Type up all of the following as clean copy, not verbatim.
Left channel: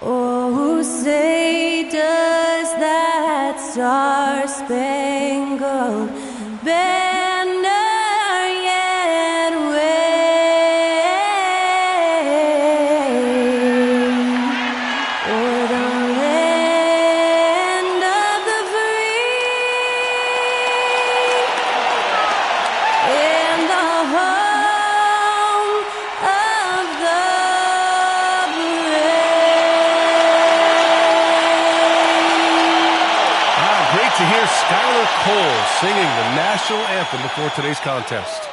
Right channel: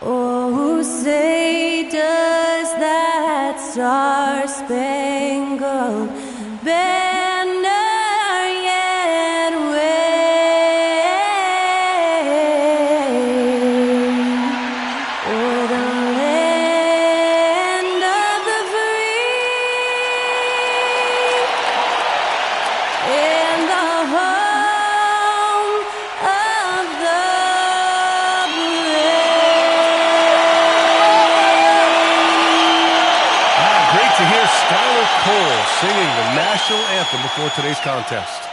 Oh, say does that star-spangled banner yet wave o'er the land of the free and the home of the Great to hear Skylar Cole singing the national anthem before today's contest.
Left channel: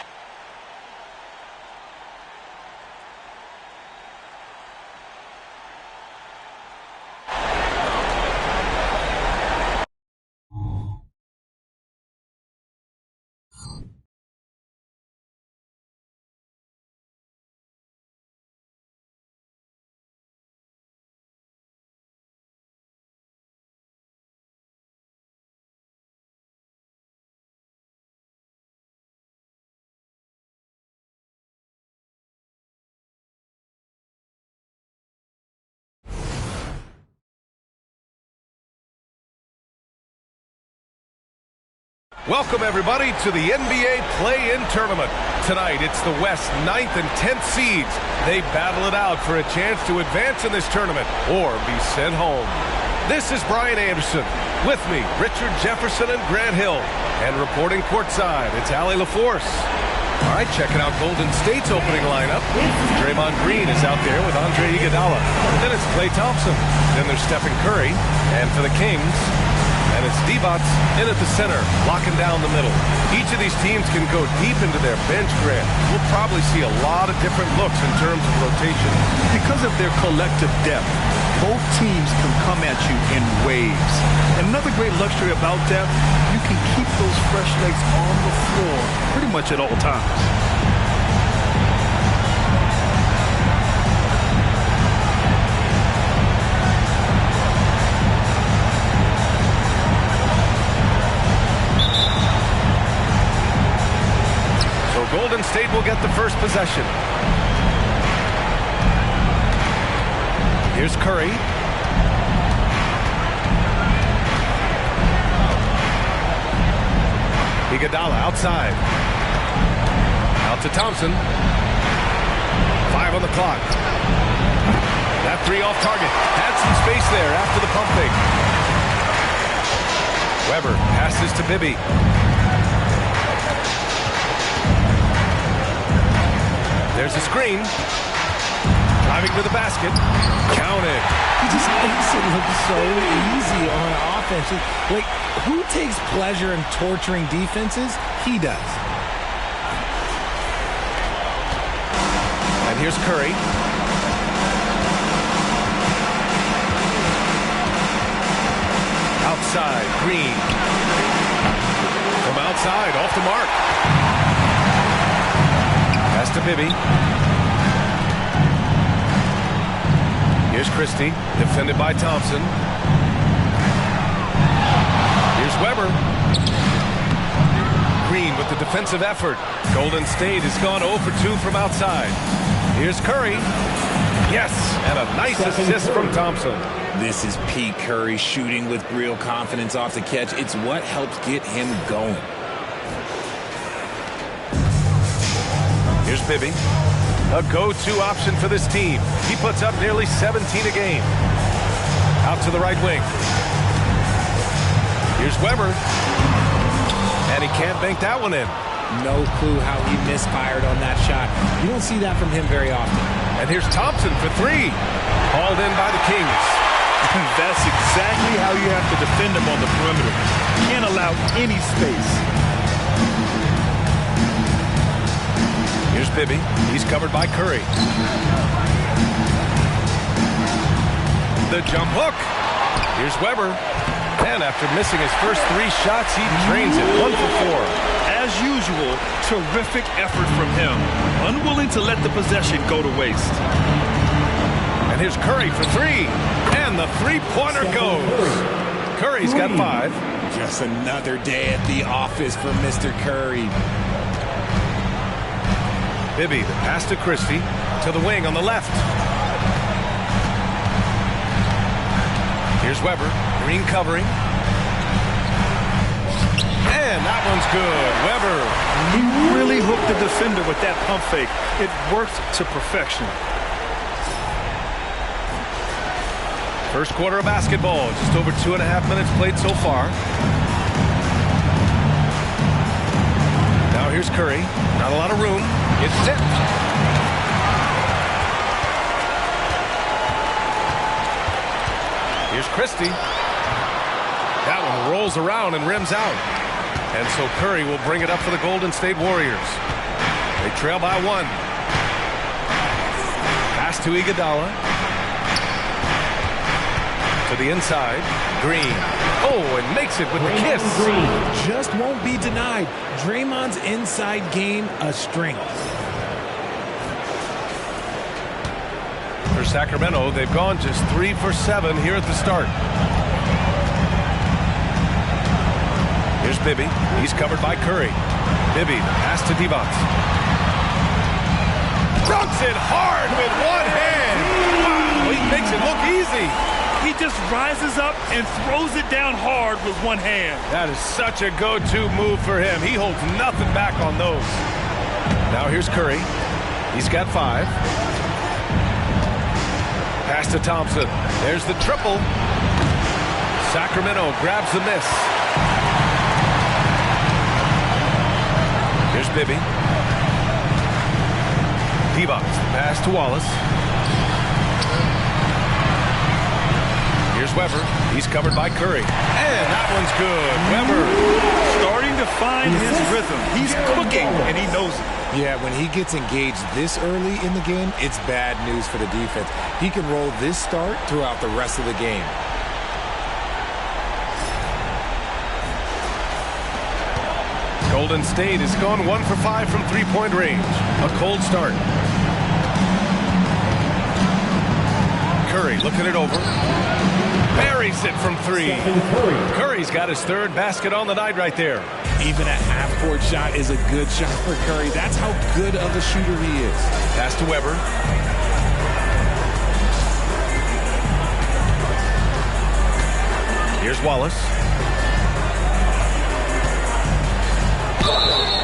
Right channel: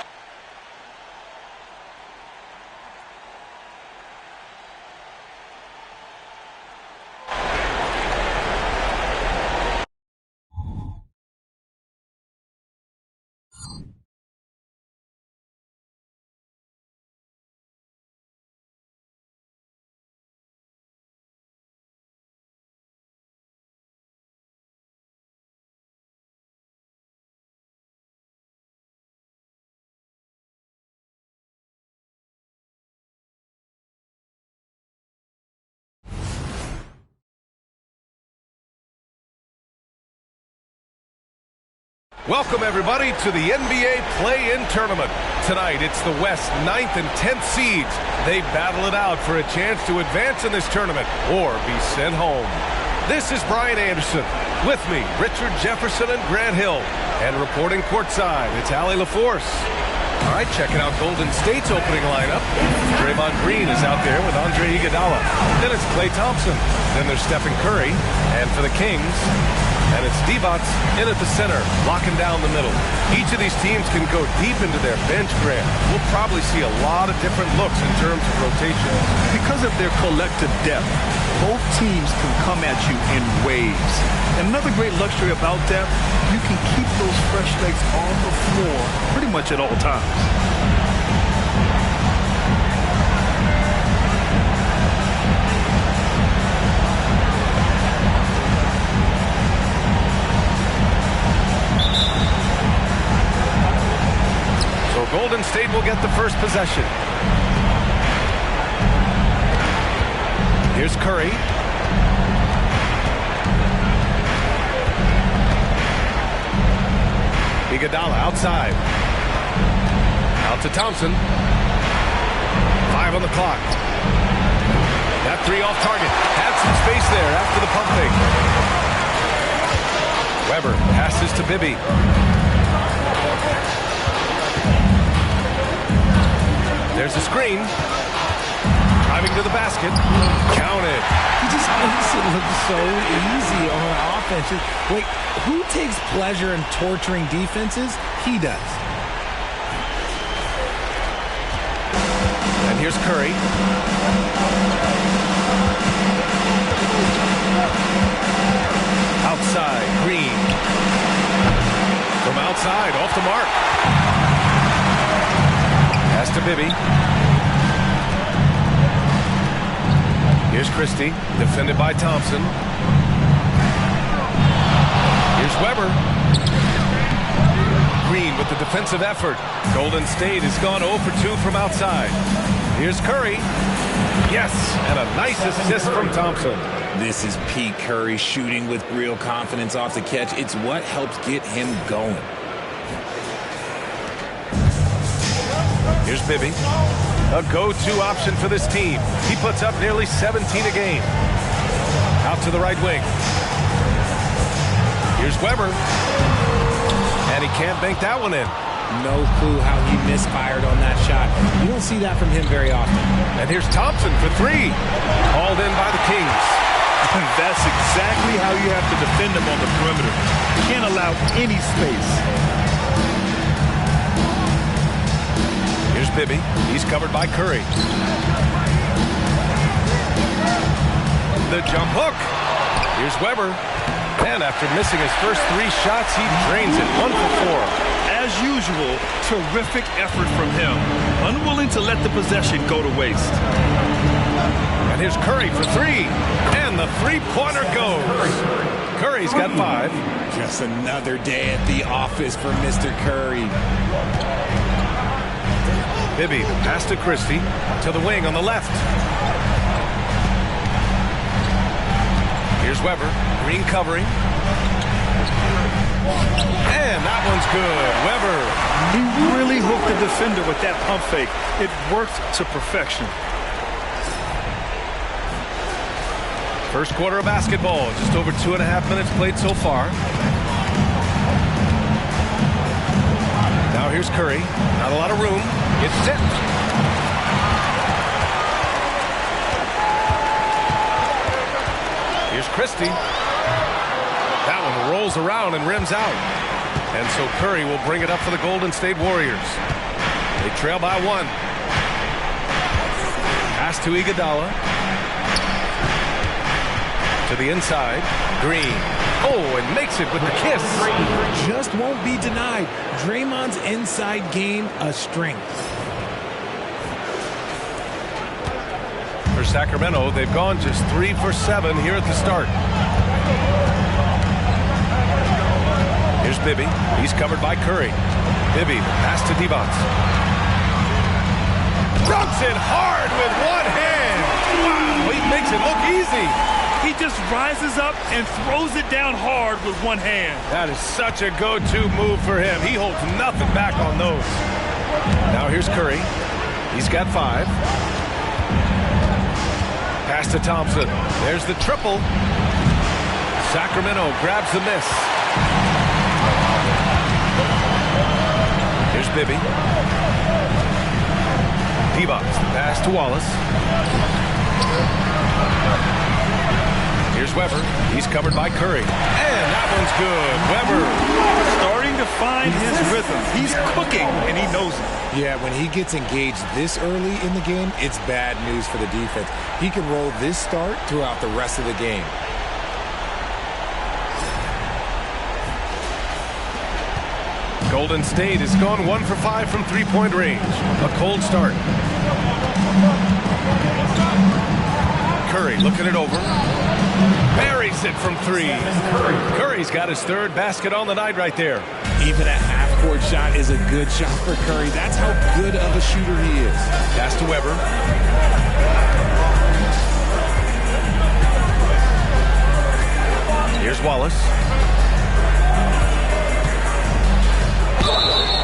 Welcome, everybody, to the NBA Play-In Tournament. Tonight, it's the West 9th and 10th seeds. They battle it out for a chance to advance in this tournament or be sent home. This is Brian Anderson. With me, Richard Jefferson and Grant Hill. And reporting courtside, it's Allie LaForce. All right, checking out Golden State's opening lineup. Draymond Green is out there with Andre Iguodala. Then it's Klay Thompson. Then there's Stephen Curry. And for the Kings, and it's Divac in at the center, locking down the middle. Each of these teams can go deep into their bench, Grant. We'll probably see a lot of different looks in terms of rotations. Because of their collective depth, both teams can come at you in waves. And another great luxury about depth, you can keep those fresh legs on the floor pretty much at all times. So Golden State will get the first possession. Here's Curry. Iguodala outside. Out to Thompson. 5 on the clock. That three off target. Had some space there after the pump fake. Weber passes to Bibby. There's a screen. Driving to the basket. Counted. He just makes it look so easy on offense. Like, who takes pleasure in torturing defenses? He does. And here's Curry. Outside, Green. From outside, off the mark. Pass to Bibby. Here's Christie, defended by Thompson. Here's Weber. Green with the defensive effort. Golden State has gone 0 for 2 from outside. Here's Curry. Yes, and a nice assist from Thompson. This is Pete Curry shooting with real confidence off the catch. It's what helps get him going. Here's Bibby. A go-to option for this team. He puts up nearly 17 a game. Out to the right wing. Here's Weber. And he can't bank that one in. No clue how he misfired on that shot. You don't see that from him very often. And here's Thompson for 3. Hauled in by the Kings. That's exactly how you have to defend him on the perimeter. You can't allow any space. Here's Bibby. He's covered by Curry. The jump hook. Here's Weber. And after missing his first 3 shots, he drains it. 1 for 4. As usual, terrific effort from him. Unwilling to let the possession go to waste. And here's Curry for 3. And the three-pointer goes. Curry's got 5. Just another day at the office for Mr. Curry. Bibby, the pass to Christie. To the wing on the left. Here's Weber. Green covering. And that one's good. Weber. He really hooked the defender with that pump fake. It worked to perfection. First quarter of basketball. Just over 2.5 minutes played so far. Now here's Curry. Not a lot of room. It's tipped. Here's Christie. That one rolls around and rims out. And so Curry will bring it up for the Golden State Warriors. They trail by 1. Pass to Iguodala. To the inside. Green. Oh, and makes it with the kiss. Just won't be denied. Draymond's inside game a strength. For Sacramento, they've gone just 3 for 7 here at the start. Here's Bibby. He's covered by Curry. Bibby, the pass to Divac. Dunks it hard with one hand. Wow, he makes it look easy. He just rises up and throws it down hard with one hand. That is such a go-to move for him. He holds nothing back on those. Now here's Curry. He's got 5. Pass to Thompson. There's the triple. Sacramento grabs the miss. Here's Bibby. Divac, pass to Wallace. Here's Weber. He's covered by Curry. And that one's good. Weber. Starting to find his rhythm. He's cooking, and he knows it. Yeah, when he gets engaged this early in the game, it's bad news for the defense. He can roll this start throughout the rest of the game. Golden State has gone 1 for 5 from three-point range. A cold start. Curry looking it over. Buries it from 3. Curry's got his 3rd basket on the night right there. Even a half-court shot is a good shot for Curry. That's how good of a shooter he is. Pass to Weber. Here's Wallace.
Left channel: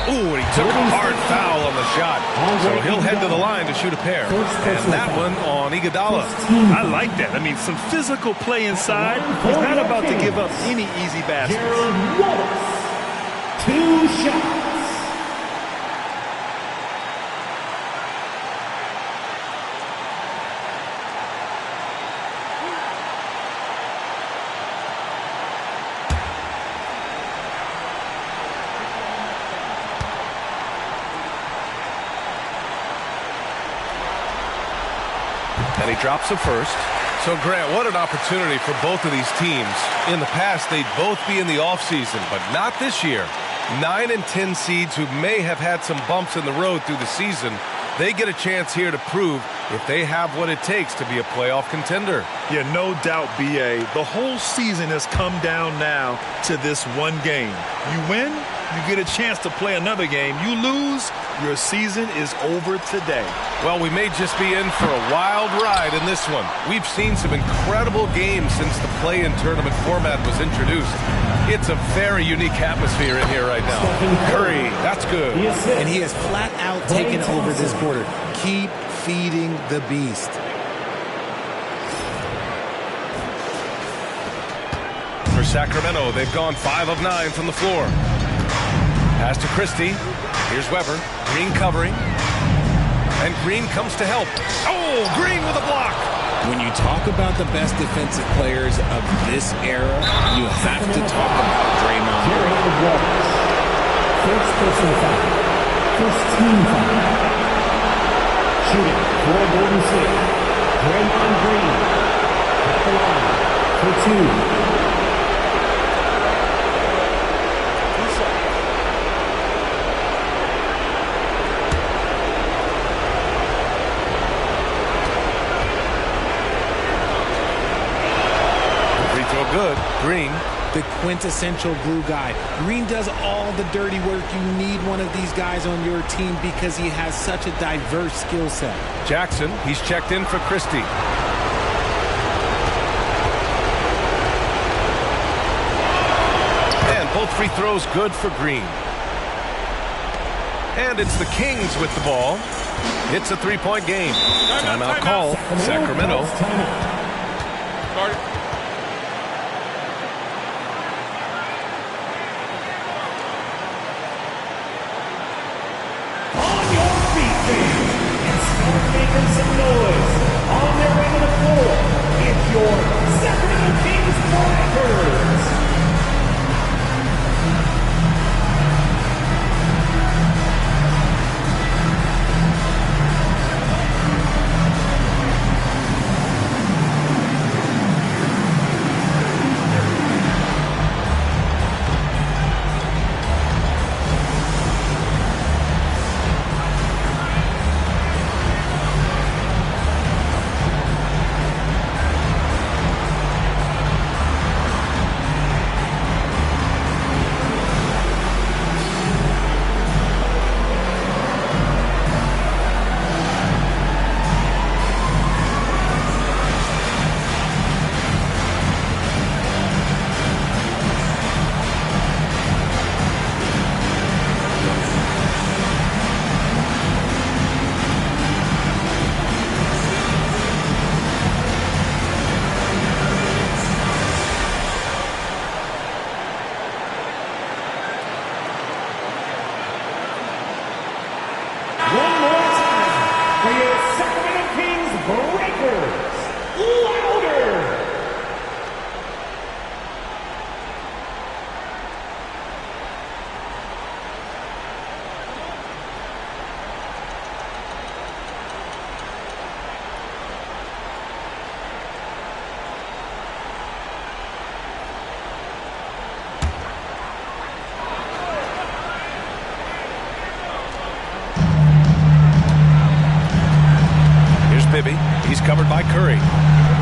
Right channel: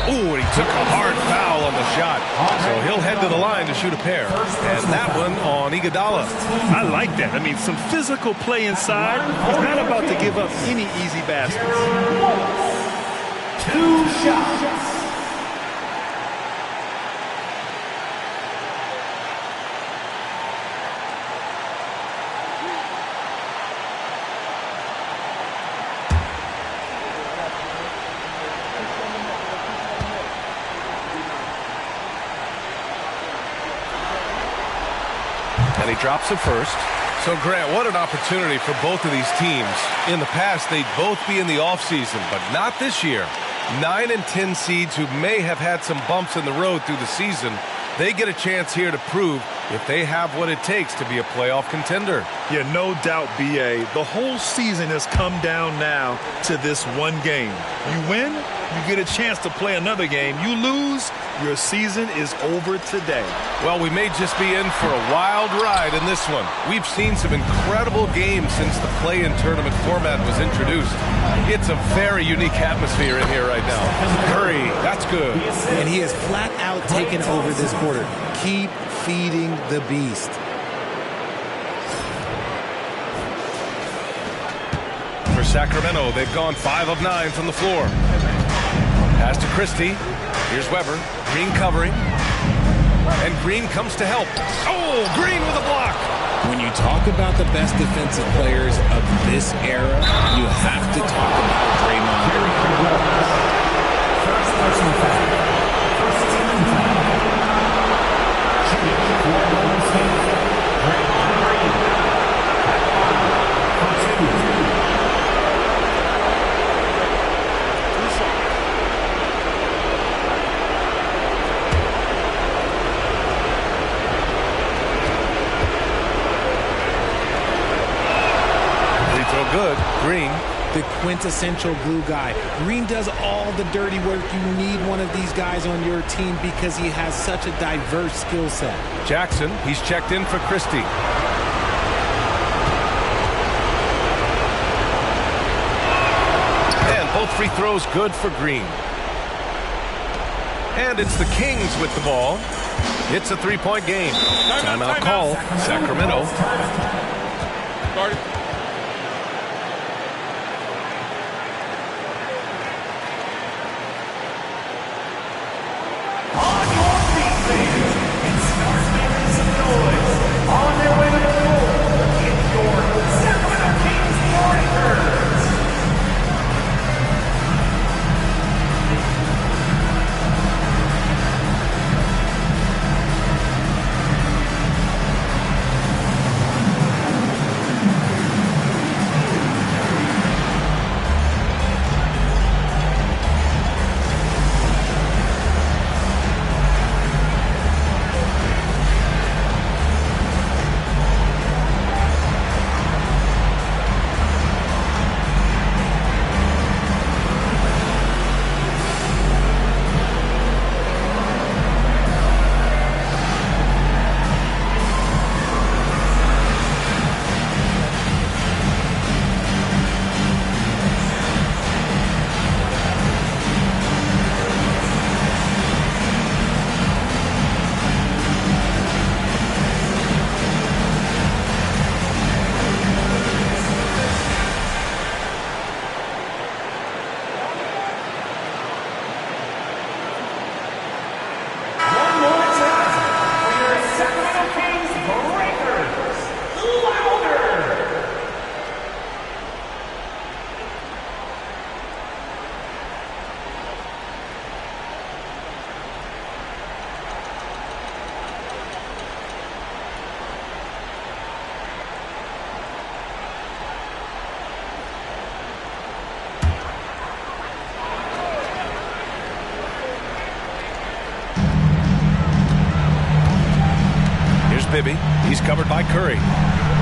Ooh, and he took a hard foul on the shot. So he'll head to the line to shoot a pair. And that one on Iguodala. I like that. I mean, some physical play inside. He's not about to give up any easy baskets. 2 shots. And he drops it first. So, Grant, what an opportunity for both of these teams. In the past, they'd both be in the offseason, but not this year. 9 and 10 seeds who may have had some bumps in the road through the season, they get a chance here to prove if they have what it takes to be a playoff contender. Yeah, no doubt, B.A. The whole season has come down now to this one game. You win, you get a chance to play another game. You lose, your season is over today. Well, we may just be in for a wild ride in this one. We've seen some incredible games since the play-in tournament format was introduced. It's a very unique atmosphere in here right now. Curry, that's good. And he has flat out taken over this quarter. Keep feeding the beast. For Sacramento, they've gone 5 of 9 from the floor. Pass to Christie. Here's Weber. Green covering. And Green comes to help. Oh, Green with a block. When you talk about the best defensive players of this era, you have to talk about Draymond Green. First personal foul. First team foul. Shooting for Golden State. Draymond Green. At the line for 2. Throw good. Green. The quintessential glue guy. Green does all the dirty work. You need one of these guys on your team because he has such a diverse skill set. Jackson, he's checked in for Christie. Both free throws good for Green. And it's the Kings with the ball. It's a three-point game. Timeout call, Sacramento. Start it. On your feet, fans, and start making some noise. On their way to the floor, it's your Sacramento Kings Breakers. One more time for your Sacramento Kings Breakers. Louder! Here's Bibby. He's covered by Curry.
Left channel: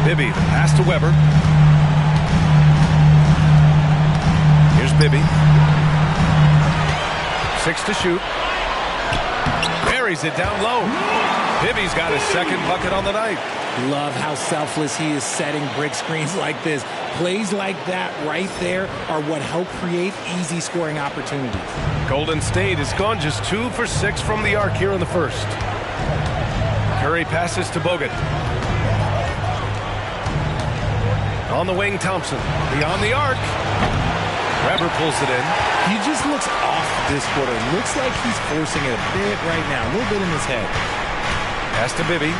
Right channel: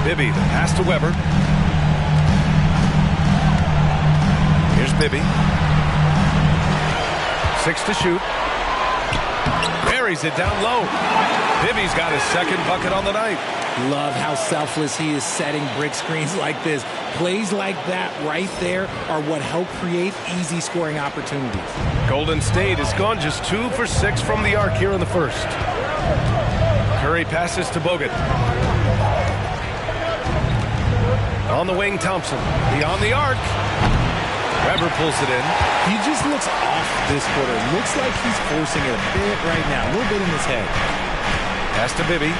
Bibby, the pass to Weber. Here's Bibby. 6 to shoot. Buries it down low. Bibby's got his second bucket on the night. Love how selfless he is setting brick screens like this. Plays like that right there are what help create easy scoring opportunities. Golden State has gone just 2 for 6 from the arc here in the first. Curry passes to Bogut. On the wing, Thompson. Beyond the arc. Weber pulls it in. He just looks off this quarter. Looks like he's forcing it a bit right now. A little bit in his head. Pass to Bibby.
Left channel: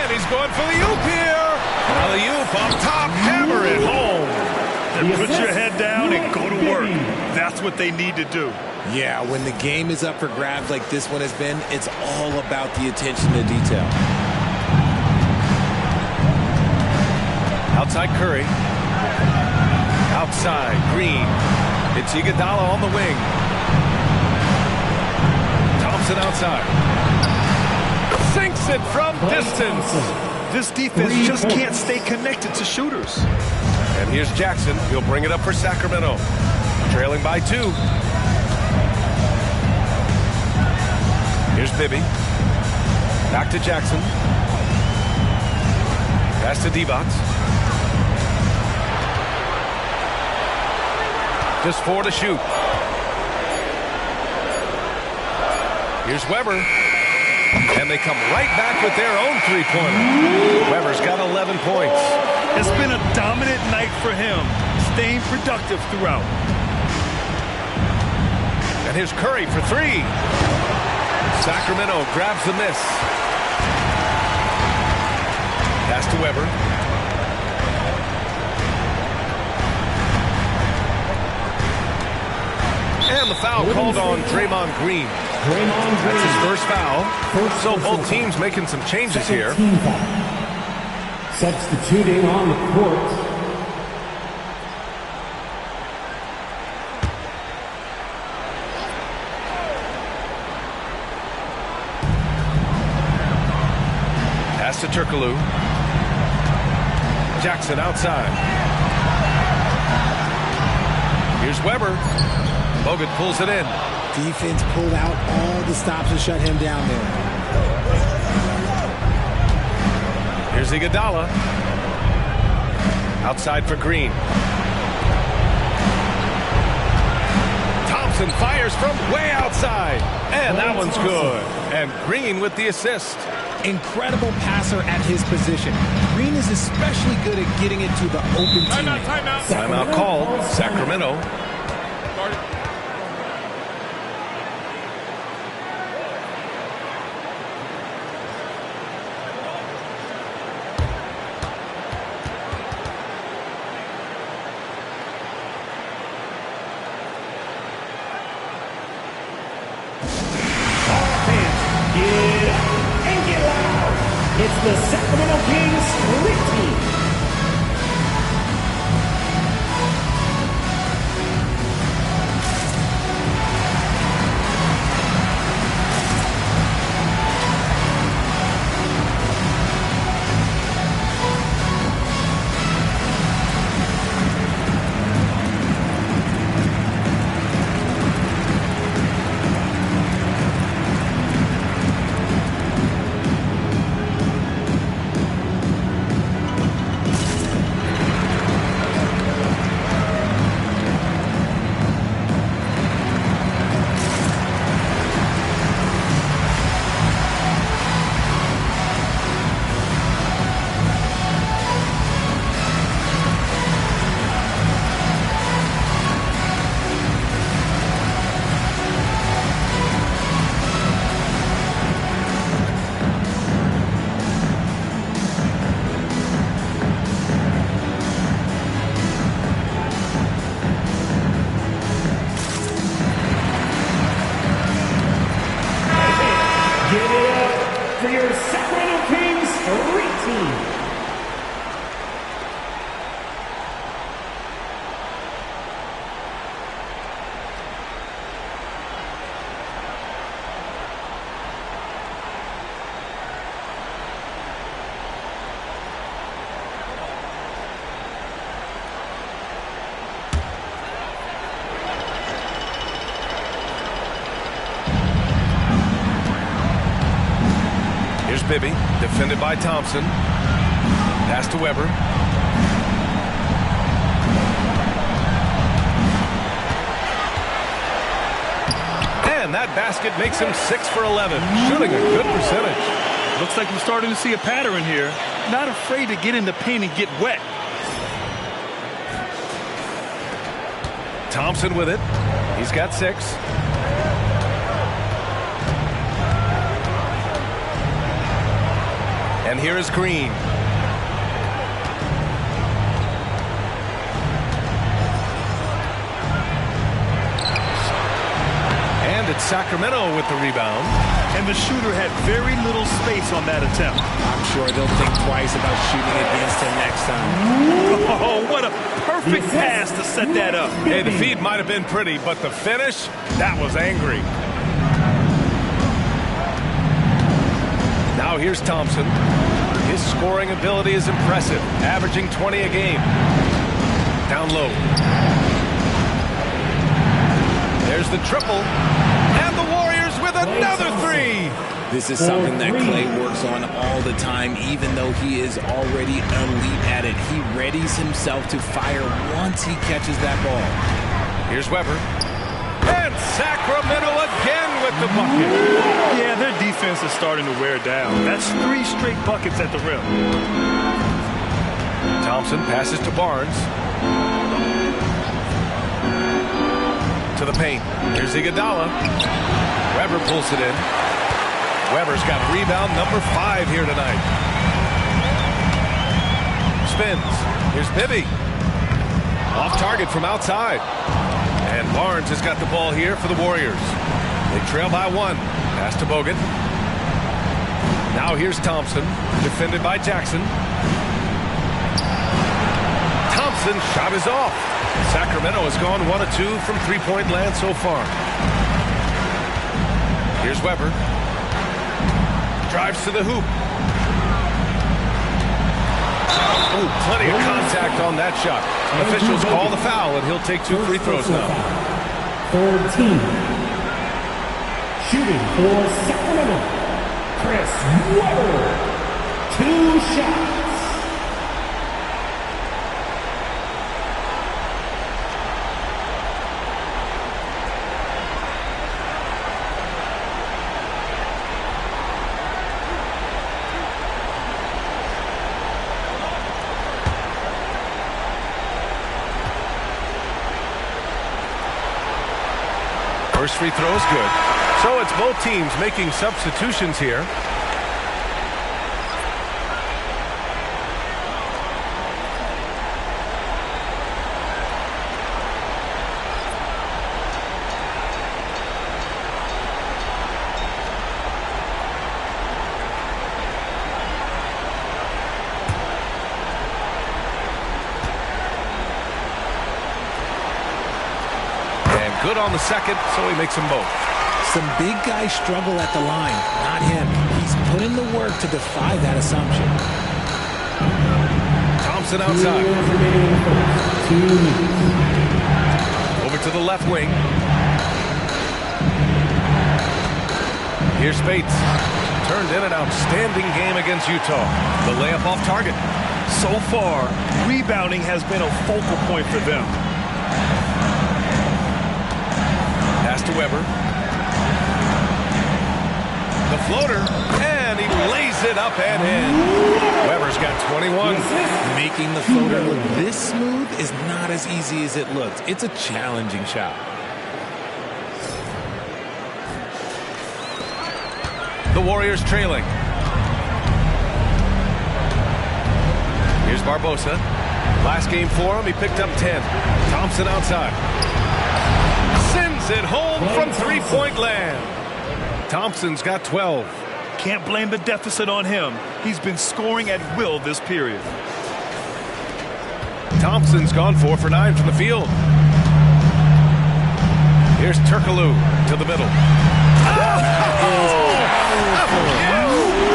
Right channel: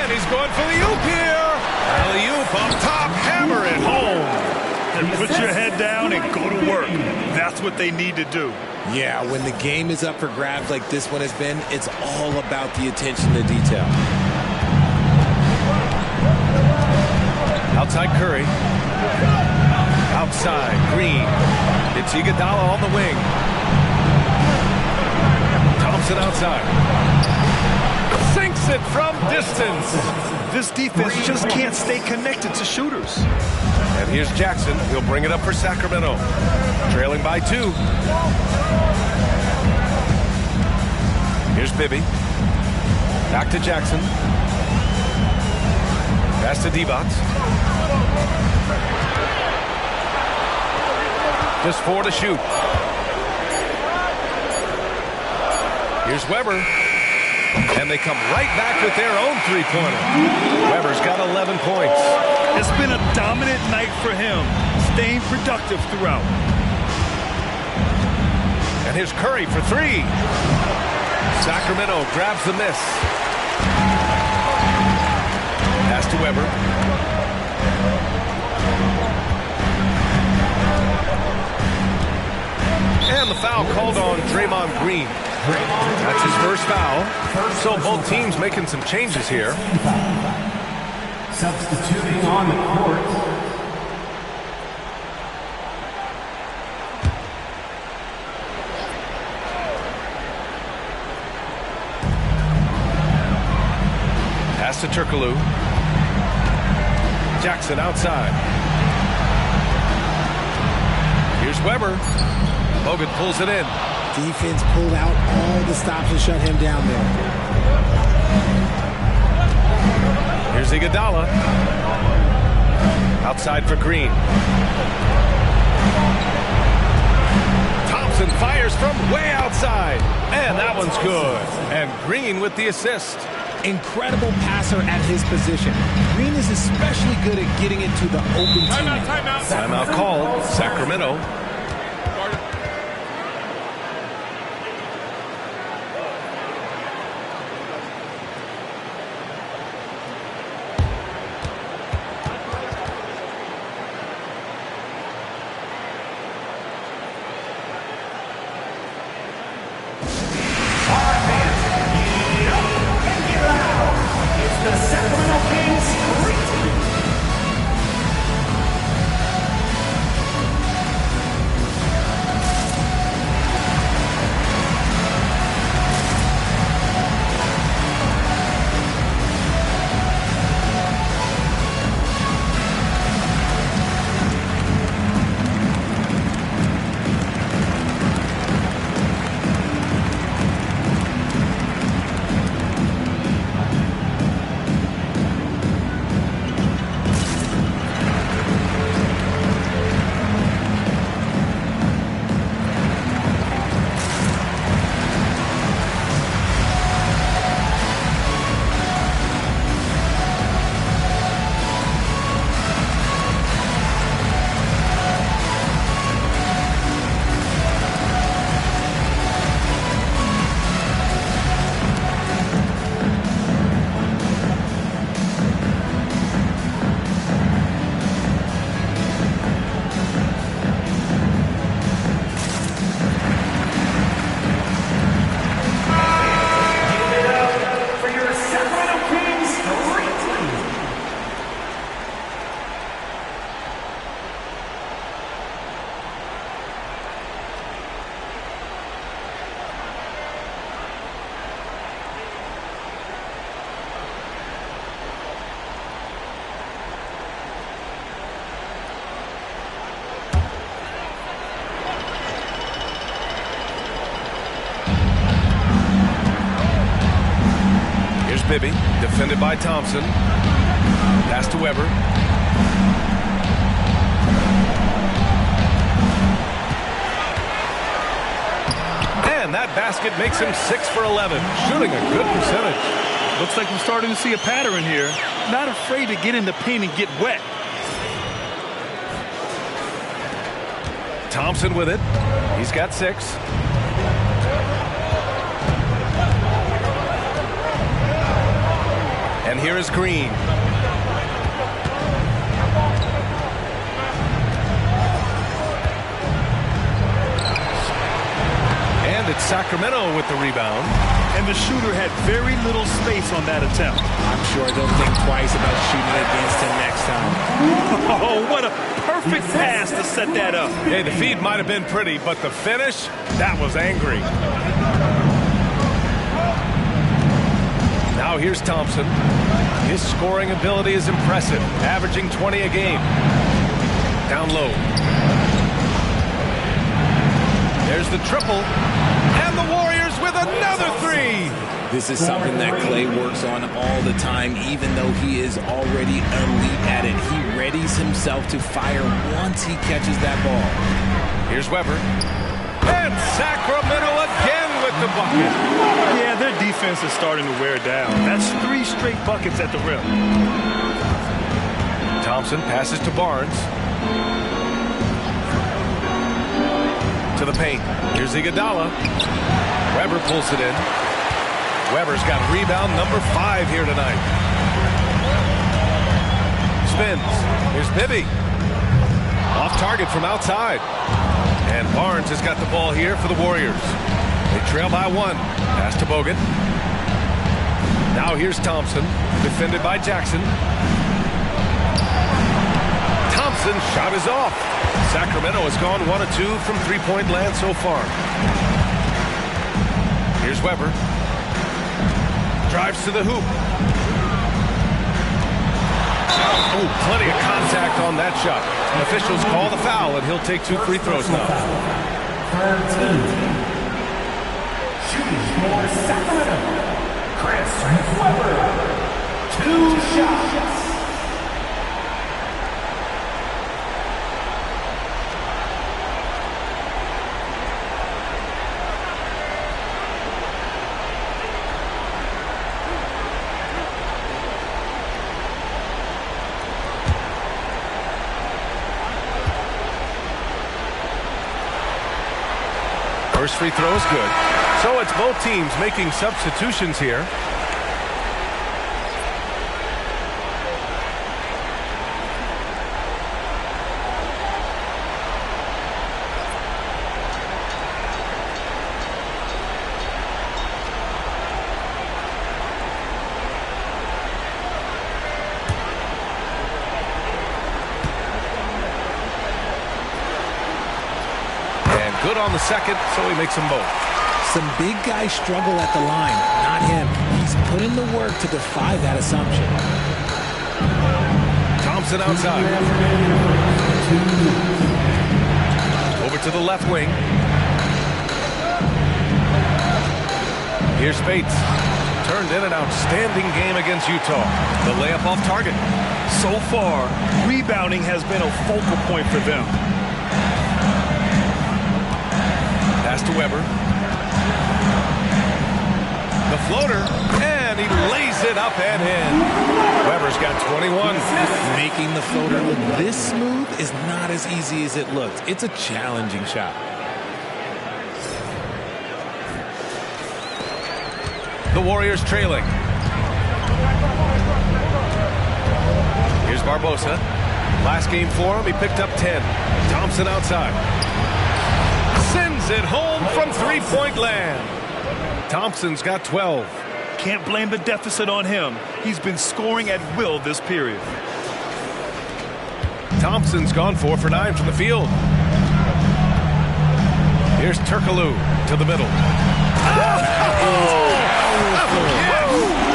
And he's going for the oop here. Alley-oop up top. Hammer it home. And put your head down and go to work. That's what they need to do. Yeah, when the game is up for grabs like this one has been, it's all about the attention to detail. Outside Curry. Outside Green. It's Iguodala on the wing. Thompson outside. Sinks it from distance. This defense just can't stay connected to shooters. And here's Jackson. He'll bring it up for Sacramento. Trailing by 2. Here's Bibby. Back to Jackson. Pass to Divac. Just 4 to shoot. Here's Weber. And they come right back with their own three-pointer. Weber's got 11 points. It's been a dominant night for him, staying productive throughout. And here's Curry for 3. Sacramento grabs the miss. Pass to Weber. And the foul called on Draymond Green. That's his first foul. So both teams making some changes here. Substituting on the court. Pass to Turkoglu. Jackson outside. Here's Weber. Bogut pulls it in. Defense pulled out all the stops to shut him down there. Here's Iguodala. Outside for Green. Thompson fires from way outside. And that one's good. And Green with the assist. Incredible passer at his position. Green is especially good at getting it to the open teammate. Timeout called. Sacramento. Guarded. It's the Sacramento Kings Street Team. Here's Bibby, defended by Thompson. Pass to Weber. And that basket makes him 6 for 11, shooting a good percentage. Looks like we're starting to see a pattern here. Not afraid to get in the paint and get wet. Thompson with it. He's got 6. And here is Green. And it's Sacramento with the rebound. And the shooter had very little space on that attempt. I'm sure they'll think twice about shooting against him next time. Oh, what a perfect pass to set that up. Hey, the feed might have been pretty, but the finish, that was angry. Now here's Thompson. His scoring ability is impressive, averaging 20 a game. Down low. There's the triple. And the Warriors with another 3. This is something that Klay works on all the time, even though he is already elite at it. He readies himself to fire once he catches that ball. Here's Weber. And Sacramento again with the bucket. Yeah, their defense is starting to wear down. That's 3 straight buckets at the rim. Thompson passes to Barnes. To the paint. Here's Iguodala. Weber pulls it in. Weber's got rebound number 5 here tonight. Spins. Here's Bibby. Off target from outside. And Barnes has got the ball here for the Warriors. They trail by 1. Pass to Bogut. Now here's Thompson, defended by Jackson. Thompson's shot is off. Sacramento has gone 1 of 2 from three-point land so far. Here's Weber. Drives to the hoop. Ooh, plenty of contact on that shot. Officials call the foul, and he'll take 2 free throws now. Third team. Shooting for Sacramento, Chris Weber. 2 shots. First free throw is good. So it's both teams making substitutions here. Good on the second, so he makes them both. Some big guys struggle at the line, not him. He's put in the work to defy that assumption. Thompson outside. Over to the left wing. Here's Spates. Turned in an outstanding game against Utah. The layup off target. So far, rebounding has been a focal point for them. Pass to Weber. The floater, and he lays it up and in. Weber's got 21. Making the floater look this smooth is not as easy as it looks. It's a challenging shot. The Warriors trailing. Here's Barbosa. Last game for him, he picked up 10. Thompson outside. Sends it home from three-point land. Thompson's got 12. Can't blame the deficit on him. He's been scoring at will this period. Thompson's gone 4 for 9 from the field. Here's Turkoglu to the middle.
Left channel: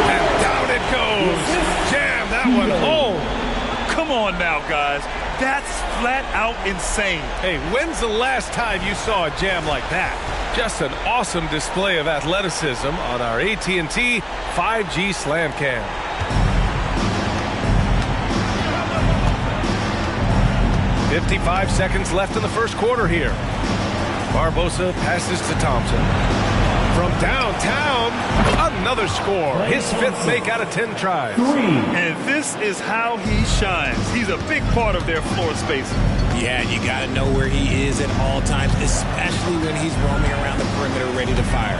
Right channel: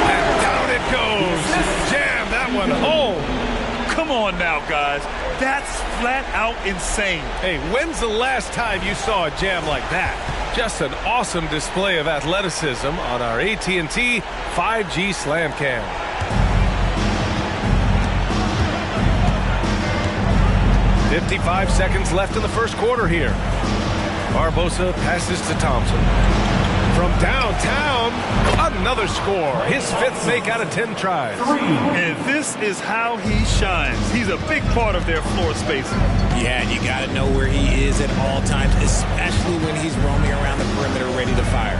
And down it goes. Jam that one home. Come on now, guys. That's flat out insane. Hey, when's the last time you saw a jam like that? Just an awesome display of athleticism on our AT&T 5G Slam Cam. "55 seconds left in the first quarter here. Barbosa passes to Thompson. From downtown, another score. His 5th make out of 10 tries. And this is how he shines. He's a big part of their floor spacing. Yeah, you got to know where he is at all times, especially when he's roaming around the perimeter ready to fire.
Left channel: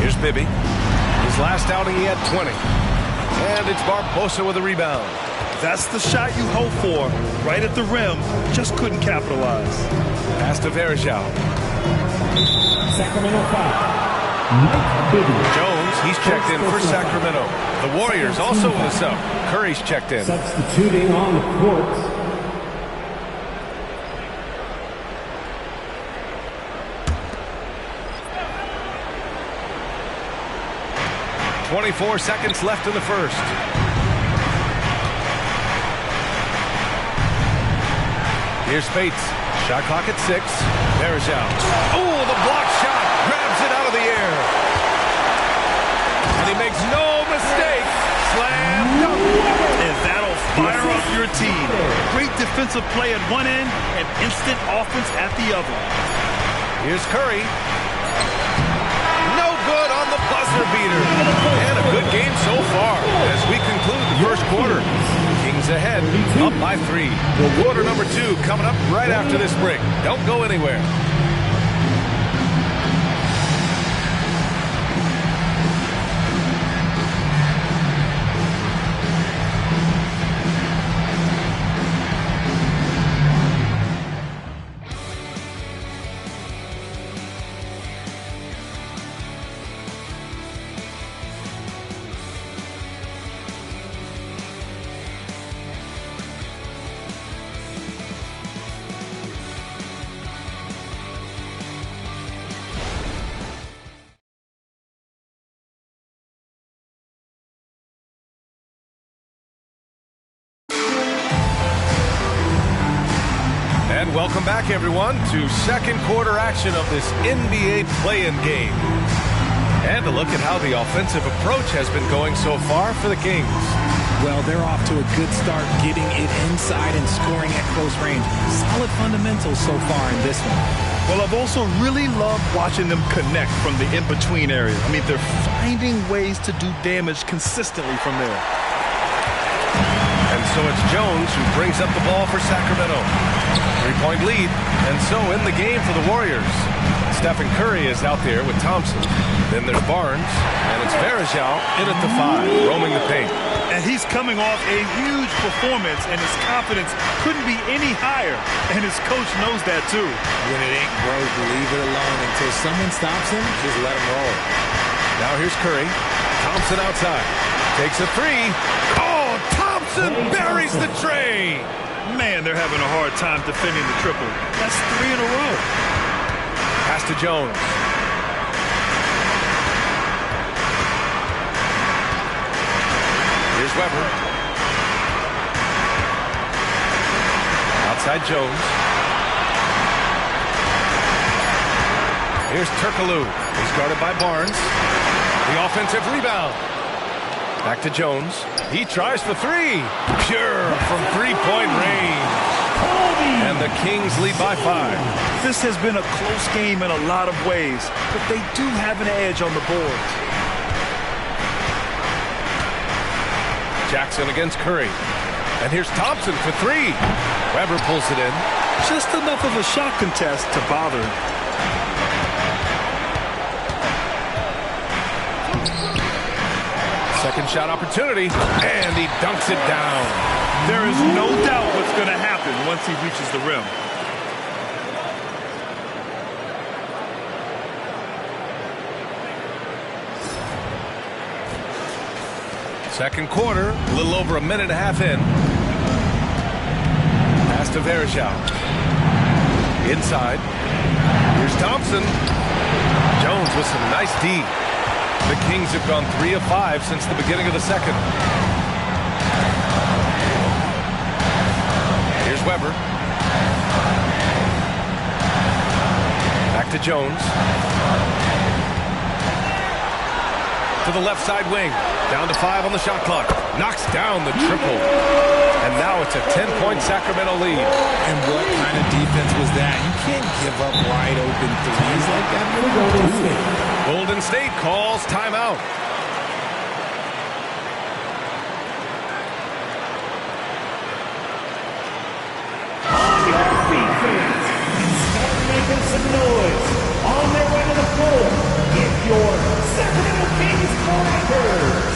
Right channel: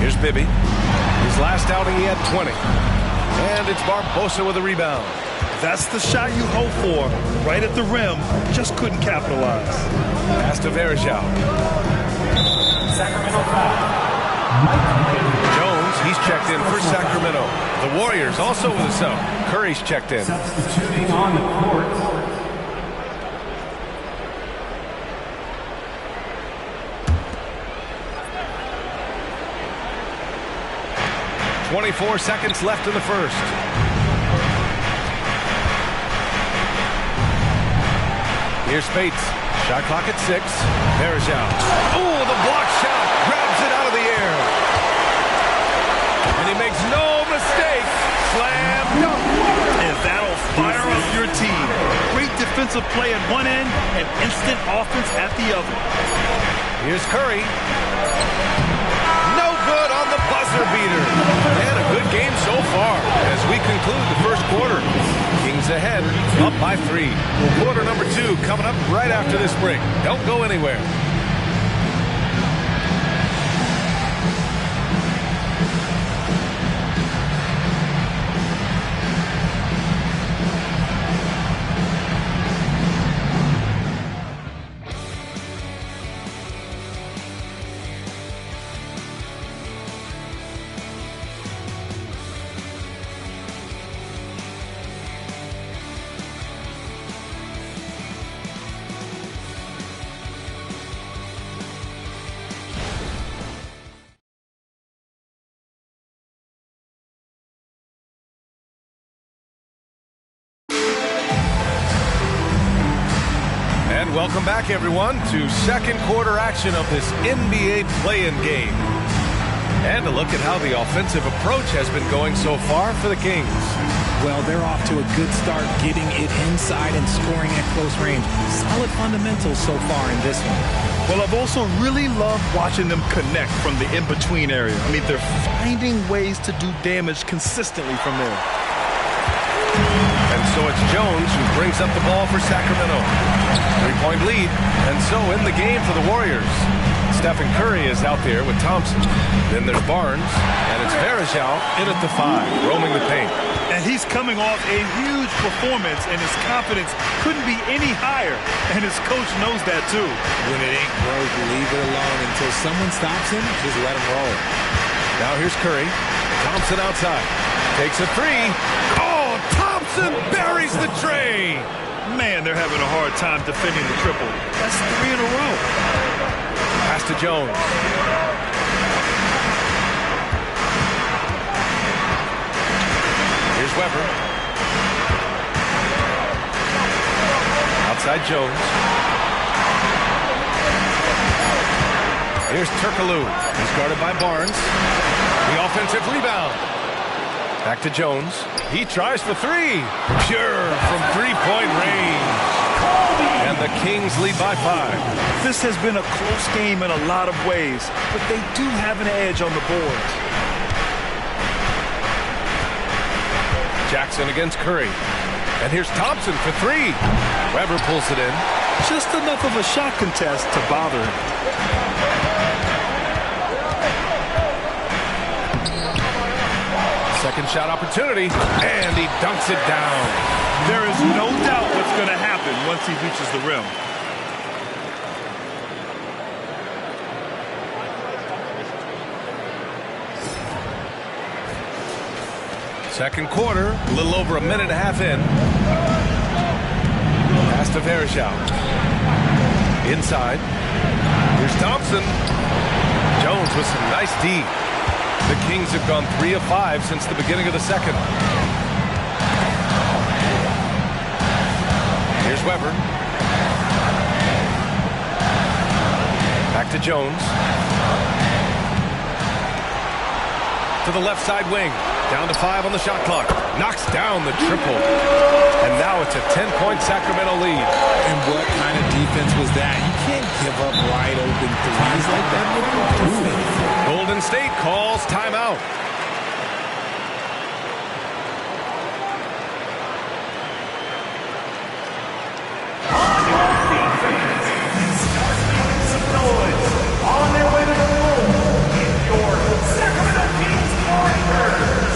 Here's Bibby. His last outing, he had 20. And it's Barbosa with a rebound. That's the shot you hope for. Right at the rim, just couldn't capitalize. Pass to Varejao. Sacramento foul. Jones, he's checked in for Sacramento. The Warriors also with a sub. Curry's checked in. Substituting on the court. "24 seconds left in the first. Here's Spates. Shot clock at 6. Varejao. Oh, the block shot. Grabs it out of the air. And he makes no mistake. Slam dunk. And that'll fire up your team. Great defensive play at one end and instant offense at the other. Here's Curry. No good on the buzzer beater. And a good game so far as we conclude the first quarter. Kings ahead, up by 3. Well, quarter number 2 coming up right after this break. Don't go anywhere. And welcome back, everyone, to second quarter action of this NBA play-in game. And a look at how the offensive approach has been going so far for the Kings. Well, they're off to a good start getting it inside and scoring at close range. Solid fundamentals so far in this one. Well, I've also really loved watching them connect from the in-between area. I mean, they're finding ways to do damage consistently from there. And so it's Jones who brings up the ball for Sacramento. 3-point lead, and so in the game for the Warriors. Stephen Curry is out there with Thompson. Then there's Barnes, and it's Varejao in at the 5, roaming the paint. And he's coming off a huge performance, and his confidence couldn't be any higher. And his coach knows that, too. When it ain't broke, leave it alone. Until someone stops him, just let him roll. Now here's Curry. Thompson outside. Takes a 3. Oh, Thompson buries the tray. Man, they're having a hard time defending the triple. That's 3 in a row. Pass to Jones. Here's Weber. Outside Jones. Here's Turkoglu. He's guarded by Barnes. The offensive rebound. Back to Jones. He tries for 3. Pure from 3-point range. And the Kings lead by 5. This has been a close game in a lot of ways, but they do have an edge on the board. Jackson against Curry. And here's Thompson for 3. Weber pulls it in. Just enough of a shot contest to bother him. Second shot opportunity, and he dunks it down. There is no doubt what's going to happen once he reaches the rim. Second quarter, a little over a minute and a half in. Pass to Varejao. Inside. Here's Thompson. Jones with some nice D. The Kings have gone 3 of 5 since the beginning of the second. Here's Weber. Back to Jones. To the left side wing. Down to 5 on the shot clock. Knocks down the triple. And now it's a 10-point Sacramento lead. And what kind of defense was that? You can't give up wide open threes like that. What are you doing? Golden State calls timeout. On your feet, fans, and start making some noise. On their way to the floor, it's your Sacramento Kings Warriors.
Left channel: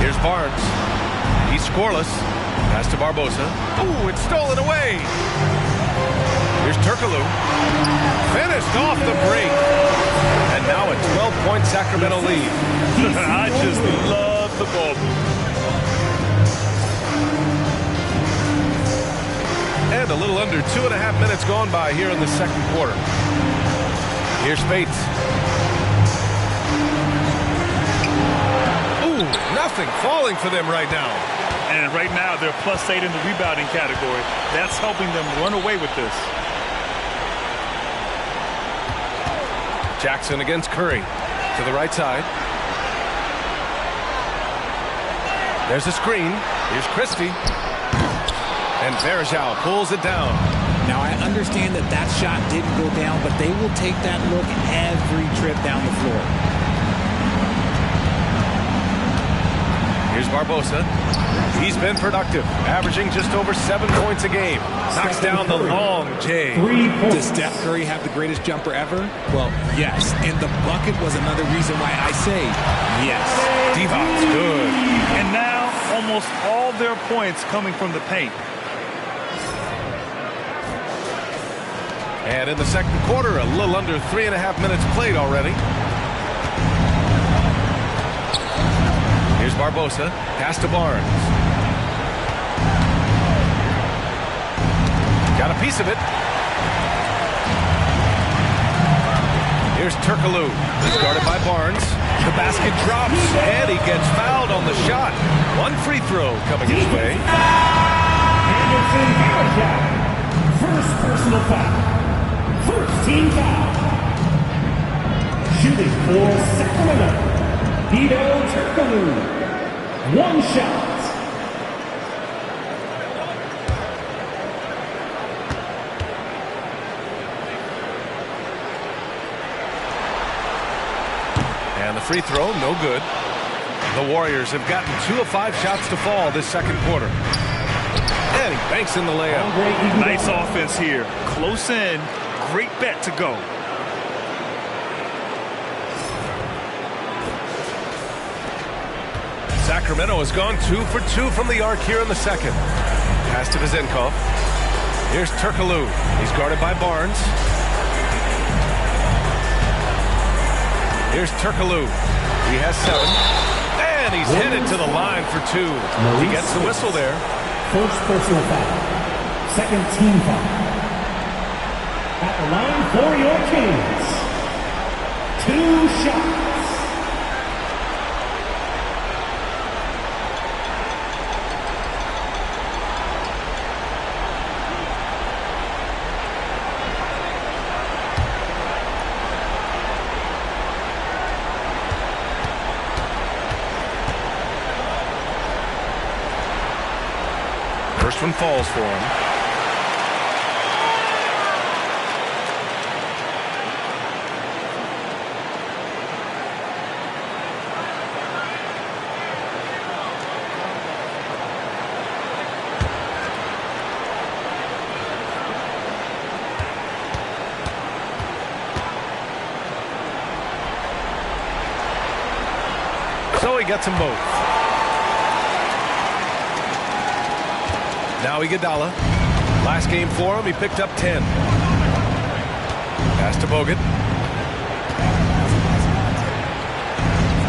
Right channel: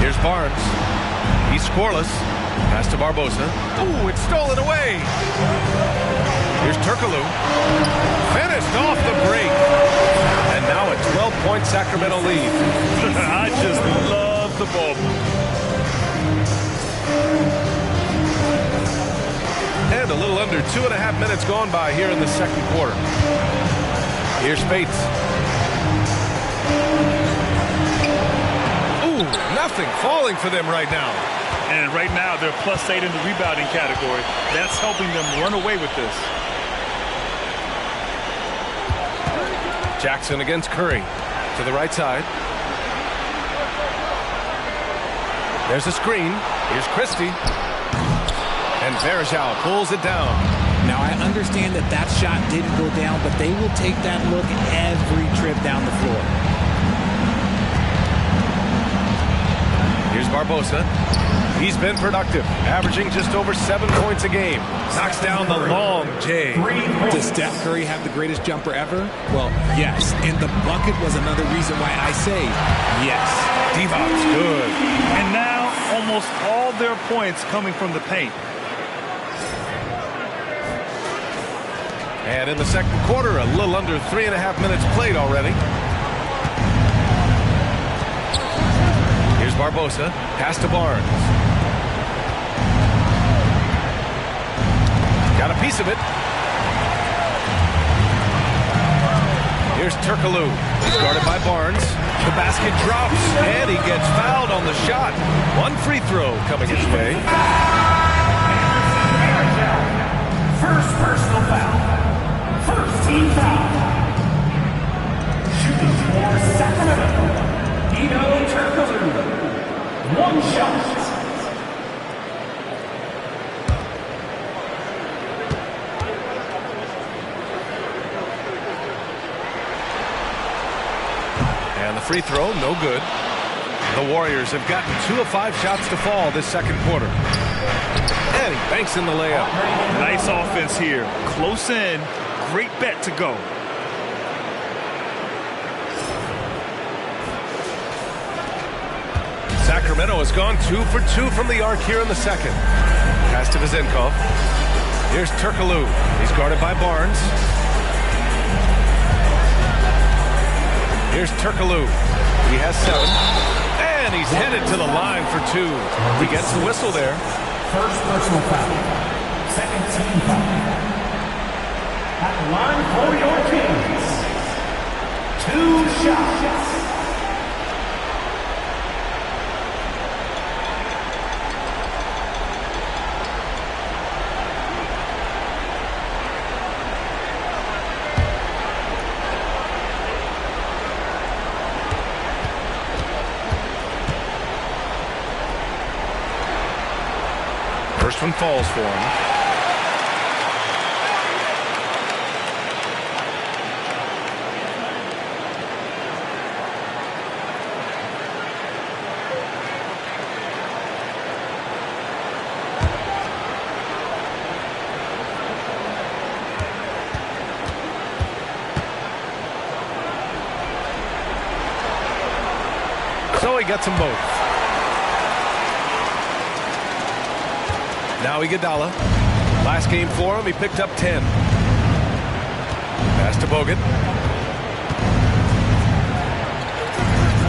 Here's Barnes. He's scoreless. Pass to Barbosa. Ooh, it's stolen away. Here's Turkoglu. Finished off the break. And now a 12-point Sacramento lead. I just love the ball move. And a little under 2.5 minutes gone by here in the second quarter. Here's Spates. Ooh, nothing falling for them right now. And right now, they're +8 in the rebounding category. That's helping them run away with this. Jackson against Curry. to the right side. There's a screen. Here's Christie. And Varejao pulls it down. Now, I understand that that shot didn't go down, but they will take that look every trip down the floor. Here's Barbosa. He's been productive, averaging just over 7 points a game. Knocks down the long J. Does Steph Curry have the greatest jumper ever? Well, yes. And the bucket was another reason why I say yes. Divac's good. And now almost all their points coming from the paint. And in the second quarter, a little under 3.5 minutes played already. Here's Barbosa. Pass to Barnes. Got a piece of it. Here's Turkoglu. He's guarded by Barnes. The basket drops, and he gets fouled on the shot. 1 free throw coming his way. First personal foul. First team foul. Shooting for Sacramento, Hedo Turkoglu. 1 shot. And the free throw, no good. The Warriors have gotten 2 of 5 shots to fall this second quarter. And he banks in the layup. Nice offense here. Close in. Great bet to go. Sacramento has gone 2 for 2 from the arc here in the second. Pass to Vezenkov. Here's Turkoglu. He's guarded by Barnes. Here's Turkoglu. He has 7. And he's headed to the line for 2. He gets the whistle there. First personal foul. Second team foul. At the line for your Kings. 2 shots. First one falls for him. So he gets them both. Now Iguodala. Last game for him, he picked up 10. Pass to Bogut.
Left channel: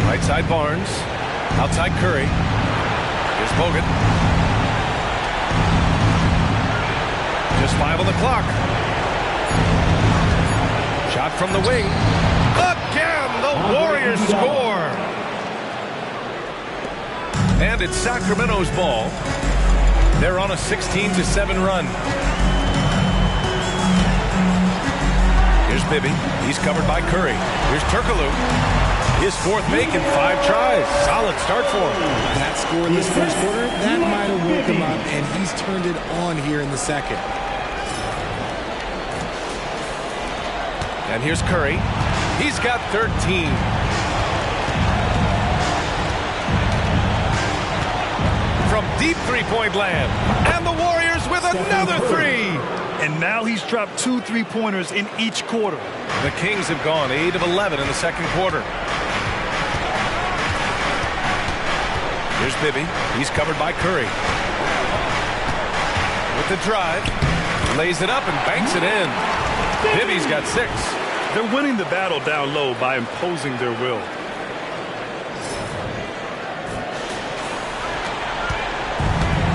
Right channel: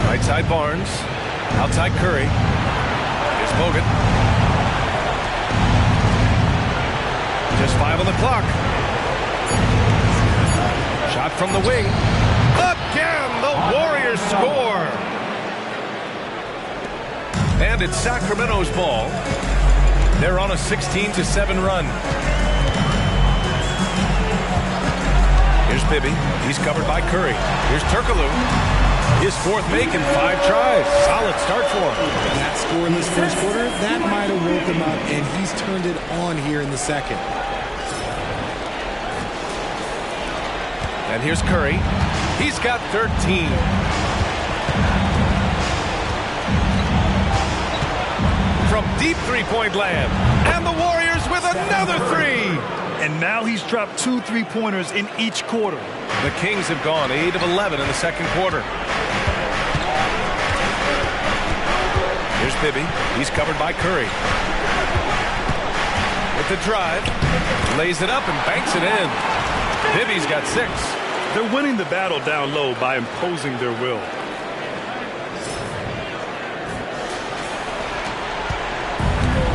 Right side Barnes. Outside Curry. Here's Bogut. Just 5 on the clock. Shot from the wing. Again, the Warriors score. And it's Sacramento's ball. They're on a 16-7 run. Here's Bibby. He's covered by Curry. Here's Turkoglu. His 4th make in 5 tries. Solid start for him. That scoreless first quarter, that might have woke him up, and he's turned it on here in the second. And here's Curry. He's got 13. From deep three-point land. And the Warriors with another 3. And now he's dropped 2 3-pointers in each quarter. The Kings have gone 8 of 11 in the second quarter. Here's Bibby. He's covered by Curry. With the drive. Lays it up and banks it in. Bibby's got 6. They're winning the battle down low by imposing their will.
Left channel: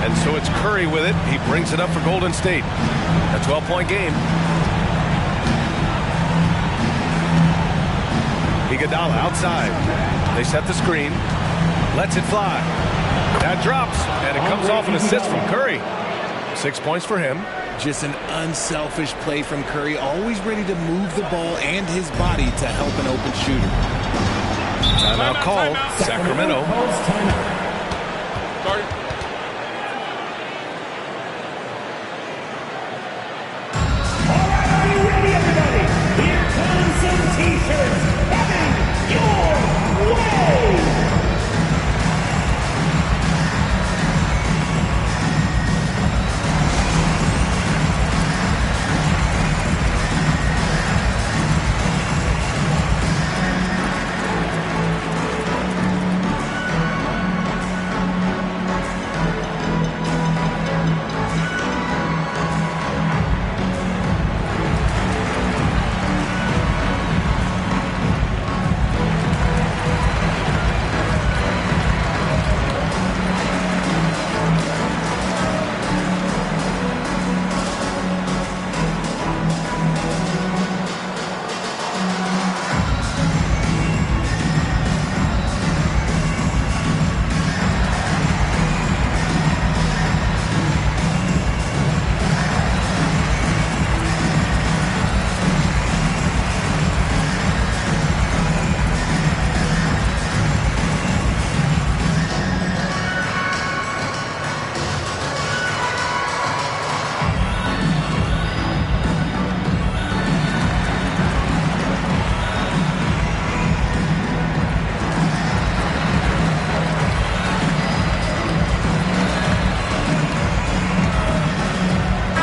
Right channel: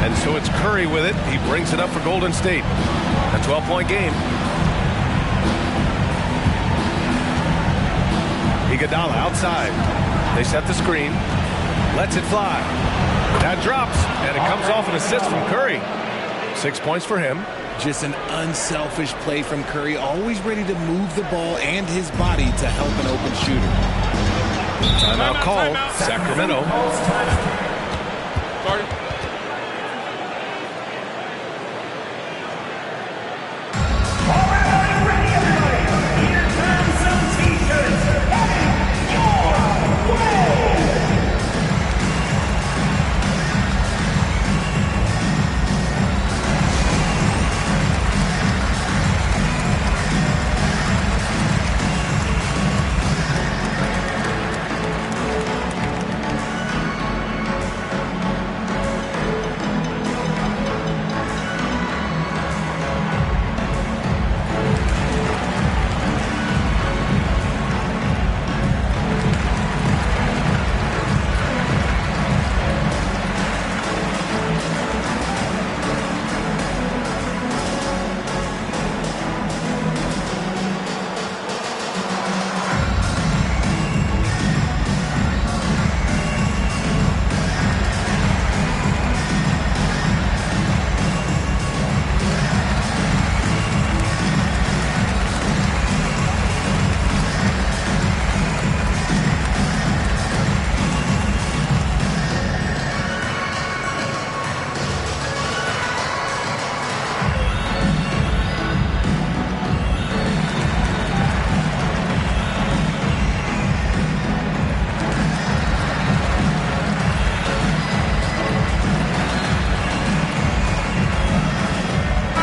And so it's Curry with it. He brings it up for Golden State. A 12-point game. Iguodala outside. They set the screen. Lets it fly. That drops, and it comes off an assist from Curry. 6 points for him. Just an unselfish play from Curry, always ready to move the ball and his body to help an open shooter. Timeout called. Sacramento. Started. All right, are you ready, everybody? Here comes some T-shirts heading your way.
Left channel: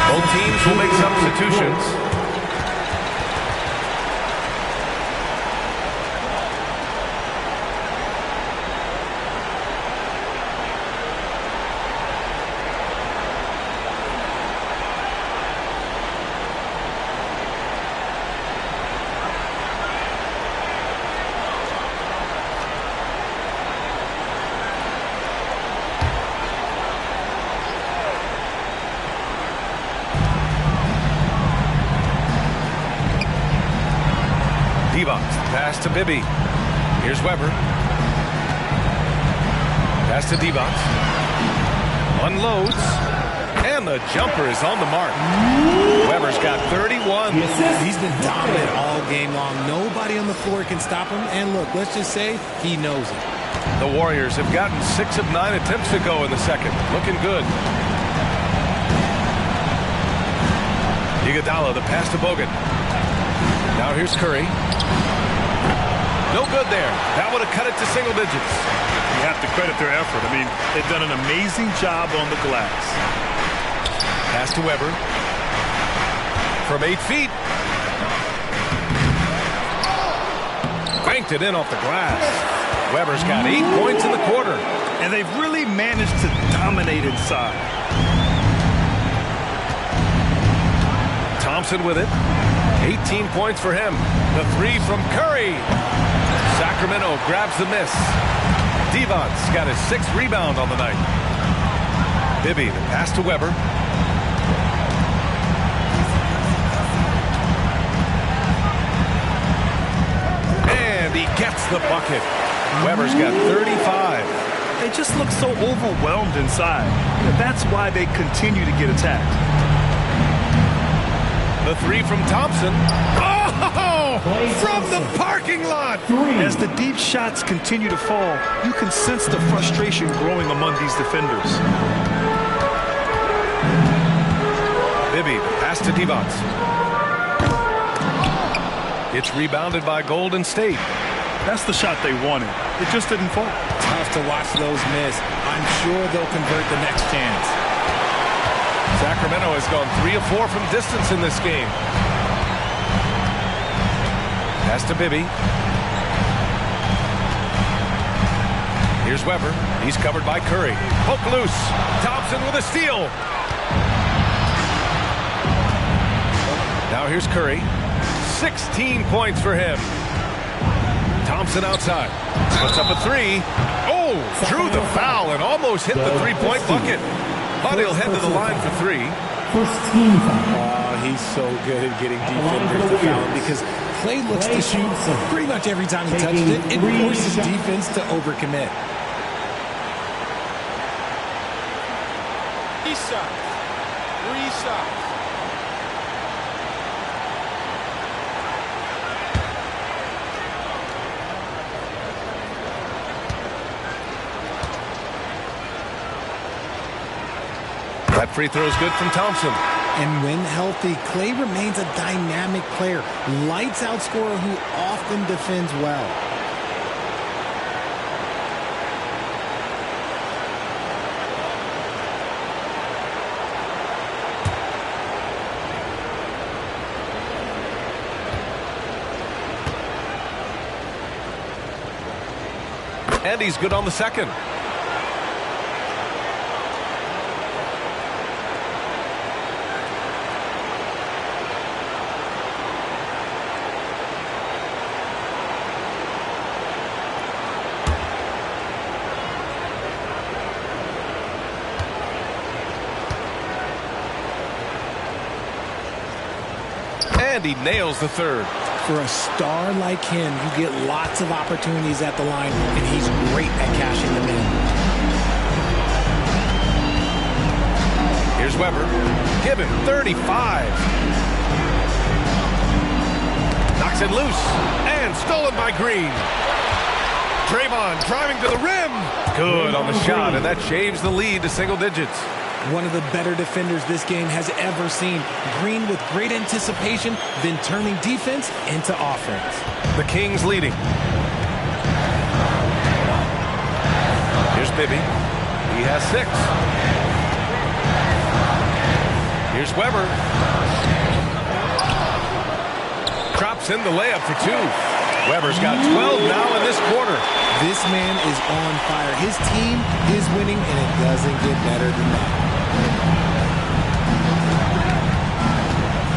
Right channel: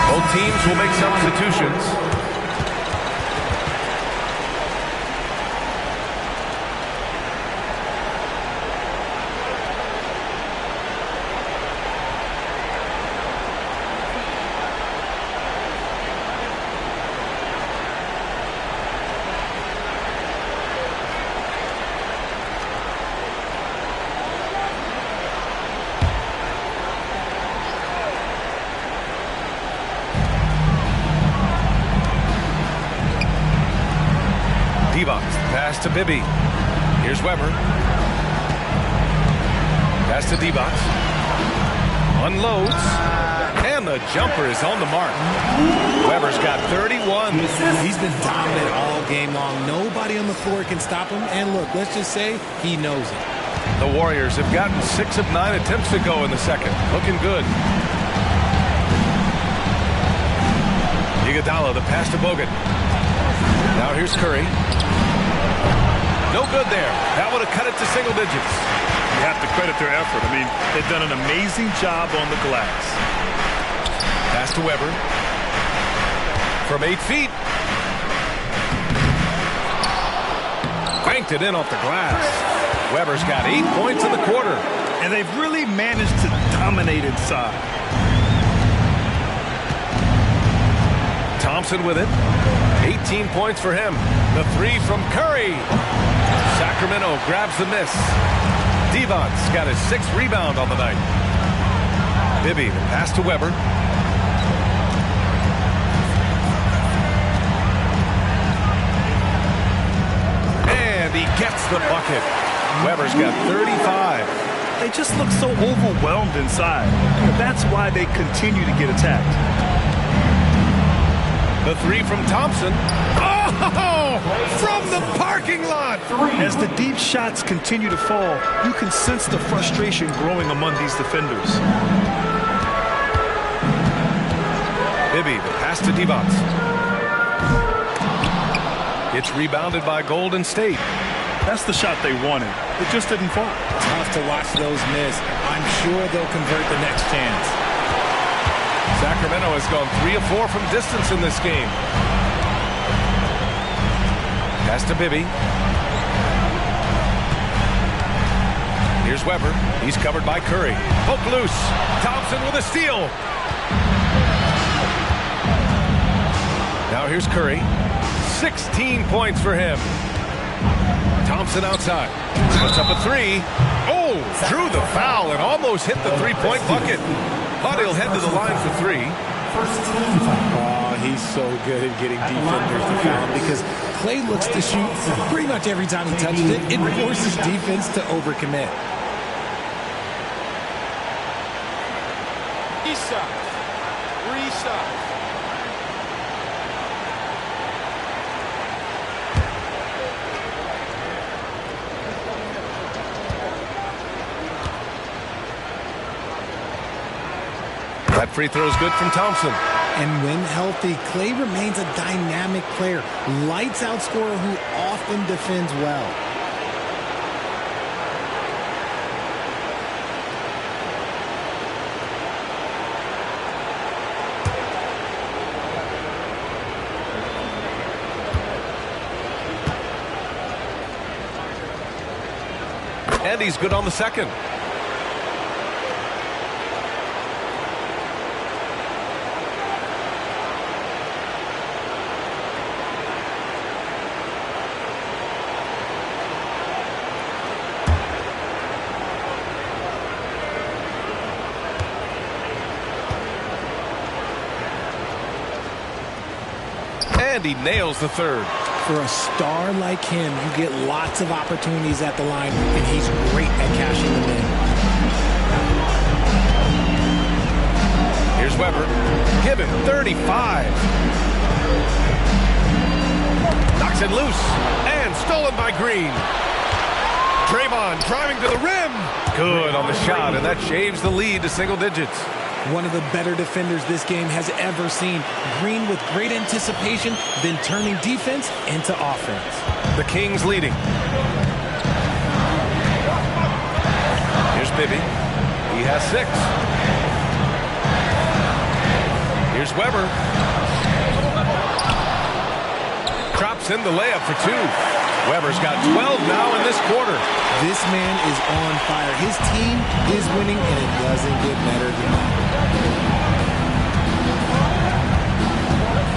Both teams will make substitutions. Divac, pass to Bibby. Here's Weber. Pass to Divac. Unloads. And the jumper is on the mark. Weber's got 31. He's been dominant all game long. Nobody on the floor can stop him. And look, let's just say he knows it. The Warriors have gotten 6 of 9 attempts to go in the second. Looking good. Iguodala, the pass to Bogut. Now here's Curry. No good there. That would have cut it to single digits. You have to credit their effort. I mean, they've done an amazing job on the glass. Pass to Weber. From 8 feet. Banked it in off the glass. Weber's got 8 points in the quarter. And they've really managed to dominate inside. Thompson with it. 18 points for him. The 3 from Curry. Sacramento grabs the miss. Divac's got his 6th rebound on the night. Bibby, the pass to Weber. And he gets the bucket. Weber's got 35. They just look so overwhelmed inside. That's why they continue to get attacked. The 3 from Thompson. Oh! From the parking lot! As the deep shots continue to fall, you can sense the frustration growing among these defenders. Bibby, the pass to Divac. It's rebounded by Golden State. That's the shot they wanted. It just didn't fall. Tough to watch those miss. I'm sure they'll convert the next chance. Sacramento has gone 3 of 4 from distance in this game. Pass to Bibby. Here's Weber. He's covered by Curry. Poke loose. Thompson with a steal. Now here's Curry. 16 points for him. Thompson outside. Puts up a 3. Oh, drew the foul and almost hit the three-point bucket. But he'll head to the line for 3. First team foul. Oh, he's so good at getting defenders to foul him because Clay looks to shoot pretty much every time he touches it. It forces defense to overcommit. Three shots. That free throw is good from Thompson. And when healthy, Clay remains a dynamic player. Lights out scorer who often defends well. And he's good on the second. And he nails the third. For a star like him, you get lots of opportunities at the line, and he's great at cashing them in. Here's Weber. Given 35. Knocks it loose. And stolen by Green. Draymond driving to the rim. Good on the shot, and that shaves the lead to single digits. One of the better defenders this game has ever seen. Green with great anticipation, then turning defense into offense. The Kings leading. Here's Bibby. He has 6. Here's Weber. Drops in the layup for 2. Weber's got 12 now in this quarter. This man is on fire. His team is winning, and it doesn't get better than that.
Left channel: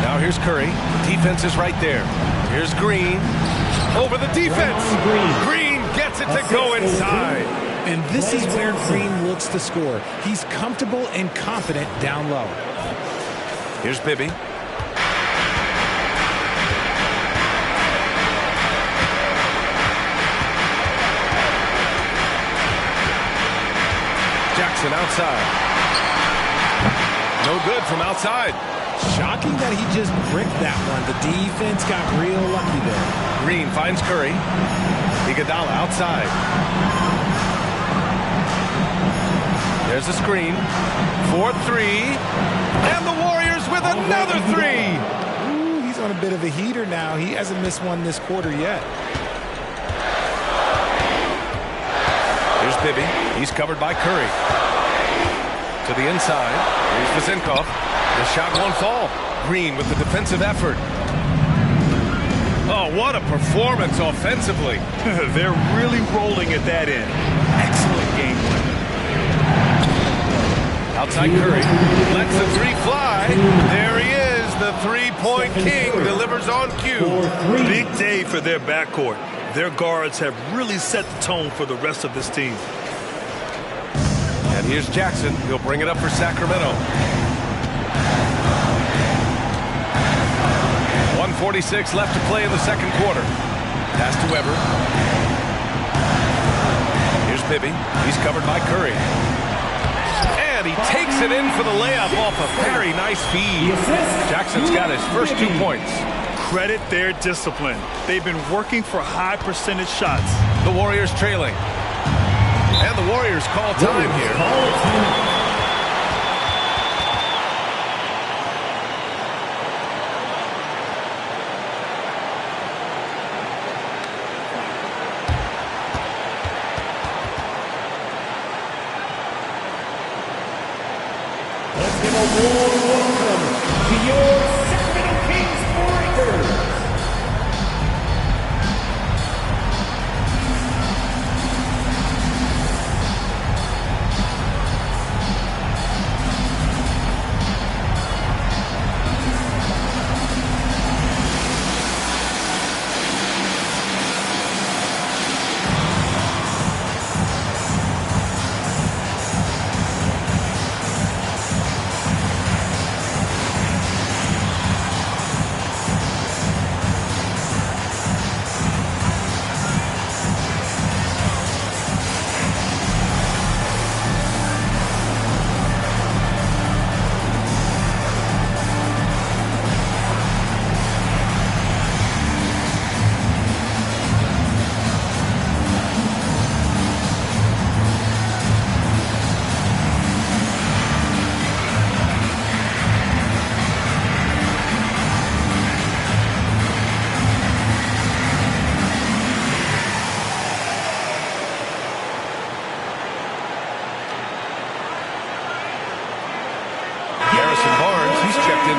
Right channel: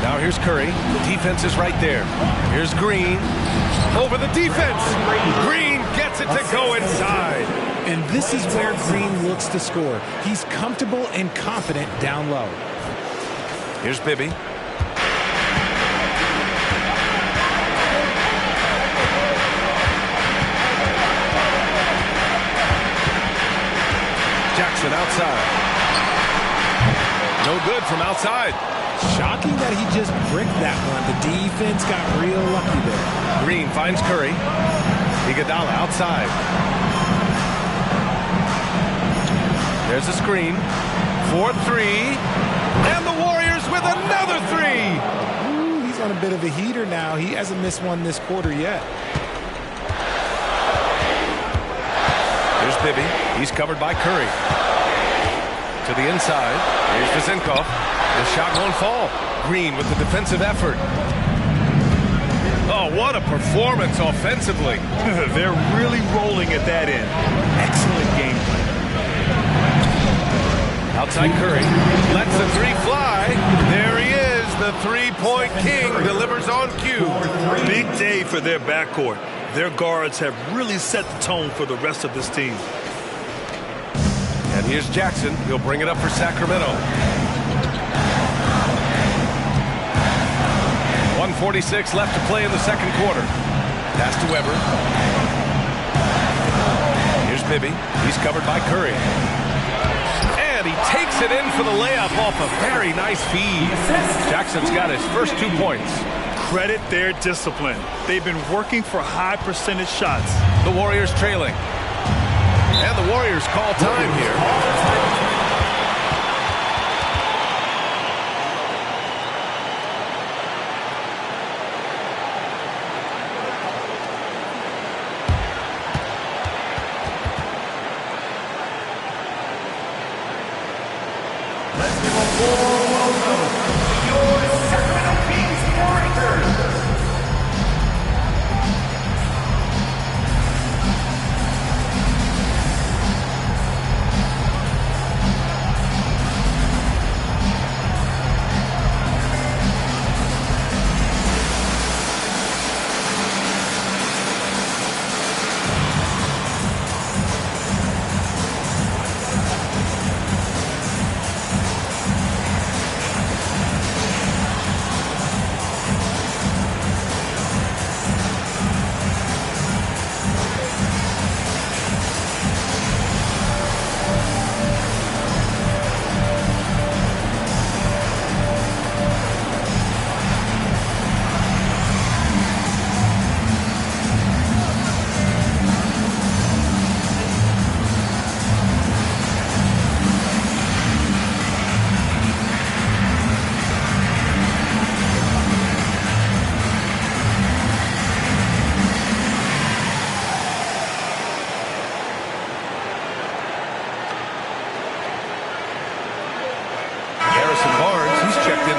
Now here's Curry. The defense is right there. Here's Green. Over the defense. Green gets it to go inside. And this is where Green looks to score. He's comfortable and confident down low. Here's Bibby. Jackson outside. No good from outside. Shocking that he just bricked that one. The defense got real lucky there. Green finds Curry. Iguodala outside. There's a screen. 4-3. And the Warriors with another 3. Ooh, he's on a bit of a heater now. He hasn't missed one this quarter yet. Here's Bibby. He's covered by Curry. To the inside. Here's Vezenkov. The shot won't fall. Green with the defensive effort. Oh, what a performance offensively. They're really rolling at that end. Excellent game plan. Outside Curry. Lets the 3 fly. There he is. The three-point king delivers on cue. Big day for their backcourt. Their guards have really set the tone for the rest of this team. And here's Jackson. He'll bring it up for Sacramento. 1:46 left to play in the second quarter. Pass to Weber. Here's Bibby. He's covered by Curry. And he takes it in for the layup off a very nice feed. Jackson's got his first 2 points. Credit their discipline. They've been working for high percentage shots. The Warriors trailing. And the Warriors call time here. Let's give a warm welcome to your Sacramento Kings Warriors.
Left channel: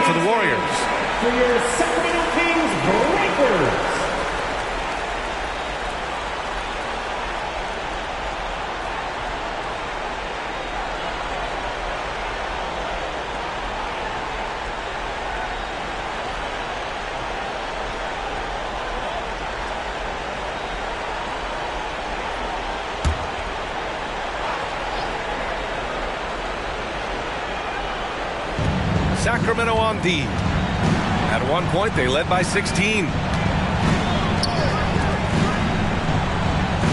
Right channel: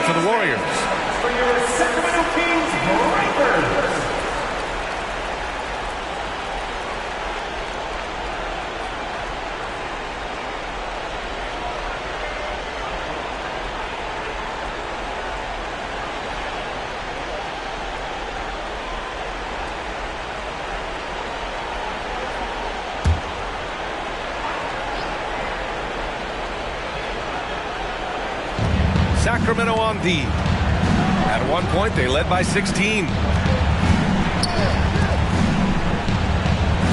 to the Warriors. For your Sacramento Kings Breakers. Sacramento on D. At one point, they led by 16.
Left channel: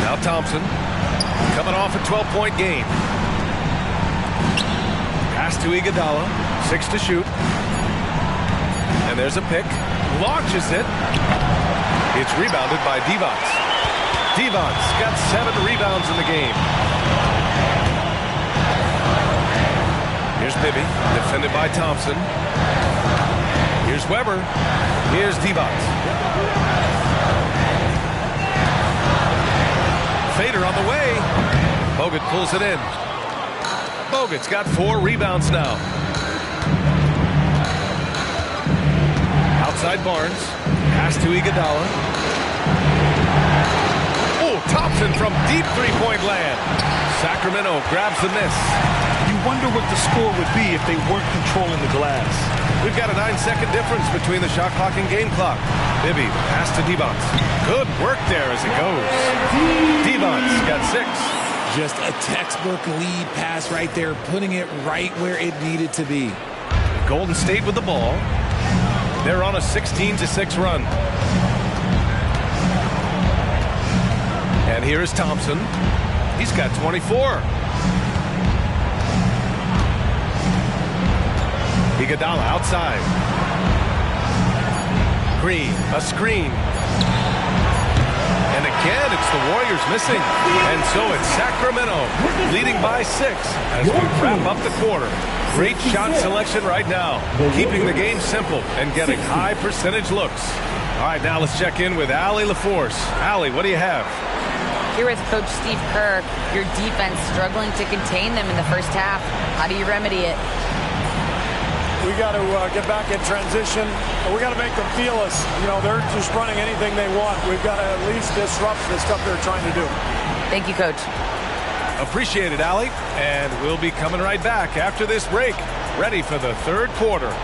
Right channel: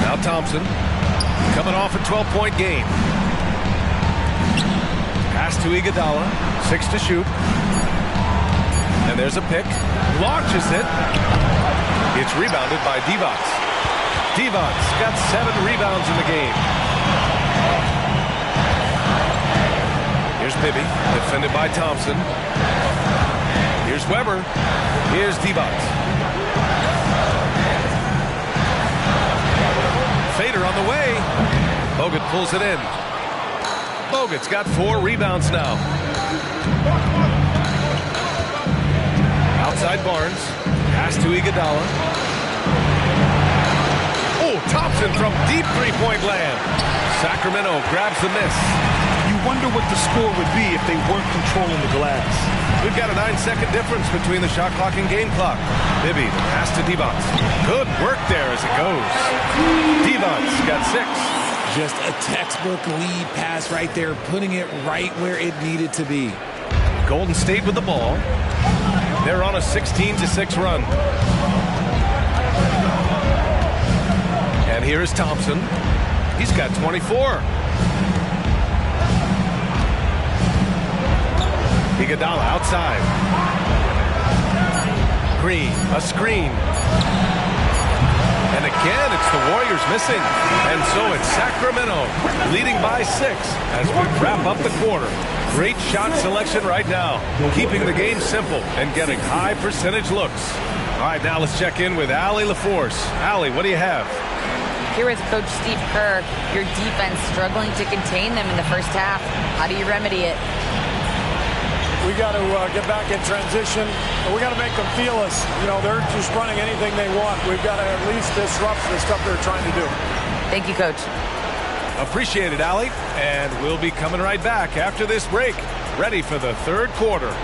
Now Thompson, coming off a 12-point game. Pass to Iguodala, 6 to shoot. And there's a pick. Launches it. It's rebounded by Divac. Divac got 7 rebounds in the game. Here's Bibby, defended by Thompson. Here's Weber. Here's Divac. Fader on the way. Bogut pulls it in. Bogut's got 4 rebounds now. Outside Barnes. Pass to Iguodala. Oh, Thompson from deep three-point land. Sacramento grabs the miss. You wonder what the score would be if they weren't controlling the glass. We've got a 9-second difference between the shot clock and game clock. Bibby, the pass to Divac. Good work there as it goes. Divac got 6. Just a textbook lead pass right there, putting it right where it needed to be. Golden State with the ball. They're on a 16-6 run. And here is Thompson. He's got 24. Iguodala outside. Green, a screen. And again, it's the Warriors missing. And so it's Sacramento leading by 6 as we wrap up the quarter. Great shot selection right now, keeping the game simple and getting high percentage looks. All right, now let's check in with Allie LaForce. Allie, what do you have? Here with Coach Steve Kerr, your defense struggling to contain them in the first half. How do you remedy it? We got to get back in transition. We got to make them feel us. You know, they're just running anything they want. We've got to at least disrupt the stuff they're trying to do. Thank you, Coach. Appreciate it, Allie. And we'll be coming right back after this break, ready for the third quarter.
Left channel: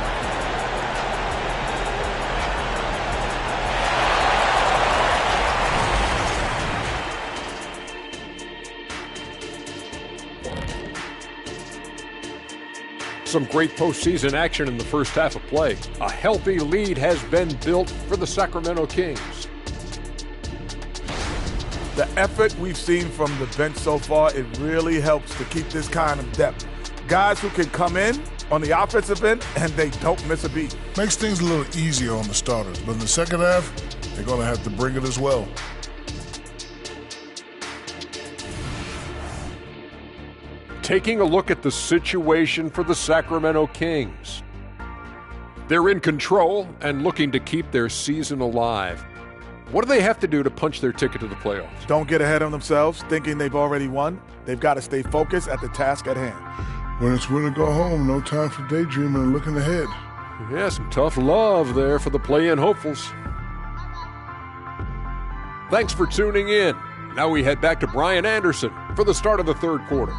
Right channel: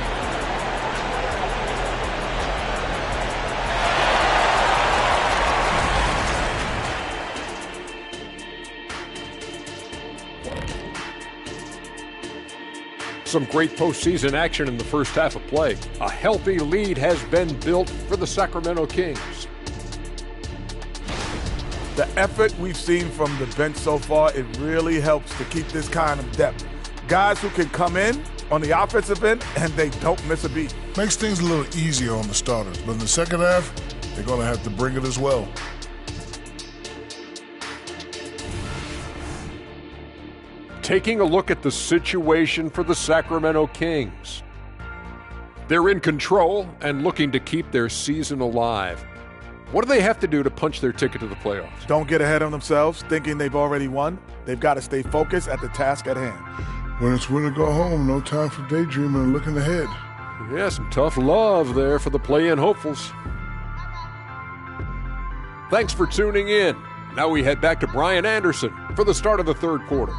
Some great postseason action in the first half of play. A healthy lead has been built for the Sacramento Kings. The effort we've seen from the bench so far, it really helps to keep this kind of depth. Guys who can come in on the offensive end and they don't miss a beat. Makes things a little easier on the starters, but in the second half, they're going to have to bring it as well. Taking a look at the situation for the Sacramento Kings. They're in control and looking to keep their season alive. What do they have to do to punch their ticket to the playoffs? Don't get ahead of themselves thinking they've already won. They've got to stay focused at the task at hand. When it's win or go home, no time for daydreaming and looking ahead. Yeah, some tough love there for the play-in hopefuls. Thanks for tuning in. Now we head back to Brian Anderson for the start of the third quarter.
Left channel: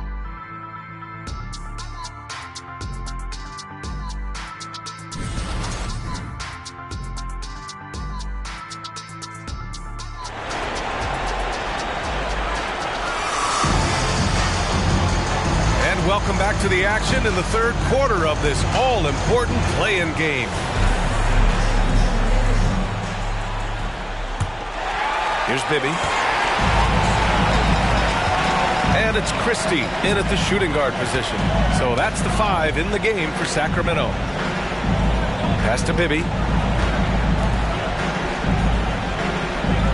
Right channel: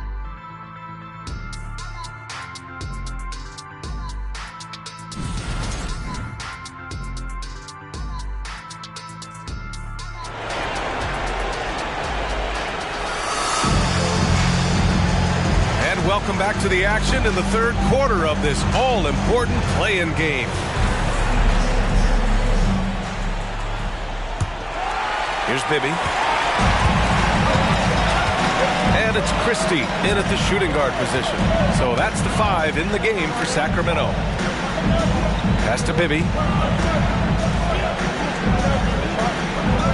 And welcome back to the action in the third quarter of this all-important play-in game. Here's Bibby. And it's Christie in at the shooting guard position. So that's the 5 in the game for Sacramento. Pass to Bibby.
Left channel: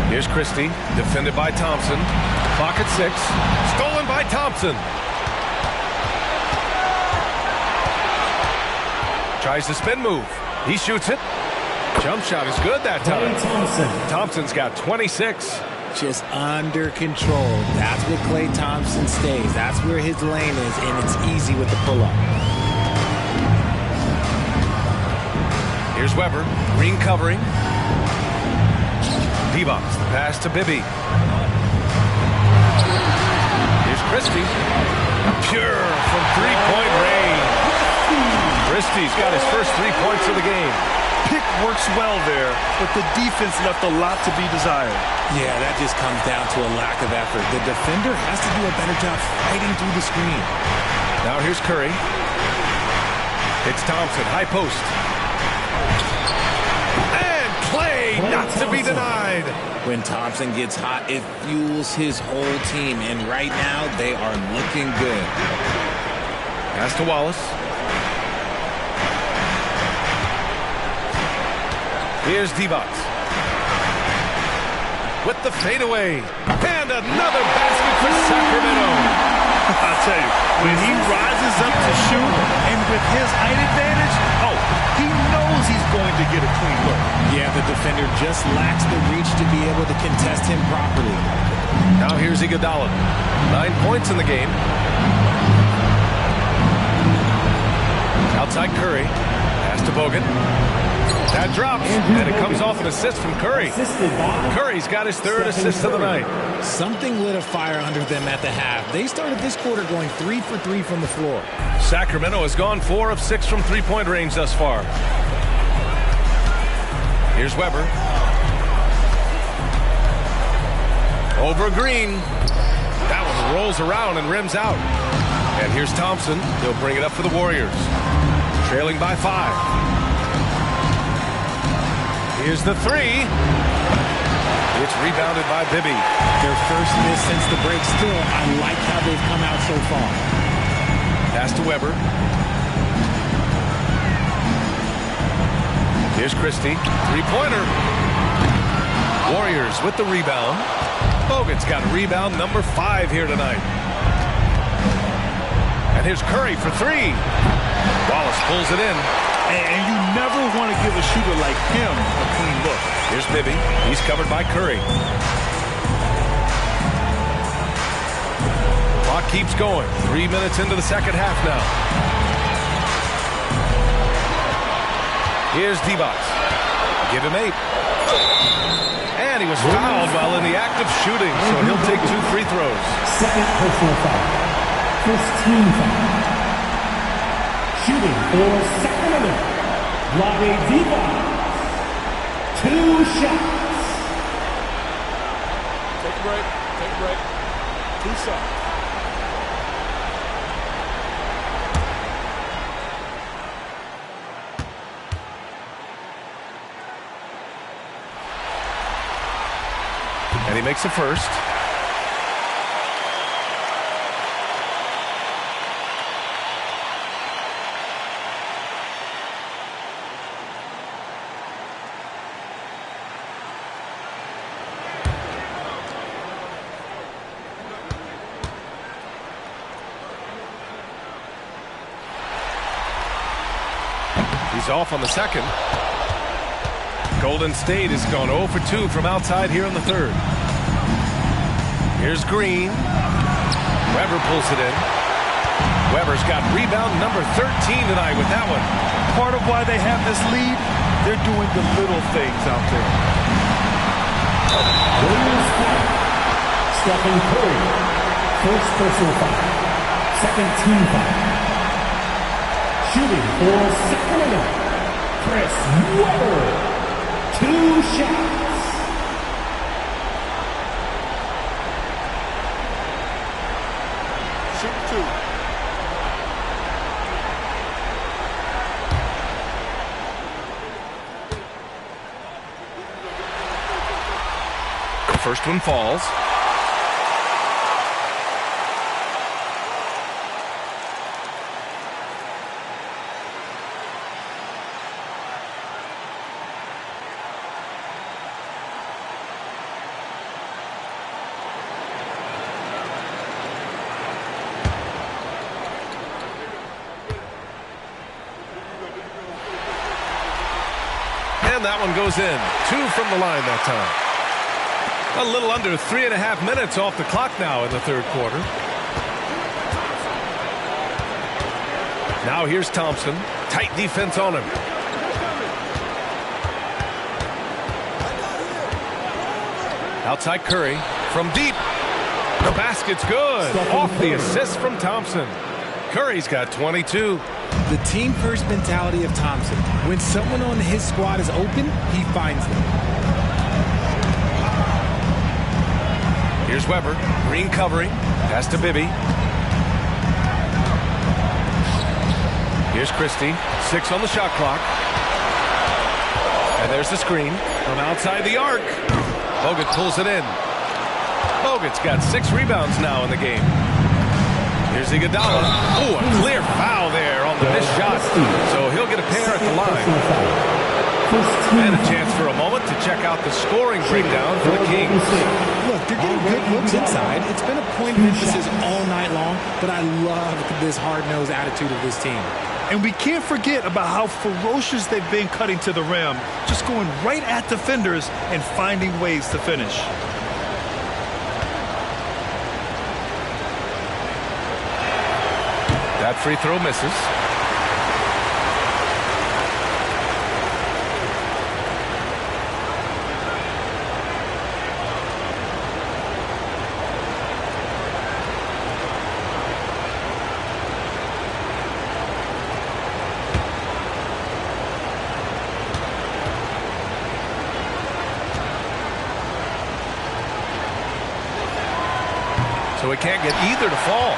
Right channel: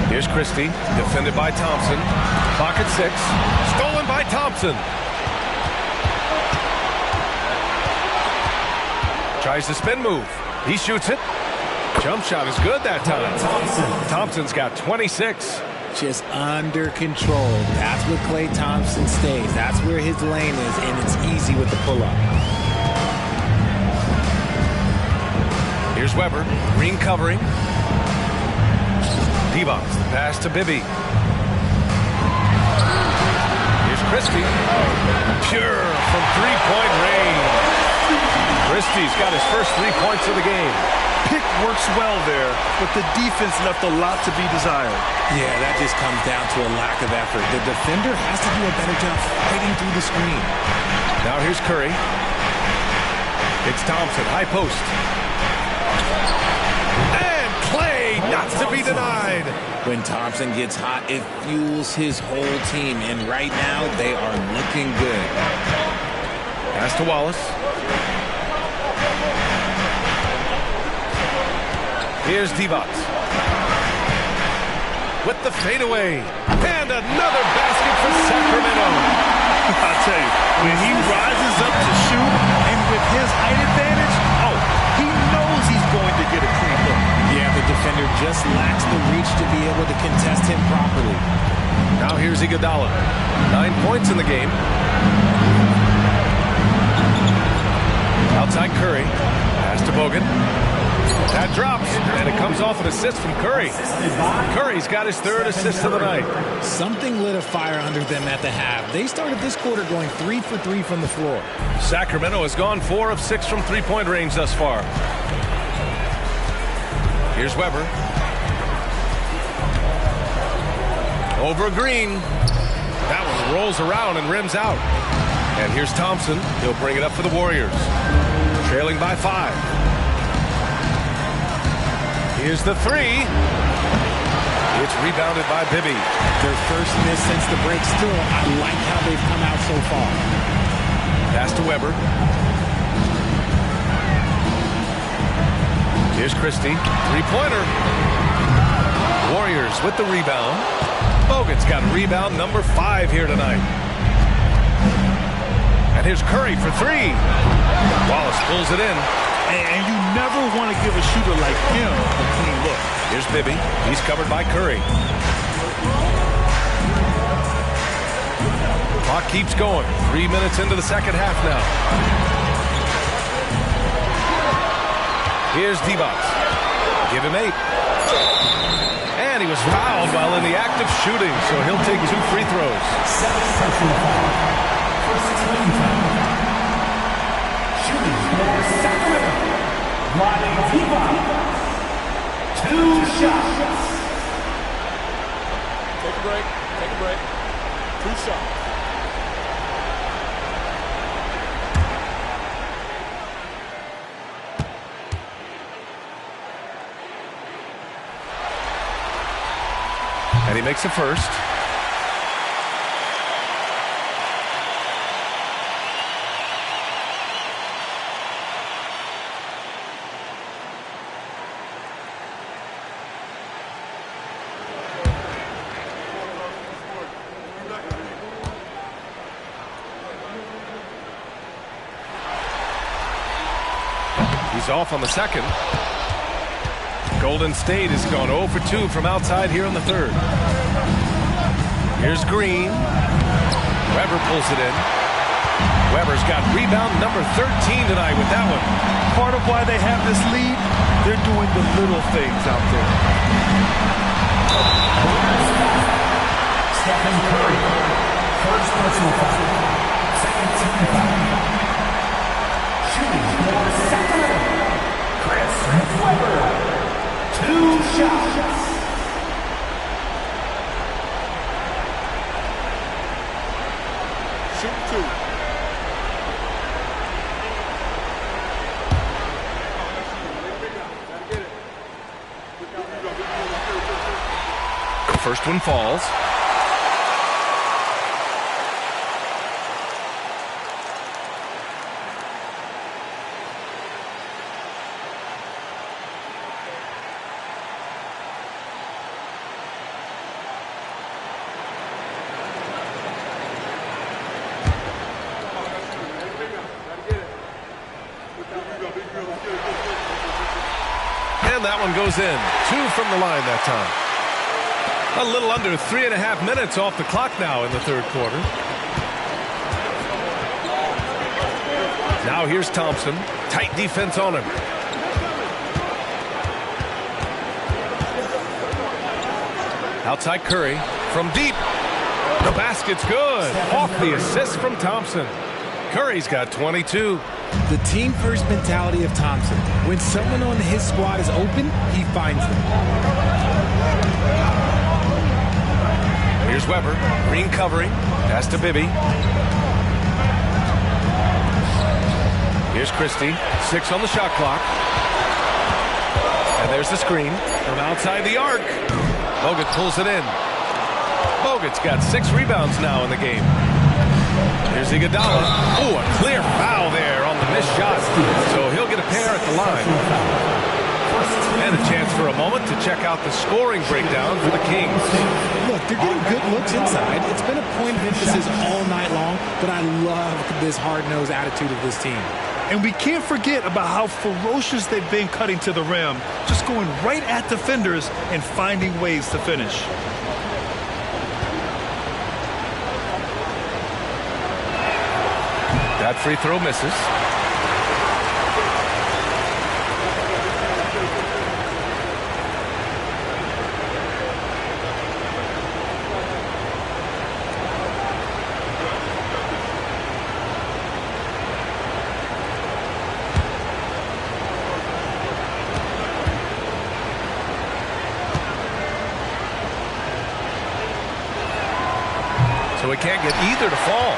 Here's Christie, defended by Thompson. Clock at 6. Stolen by Thompson. Tries the spin move. He shoots it. Jump shot is good that time. Thompson's got 26. Just under control. That's what Klay Thompson stays. That's where his lane is, and it's easy with the pull-up. Here's Weber. Green covering. Divac, the pass to Bibby. Here's Christie. Pure from three-point range. Christie's got his first 3 points of the game. Pick works well there, but the defense left a lot to be desired. Yeah, that just comes down to a lack of effort. The defender has to do a better job fighting through the screen. Now here's Curry. It's Thompson, high post. And Clay, not to be denied. When Thompson gets hot, it fuels his whole team, and right now they are looking good. Pass to Wallace. Here's Divac. With the fadeaway. And another basket for Sacramento. I tell you, when he rises up to shoot, and with his height advantage, he knows he's going to get a clean look. Yeah, the defender just lacks the reach to be able to contest him properly. Now here's Iguodala. 9 points in the game. Outside Curry. Pass to Bogut. That drops, and it comes off an assist from Curry. Curry's got his third assist of the night. Something lit a fire under them at the half. They started this quarter going 3 for 3 from the floor. Sacramento has gone 4 of 6 from three-point range thus far. Here's Weber. Over Green. That one rolls around and rims out. And here's Thompson. He'll bring it up for the Warriors. Trailing by 5. Here's the three. It's rebounded by Bibby. Their first miss since the break. Still, I like how they've come out so far. Pass to Weber. Here's Christie. Three-pointer. Warriors with the rebound. Bogut's got rebound number 5 here tonight. And here's Curry for 3. Wallace pulls it in. And you never want to give a shooter like him a clean look. Here's Bibby. He's covered by Curry. Clock keeps going. 3 minutes into the second half now. Here's Divac. Give him 8. And he was fouled while in the act of shooting, so he'll take 2 free throws. Second personal foul. First team foul. Shooting for Sacramento. Vlade Divac. 2 shots. Take a break. Take a break. 2 shots. And he makes a first. He's off on the second. Golden State has gone 0 for 2 from outside here in the third. Here's Green. Weber pulls it in. Weber's got rebound number 13 tonight with that one. Part of why they have this lead, they're doing the little things out there. Stephen Curry. First personal foul. Second team foul. Shooting for Sacramento. Chris Weber. 2 shots. Shoot 2. The first one falls. And that one goes in. 2 from the line that time. A little under 3.5 minutes off the clock now in the third quarter. Now here's Thompson. Tight defense on him. Outside Curry from deep. The basket's good. Off the assist from Thompson. Curry's got 22. The team-first mentality of Thompson. When someone on his squad is open, he finds them. Here's Weber. Green covering. Pass to Bibby. Here's Christie. 6 on the shot clock. And there's the screen from outside the arc. Bogut pulls it in. Bogut's got 6 rebounds now in the game. Here's Iguodala. Oh, a clear foul there on the missed shot. So he'll get a pair at the line. And a chance for a moment to check out the scoring breakdown for the Kings. Look, they're getting good looks inside. It's been a point of emphasis all night long, but I love this hard-nosed attitude of this team. And we can't forget about how ferocious they've been cutting to the rim, just going right at defenders and finding ways to finish. That free throw misses. So it can't get either to fall.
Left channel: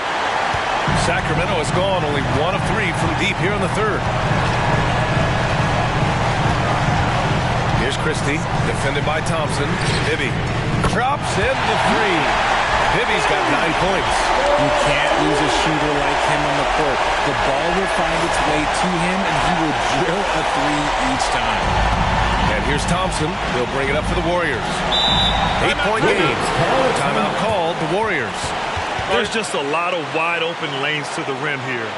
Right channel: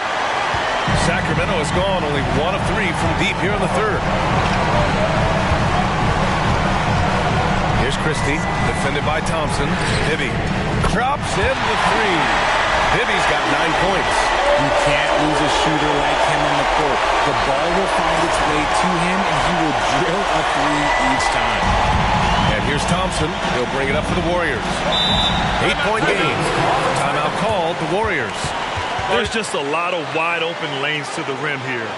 Sacramento has gone only 1 of 3 from deep here in the third. Here's Christie, defended by Thompson. Bibby drops in the 3. Bibby's got 9 points. You can't lose a shooter like him on the court. The ball will find its way to him, and he will drill a 3 each time. And here's Thompson. He'll bring it up for the Warriors. 8-point game. Timeout called, the Warriors. There's just a lot of wide open lanes to the rim here.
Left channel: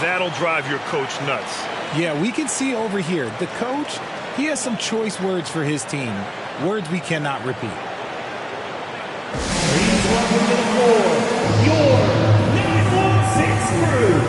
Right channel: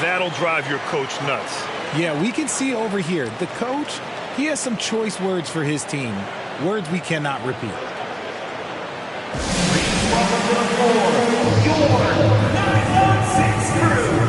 That'll drive your coach nuts. Yeah, we can see over here. The coach, he has some choice words for his team. Words we cannot repeat. Please welcome to the floor, your 916 crew.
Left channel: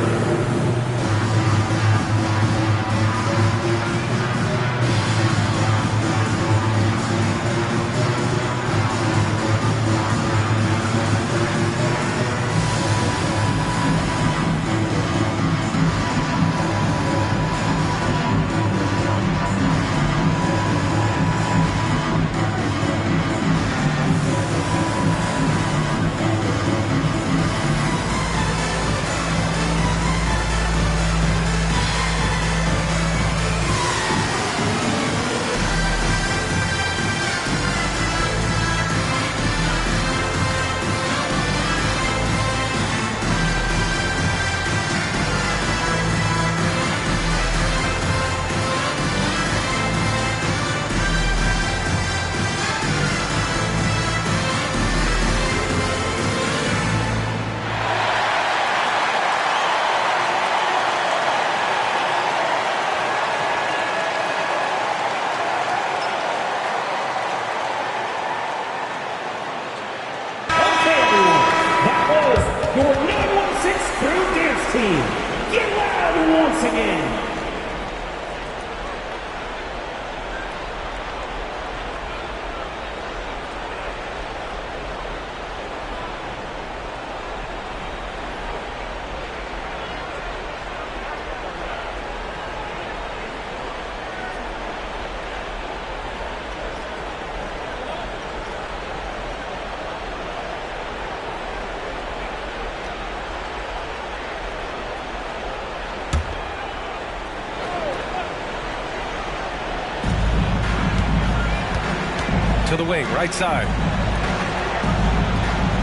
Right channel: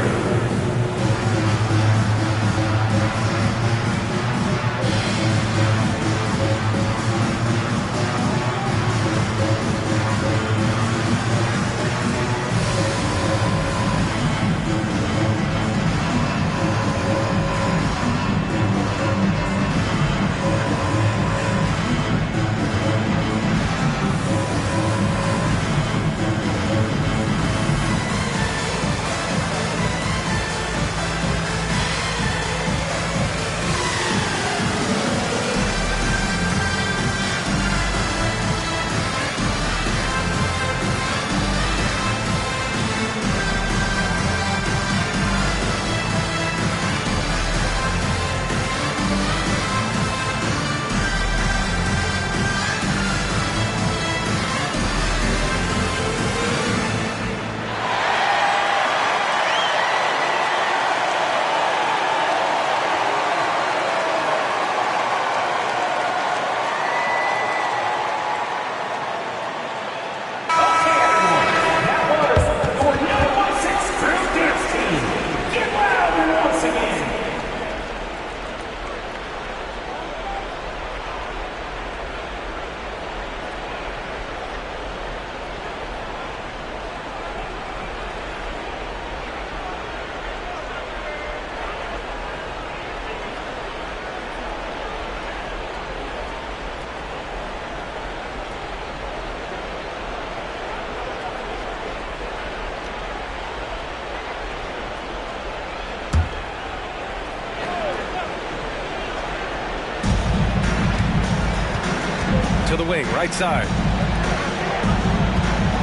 To the wing, right side.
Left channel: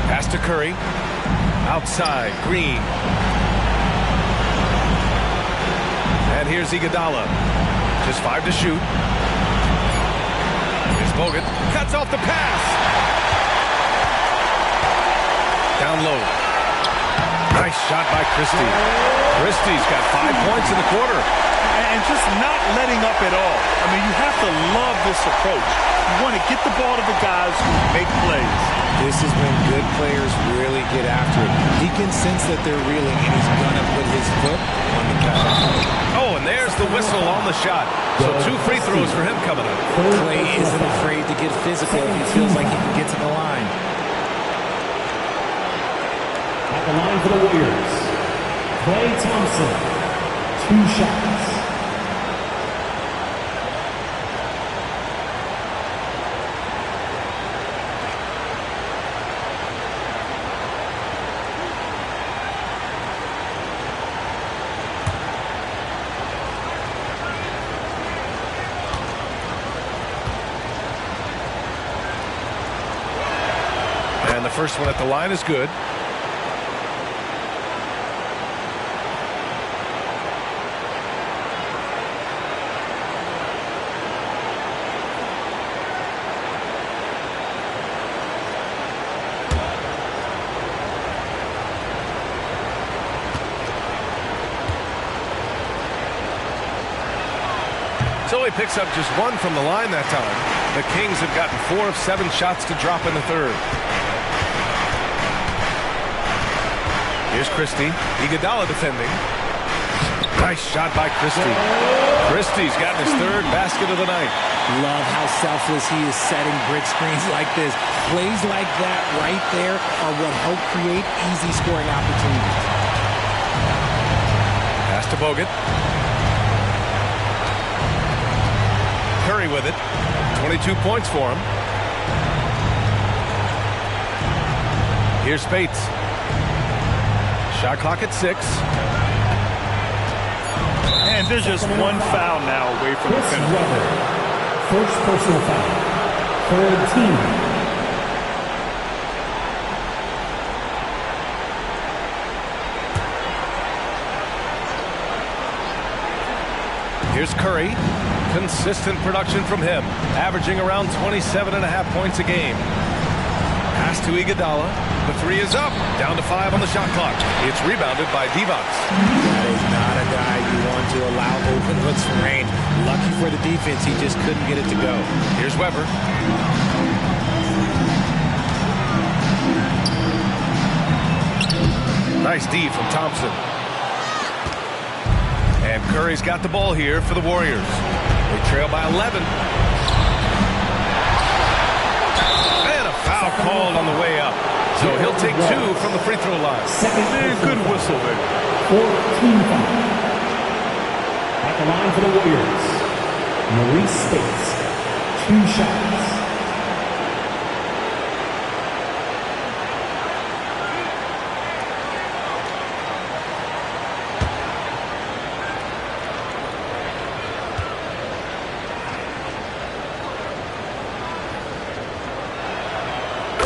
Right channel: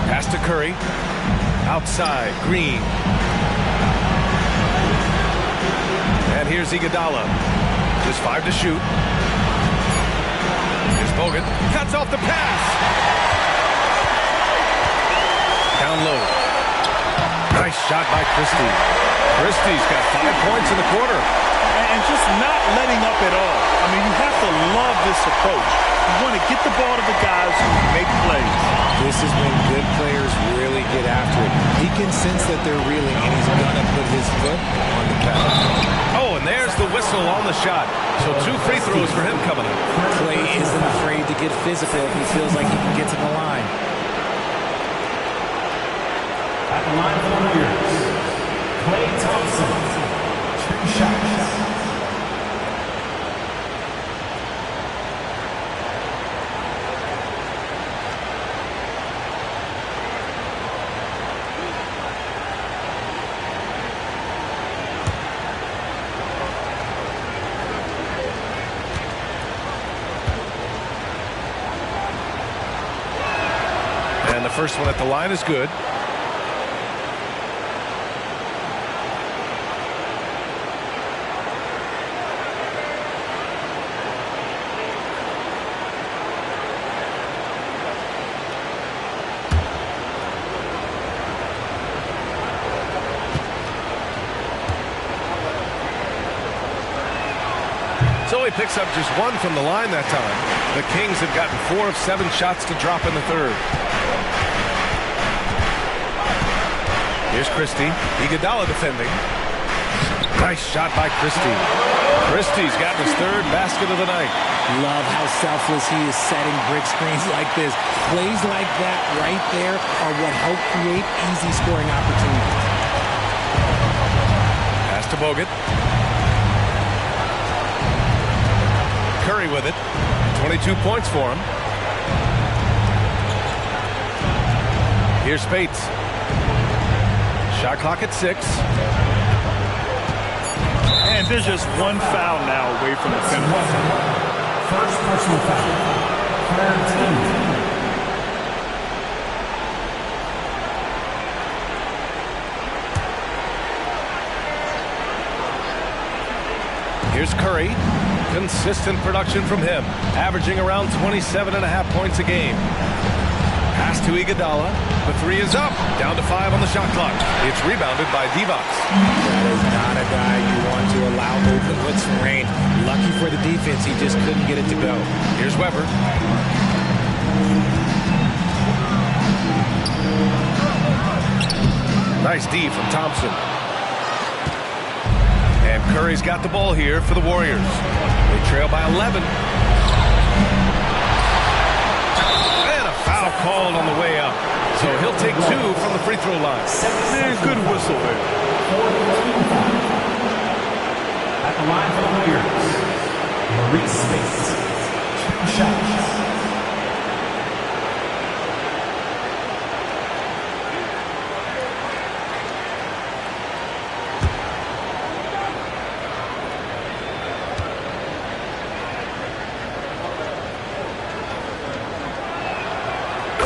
Pass to Curry. Outside, Green. And here's Iguodala. Just 5 to shoot. Here's Bogut. Cuts off the pass. Down low. Nice shot by Christie. Christie's got 5 points in the quarter. and just not letting up at all. I mean, you have to love this approach. You want to get the ball to the guys who make plays. This is when good players really get after it. He can sense that they're reeling, and he's going to put his foot on the pedal. Oh, and there's the whistle on the shot. So 2 free throws for him coming up. Klay isn't afraid to get physical if he feels like he can get to the line. At the line for the Warriors, Klay Thompson, 2 shots. And the first one at the line is good. So he picks up just 1 from the line that time. The Kings have gotten 4 of 7 shots to drop in the third. Here's Christie. Iguodala defending. Nice shot by Christie. Christie's gotten his 3rd basket of the night. Love how selfless he is setting brick screens like this. Plays like that right there are what help create easy scoring opportunities. Pass to Bogut. Curry with it. 22 points for him. Here's Spates. Shot clock at 6. And there's just 1 foul now away from the penalty. First personal foul. 3rd team. Here's Curry. Consistent production from him, averaging around 27.5 points a game. Pass to Iguodala. The 3 is up. Down to 5 on the shot clock. It's rebounded by Divac. That is not a guy you want to allow open looks from range. Lucky for the defense, he just couldn't get it to go. Here's Weber. Nice D from Thompson. And Curry's got the ball here for the Warriors. They trail by 11. And a foul called on the way up. So he'll take 2 from the free throw line. Man, good whistle there. 4th team foul. At the line for the Warriors, Maurice Spates, 2 shots.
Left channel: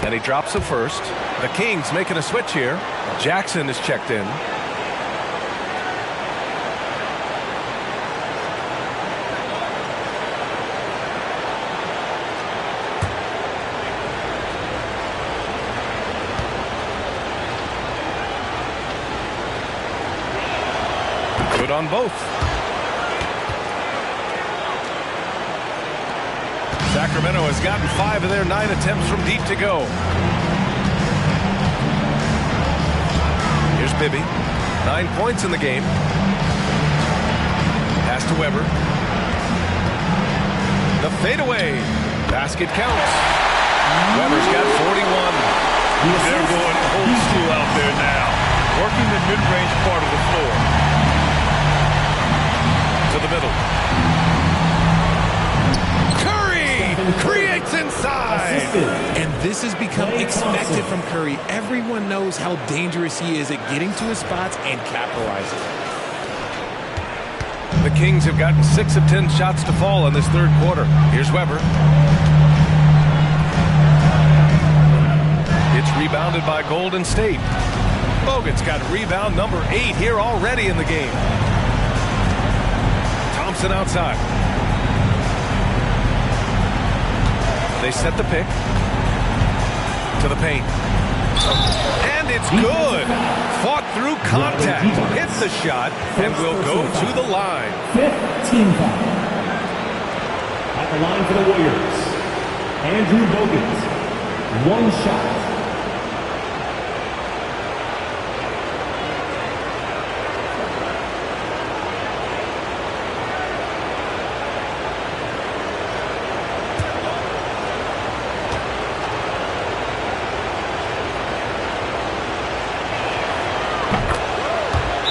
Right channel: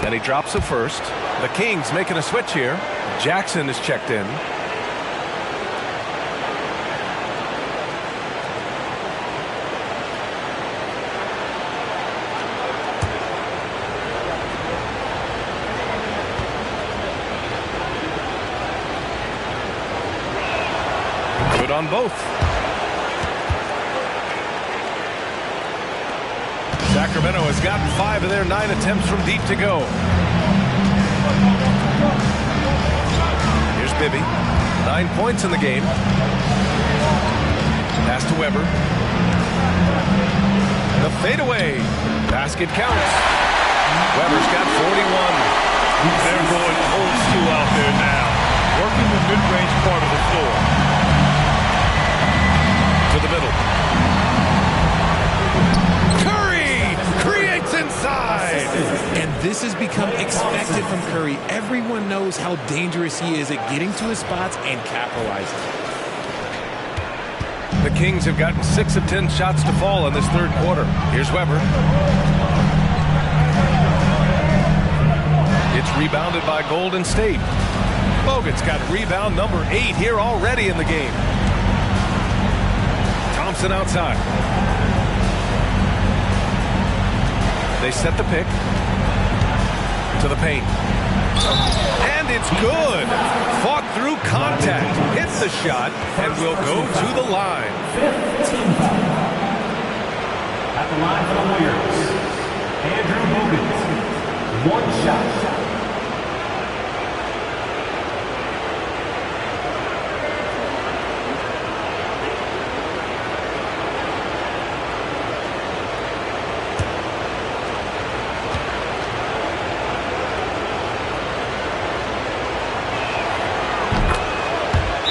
And he drops the first. The Kings making a switch here. Jackson is checked in. Good on both. Sacramento has gotten 5 of their 9 attempts from deep to go. Here's Bibby. 9 points in the game. Pass to Weber. The fadeaway. Basket counts. Weber's got 41. They're going old school out there now. Working the mid-range part of the floor. To the middle. Creates inside. And this has become expected from Curry. Everyone knows how dangerous he is at getting to his spots and capitalizing. The Kings have gotten 6 of 10 shots to fall in this third quarter. Here's Weber. It's rebounded by Golden State. Bogut's got rebound number 8 here already in the game. Thompson outside. They set the pick to the paint. And it's good. Fought through contact, hit the shot, and will go to the line. 5th team foul. At the line for the Warriors, Andrew Bogut. 1 shot.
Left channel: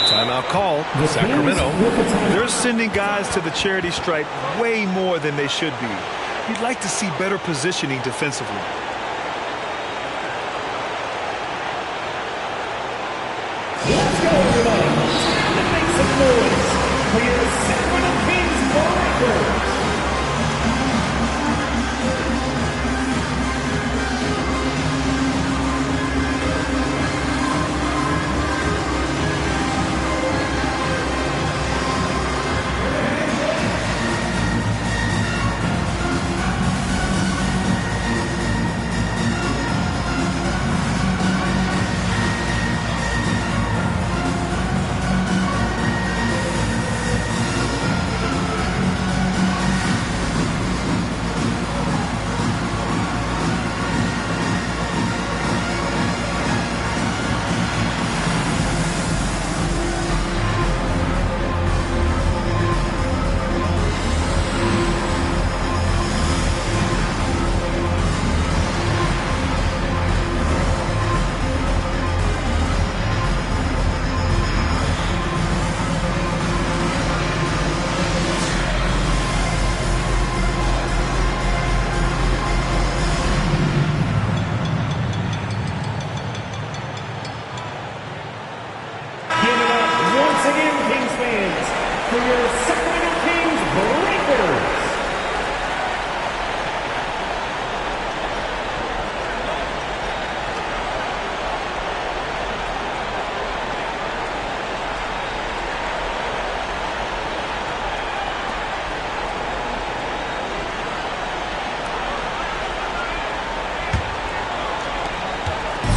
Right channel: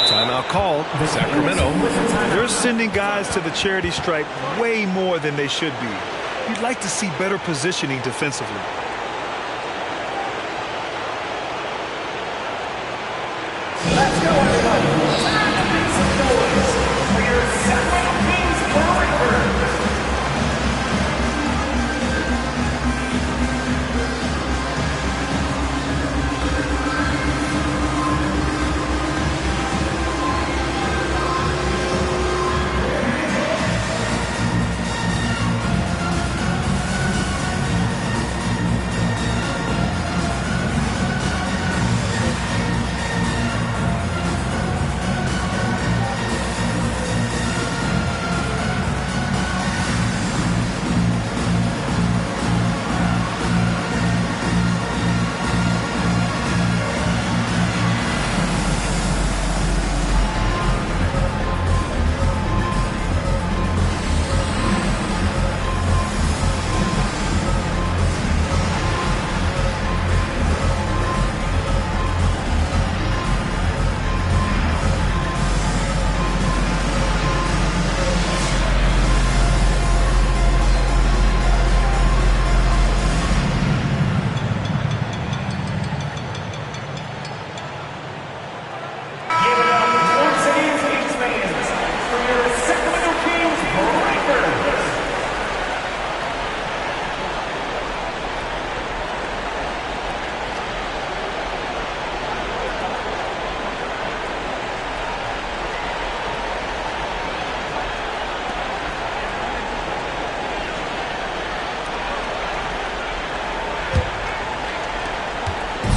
Timeout called. Sacramento. They're sending guys to the charity stripe way more than they should be. You'd like to see better positioning defensively. Let's go, everybody. Time to make some noise for your Sacramento Kings Breakers.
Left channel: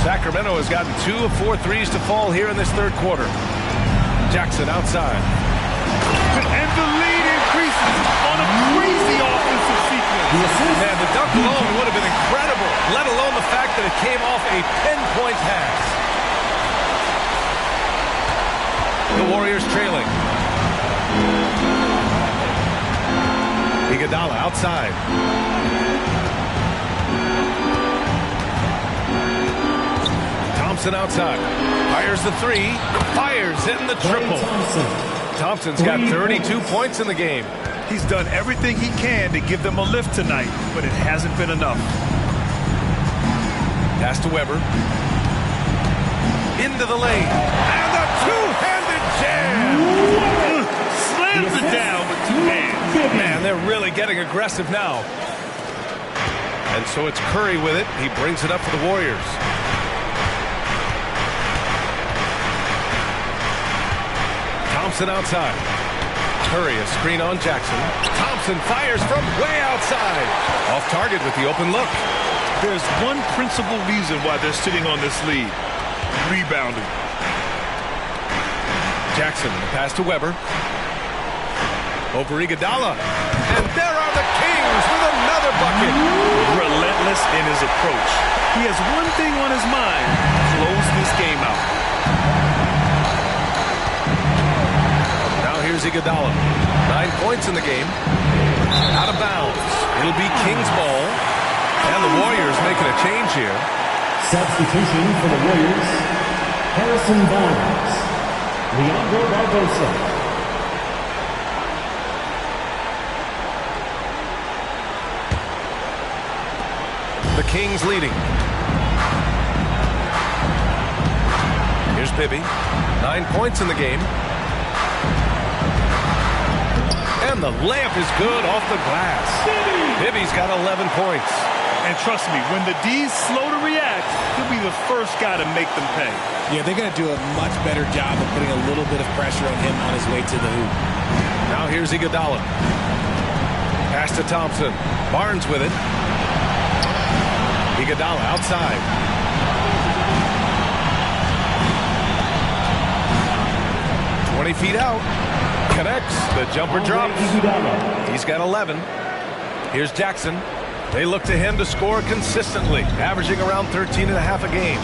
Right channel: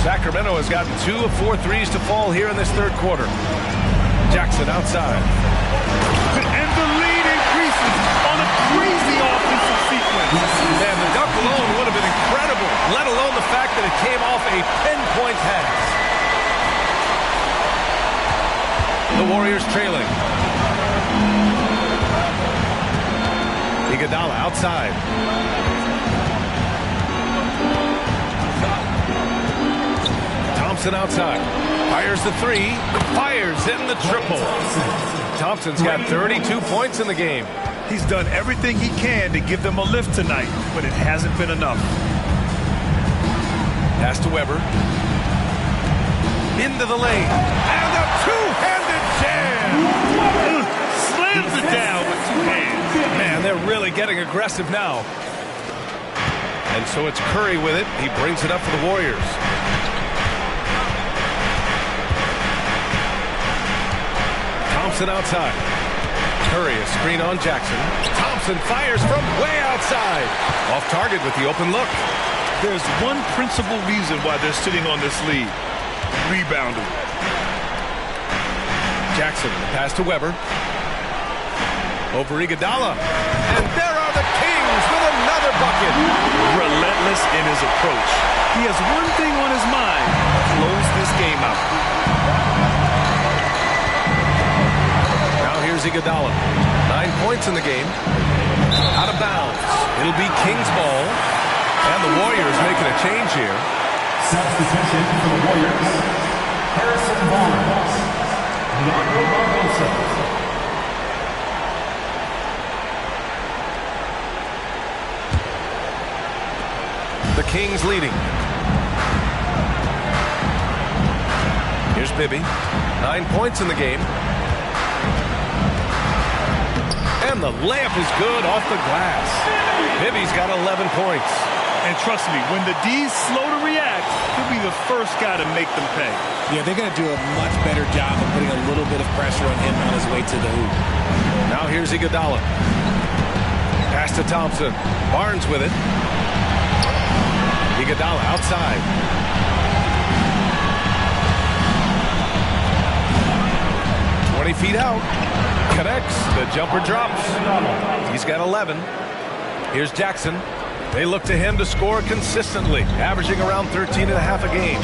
Sacramento has gotten 2 of 4 threes to fall here in this third quarter. Jackson outside. And the lead increases on a crazy offensive sequence. Man, the dunk alone would have been incredible, let alone the fact that it came off a pinpoint pass. The Warriors trailing. Iguodala outside. Thompson outside. Fires the 3. Fires in the triple. Thompson's got 32 points in the game. He's done everything he can to give them a lift tonight, but it hasn't been enough. Pass to Weber. Into the lane. And a two-handed jam. Slams it down with 2 hands. Man, they're really getting aggressive now. And so it's Curry with it. He brings it up for the Warriors. Thompson outside. Curry a screen on Jackson. Thompson fires from way outside. Off target with the open look. There's one principal reason why they're sitting on this lead. Rebounding. Jackson, the pass to Weber. Over Iguodala. And there are the Kings with another bucket. Relentless in his approach. He has one thing on his mind. Close this game out. Now here's Iguodala. 9 points in the game. Out of bounds. It'll be Kings ball. And the Warriors making a change here. Substitution for the Warriors. Harrison Barnes. Leandro Barbosa. The Kings leading. Here's Bibby. 9 points in the game. And the layup is good off the glass. Bibby's got 11 points. And trust me, when the D's slow to react, he'll be the first guy to make them pay. Yeah, they're going to do a much better job of putting a little bit of pressure on him on his way to the hoop. Now here's Iguodala. Pass to Thompson. Barnes with it. Iguodala outside. 20 feet out. Connects. The jumper drops. He's got 11. Here's Jackson. They look to him to score consistently, averaging around 13.5 a game.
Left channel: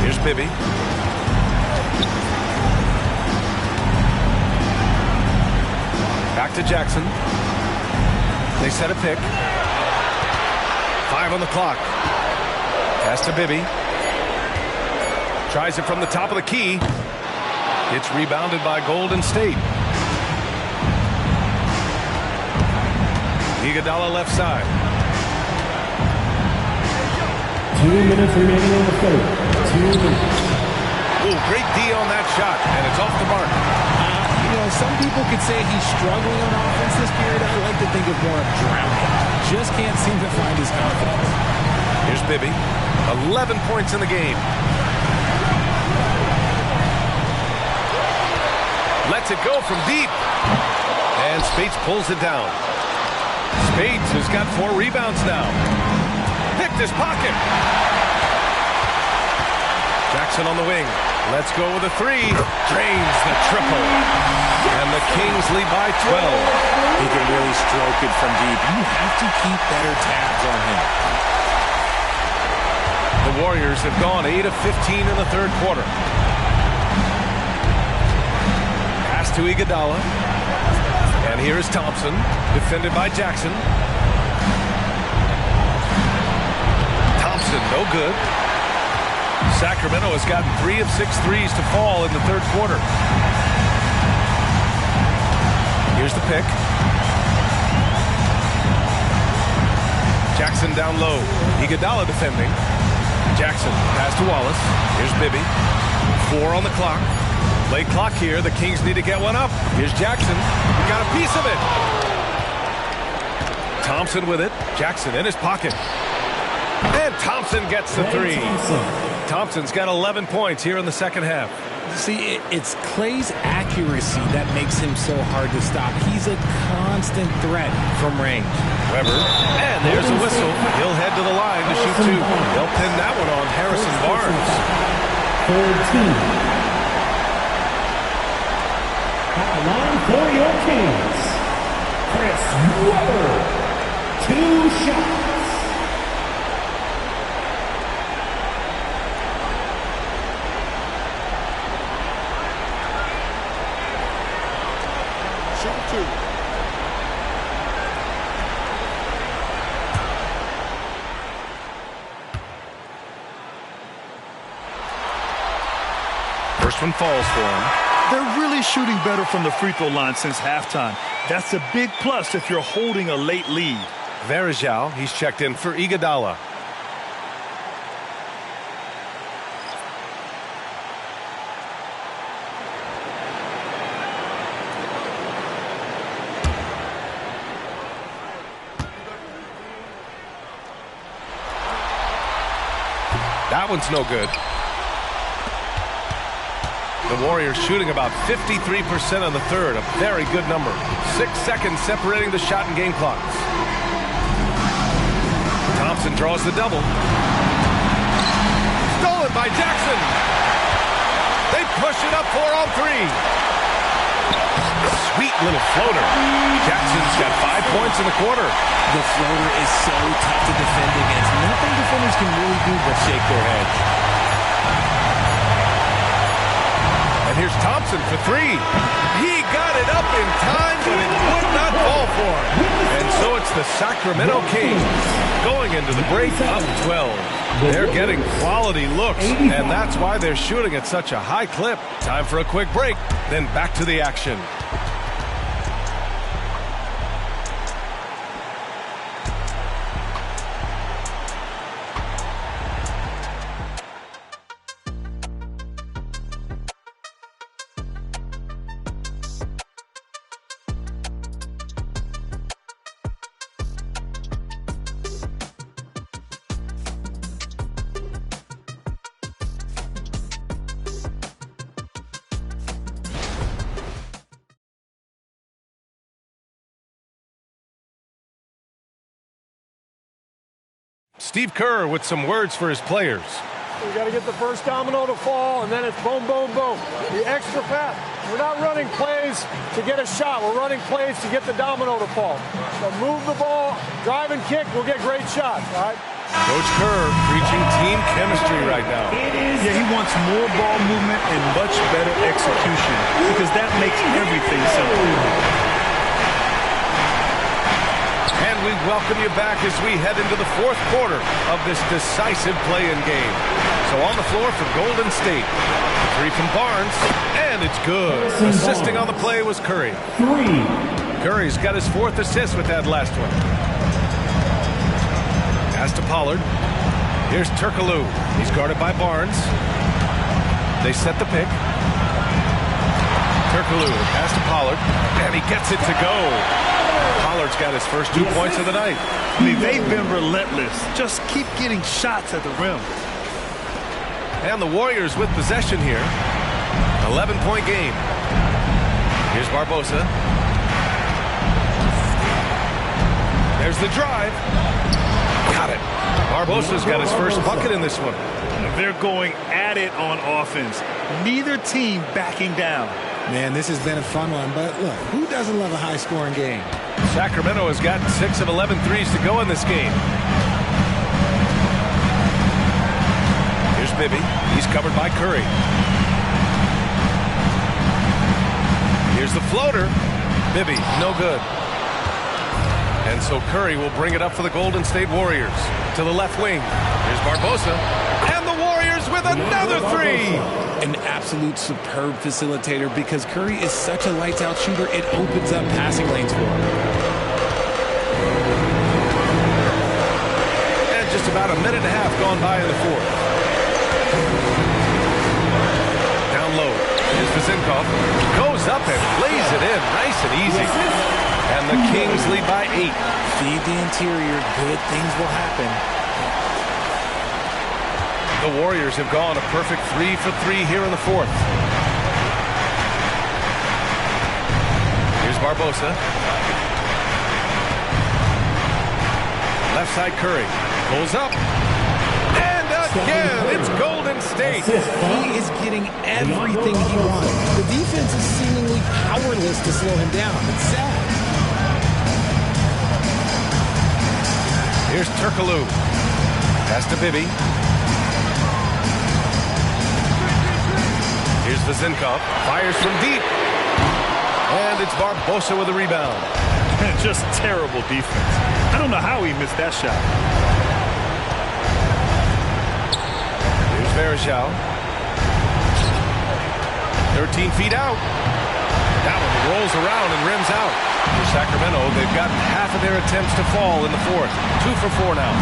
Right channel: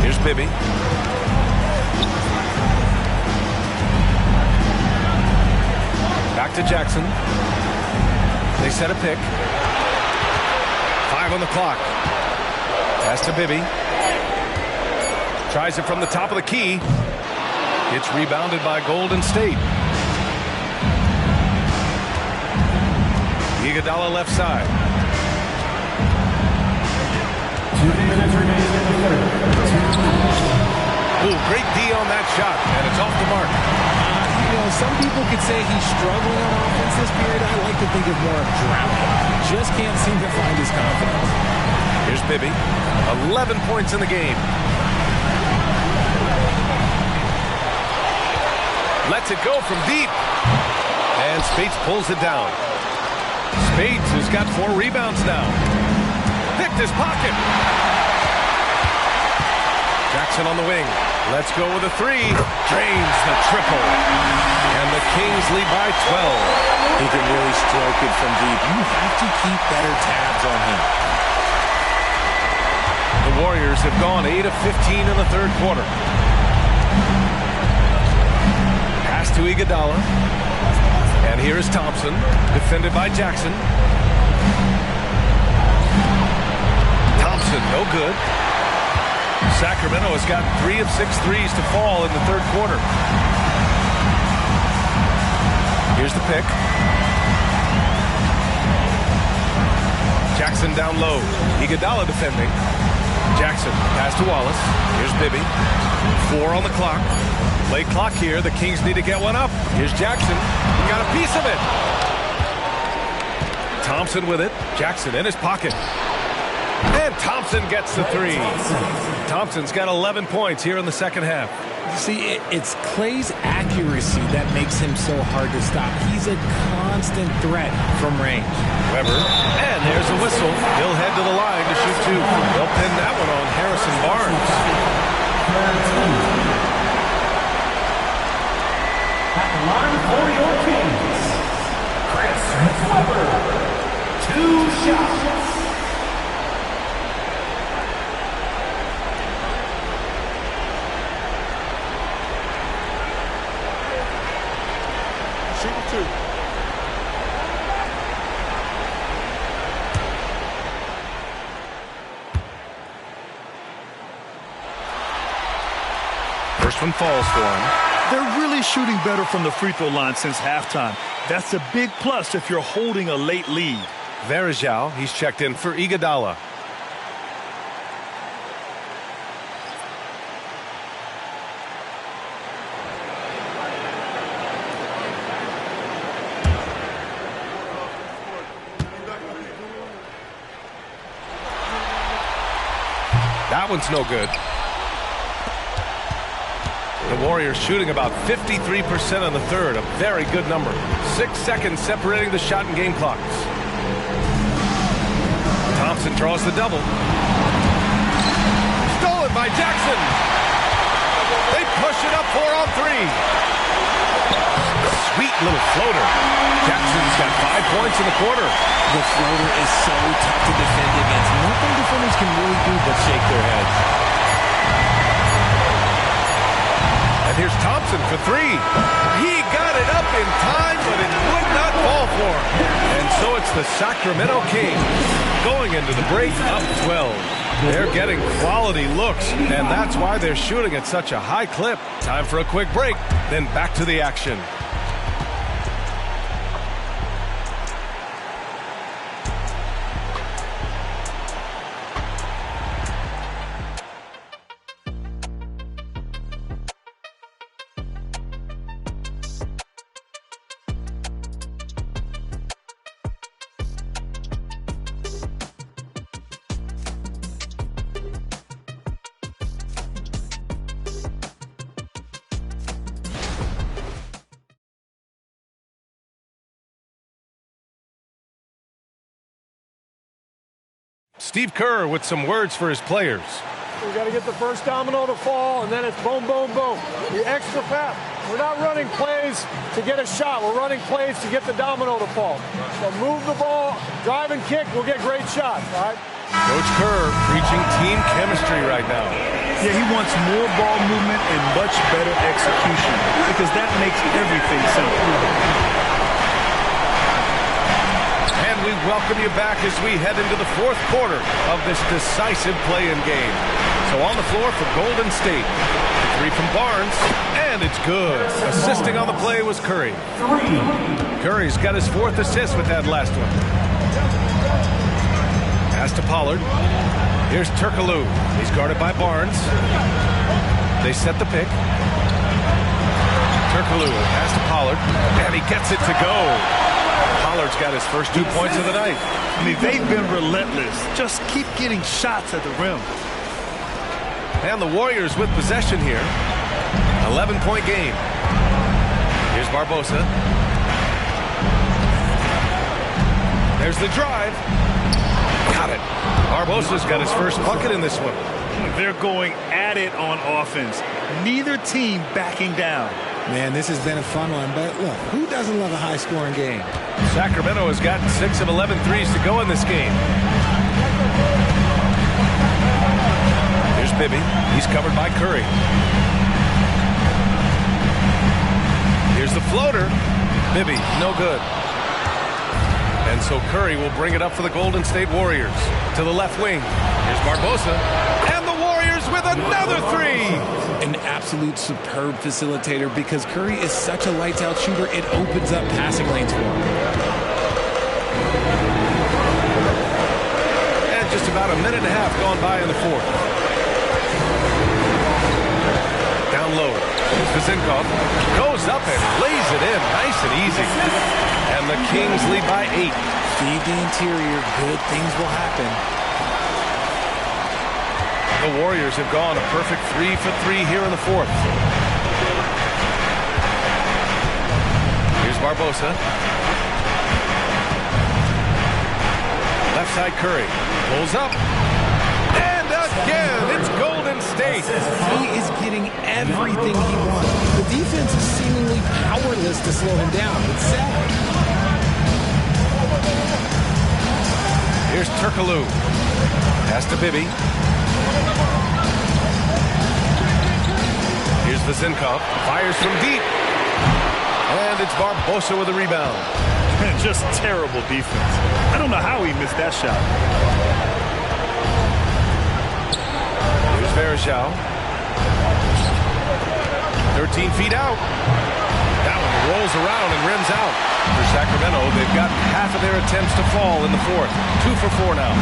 Here's Bibby. Back to Jackson. They set a pick. 5 on the clock. Pass to Bibby. Tries it from the top of the key. It's rebounded by Golden State. Iguodala left side. 2 minutes remaining in the third. 2 minutes. Ooh, great D on that shot, and it's off the mark. Some people could say he's struggling on offense this period. I like to think of more of drowning. Just can't seem to find his confidence. Here's Bibby. 11 points in the game. Lets it go from deep. And Speights pulls it down. Speights has got 4 rebounds now. Picked his pocket. Jackson on the wing. Let's go with a 3. Drains the triple. And the Kings lead by 12. He can really stroke it from deep. You have to keep better tabs on him. The Warriors have gone 8 of 15 in the third quarter. Pass to Iguodala. And here is Thompson, defended by Jackson. Thompson, no good. Sacramento has gotten 3 of 6 threes to fall in the third quarter. Here's the pick. Jackson down low. Iguodala defending. Jackson, pass to Wallace. Here's Bibby. 4 on the clock. Late clock here. The Kings need to get one up. Here's Jackson. He got a piece of it. Thompson with it. Jackson in his pocket. And Thompson gets the 3. Thompson's got 11 points here in the second half. See, it's Klay's accuracy that makes him so hard to stop. He's a constant threat from range. Weber, and there's a whistle. He'll head to the line to shoot 2. They'll pin that one on Harrison Barnes. Third team. At the line for your Kings, Chris Weber. 2 shots. Shooting 2. First one falls for him. They're really shooting better from the free throw line since halftime. That's a big plus if you're holding a late lead. Varejao, he's checked in for Iguodala. That one's no good. The Warriors shooting about 53% on the third, a very good number. 6 seconds separating the shot and game clocks. Thompson draws the double. Stolen by Jackson. They push it up 4 on 3. Sweet little floater. Jackson's got 5 points in the quarter. The floater is so tough to defend against. Nothing defenders can really do but shake their heads. And here's Thompson for 3. He got it up in time, but it would not fall for him. And so it's the Sacramento Kings going into the break up 12. They're getting quality looks, and that's why they're shooting at such a high clip. Time for a quick break, then back to the action. Steve Kerr with some words for his players. We got to get the first domino to fall, and then it's boom, boom, boom. The extra pass. We're not running plays to get a shot. We're running plays to get the domino to fall. So move the ball, drive and kick. We'll get great shots, all right? Coach Kerr preaching team chemistry right now. Yeah, he wants more ball movement and much better execution because that makes everything simple. And we welcome you back as we head into the fourth quarter of this decisive play-in game. So on the floor for Golden State. The three from Barnes, and it's good. Assisting on the play was Curry. Curry's got his fourth assist with that last one. Pass to Pollard. Here's Turkoglu. He's guarded by Barnes. They set the pick. Turkoglu, pass to Pollard, and he gets it to go. Pollard's got his first 2 points of the night. I mean, they've been relentless. Just keep getting shots at the rim. And the Warriors with possession here. 11-point game. Here's Barbosa. There's the drive. Got it. Barbosa's got his first bucket in this one. They're going at it on offense. Neither team backing down. Man, this has been a fun one, but look, who doesn't love a high-scoring game? Sacramento has gotten 6 of 11 threes to go in this game. Here's Bibby. He's covered by Curry. Here's the floater. Bibby, no good. And so Curry will bring it up for the Golden State Warriors. To the left wing. Here's Barbosa. And the Warriors with another three. An absolute superb facilitator because Curry is such a lights-out shooter, it opens up passing lanes for him. And just about a minute and a half gone by in the fourth. Down low. Here's Vezenkov. Goes up and lays it in. Nice and easy. And the Kings lead by 8. Feed the interior. Good things will happen. The Warriors have gone a perfect 3 for 3 here in the fourth. Here's Barbosa. Left side Curry. Pulls up. And again, it's Golden State. He is getting everything he wants. The defense is seemingly powerless to slow him down. It's sad. Here's Turkoglu. Pass to Bibby. Here's Vezenkov. Fires from deep. And it's Barbosa with a rebound. Just terrible defense. I don't know how he missed that shot. Here's Varejao. 13 feet out. That one rolls around and rims out. For Sacramento, they've gotten half of their attempts to fall in the fourth. 2 for 4 now.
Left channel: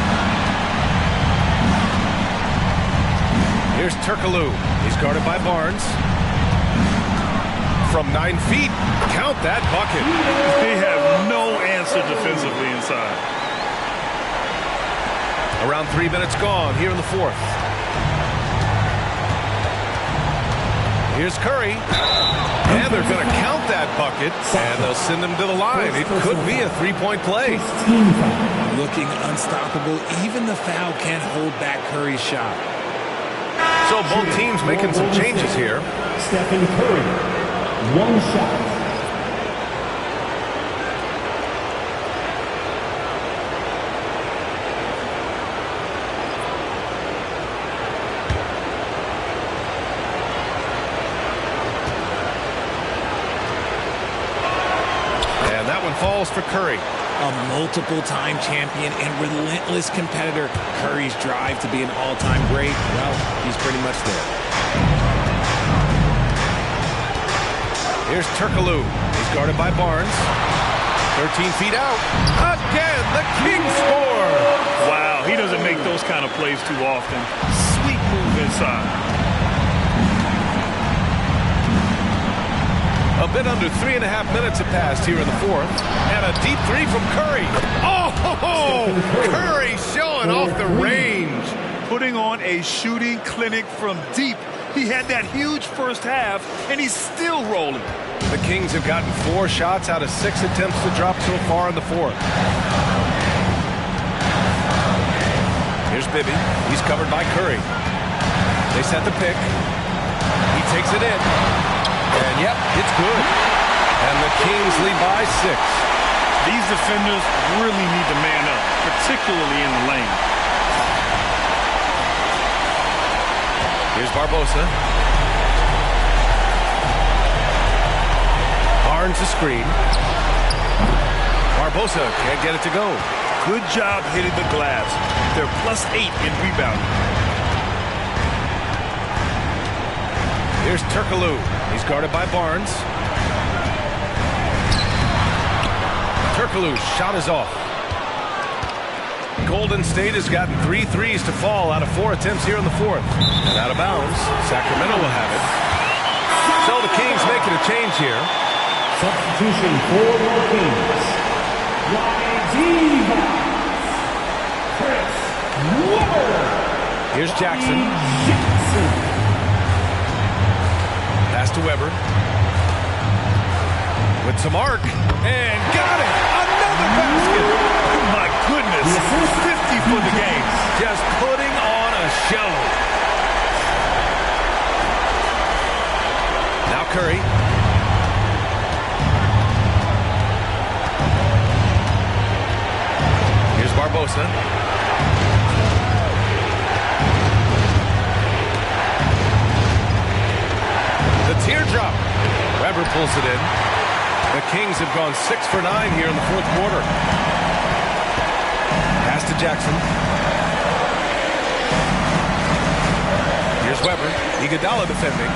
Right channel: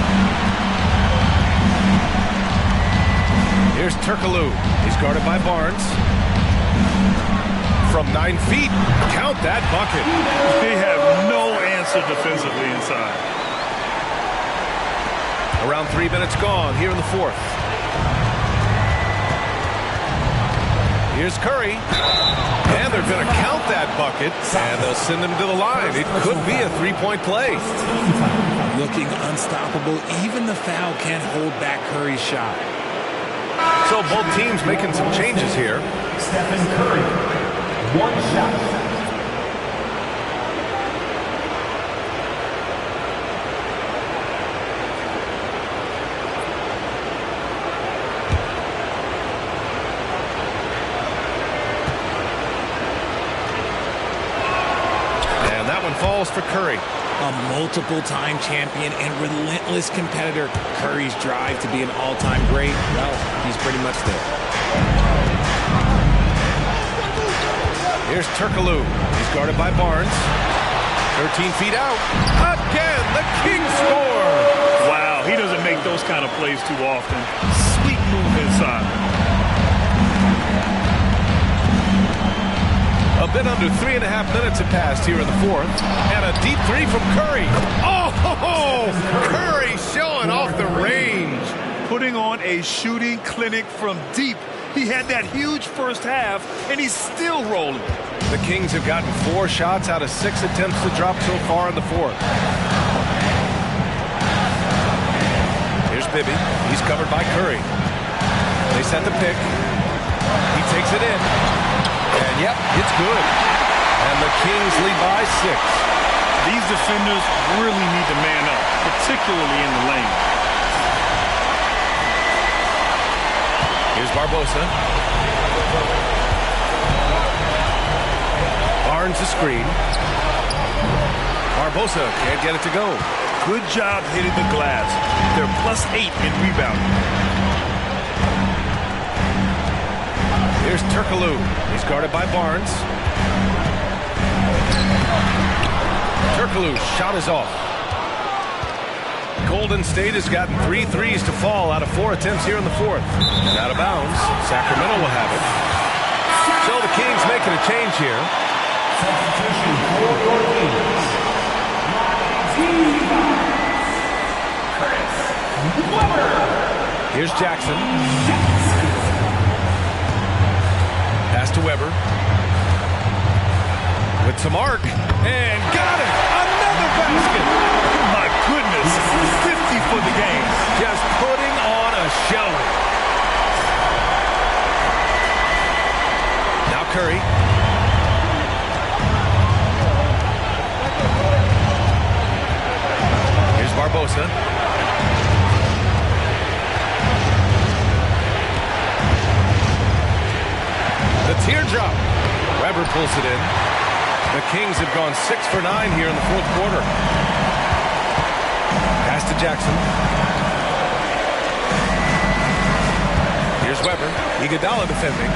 Here's Turkoglu. He's guarded by Barnes. From 9 feet. Count that bucket. They have no answer defensively inside. Around 3 minutes gone here in the fourth. Here's Curry. And they're going to count that bucket. And they'll send him to the line. It could be a three-point play. Looking unstoppable. Even the foul can't hold back Curry's shot. So both teams making some changes here. Stephen Curry. 1 shot. And that one falls for Curry. A multiple-time champion and relentless competitor. Curry's drive to be an all-time great, well, he's pretty much there. Here's Turkoglu. He's guarded by Barnes. 13 feet out. Again, the Kings score. Wow, he doesn't make those kind of plays too often. Sweet move inside. A bit under 3.5 minutes have passed here in the fourth. And a deep three from Curry. Oh, Curry showing off the range. Putting on a shooting clinic from deep. He had that huge first half, and he's still rolling. The Kings have gotten 4 shots out of 6 attempts to drop so far in the fourth. Here's Bibby. He's covered by Curry. They set the pick. He takes it in. And, yep, it's good. And the Kings lead by 6. These defenders really need to man up, particularly in the lane. Here's Barbosa. Barnes a screen. Barbosa can't get it to go. Good job hitting the glass. They're +8 in rebounding. Here's Turkoglu. He's guarded by Barnes. Turkoglu's shot is off. Golden State has gotten 3 threes to fall out of 4 attempts here in the 4th. And out of bounds, Sacramento will have it. So the Kings making a change here. Substitution for your Kings. Chris Webber. Here's Jackson. Pass to Webber. With some arc. And got it! Another basket! My goodness, 50 for the game. Just putting on a show. Now Curry. Here's Barbosa. The teardrop. Webber pulls it in. The Kings have gone 6 for 9 here in the 4th quarter. Pass to Jackson. Here's Webber. Iguodala defending.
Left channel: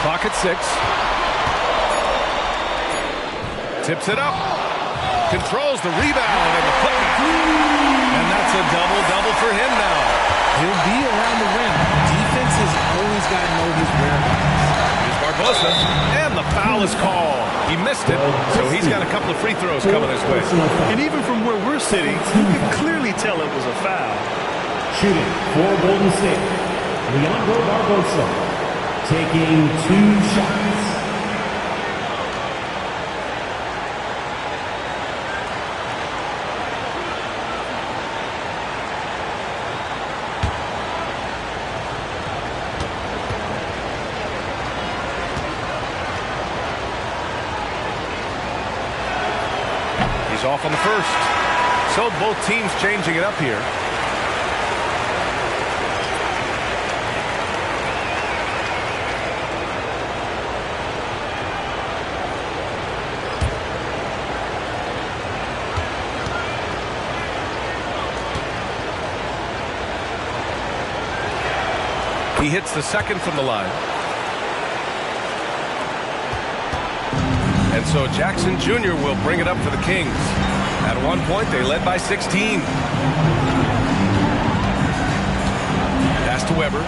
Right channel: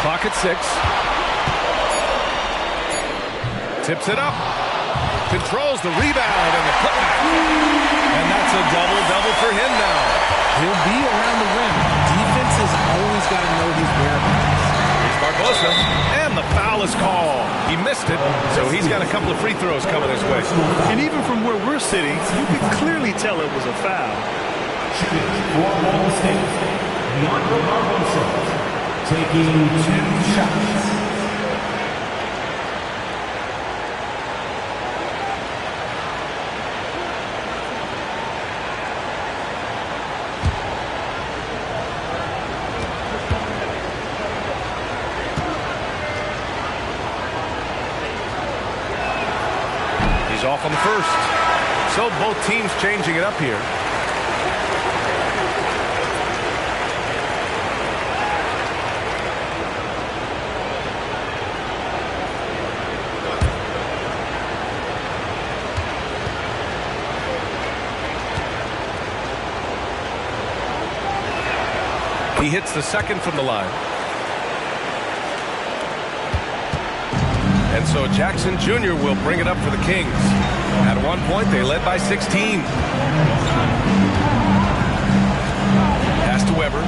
Clock at 6. Tips it up. Controls the rebound and the putback. And that's a double-double for him now. He'll be around the rim. Defense has always got to know his whereabouts. Here's Barbosa, and the foul is called. He missed it, so he's got a couple of free throws coming his way. And even from where we're sitting, you can clearly tell it was a foul. Shooting for Golden State, Leandro Barbosa, taking 2 shots. Off on the first. So both teams changing it up here. He hits the second from the line. And so Jackson Jr. will bring it up for the Kings. At one point, they led by 16. Pass to Webber.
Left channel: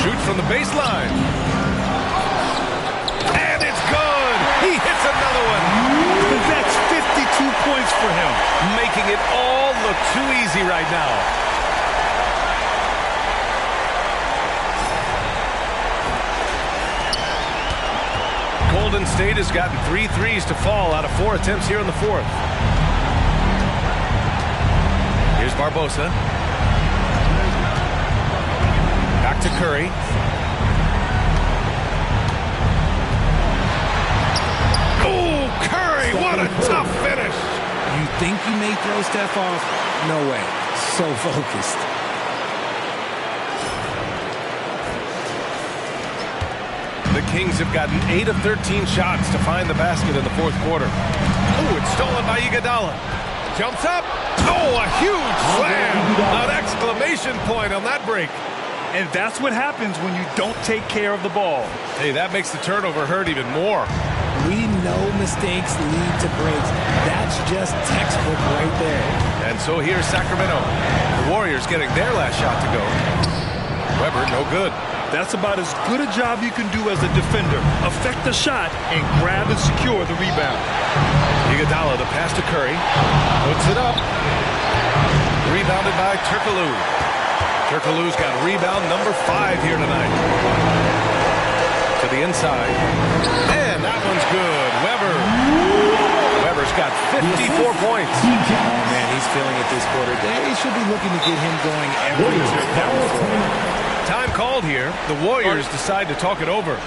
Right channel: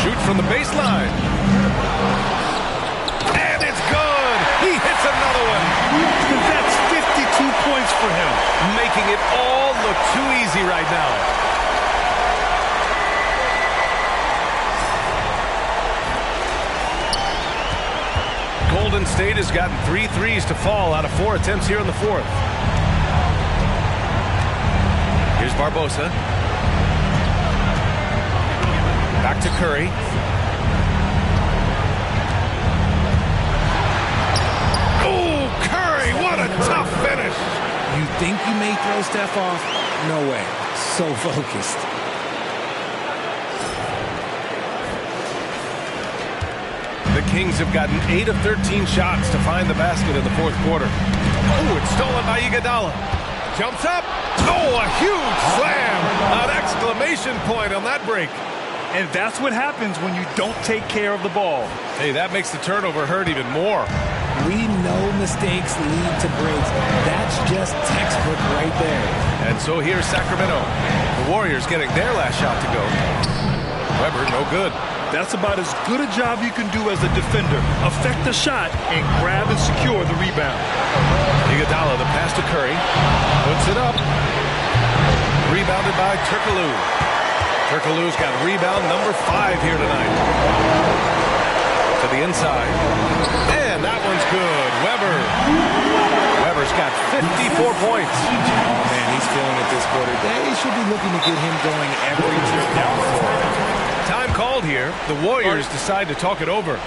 Shoot from the baseline. And it's good. He hits another one. That's 52 points for him. Making it all look too easy right now. Golden State has gotten 3 threes to fall out of 4 attempts here in the 4th. Here's Barbosa. Back to Curry. Oh, Curry, what a tough finish. You think you may throw Steph off? No way. So focused. The Kings have gotten 8 of 13 shots to find the basket in the 4th quarter. Oh, it's stolen by Iguodala. Jumps up. Oh, a huge slam. An exclamation point on that break. And that's what happens when you don't take care of the ball. Hey, that makes the turnover hurt even more. We know mistakes lead to breaks. That's just textbook right there. And so here's Sacramento. The Warriors getting their last shot to go. Webber, no good. That's about as good a job you can do as a defender. Affect the shot and grab and secure the rebound. Iguodala, the pass to Curry. Puts it up. Rebounded by Turkoglu. Turkoglu's got rebound number 5 here tonight. To the inside. And that one's good. Webber. Webber's Warriors got 54 points. Oh, man, he's feeling it this quarter. They should be looking to get him going every trip down the floor. Time called here. The Warriors decide to talk it over.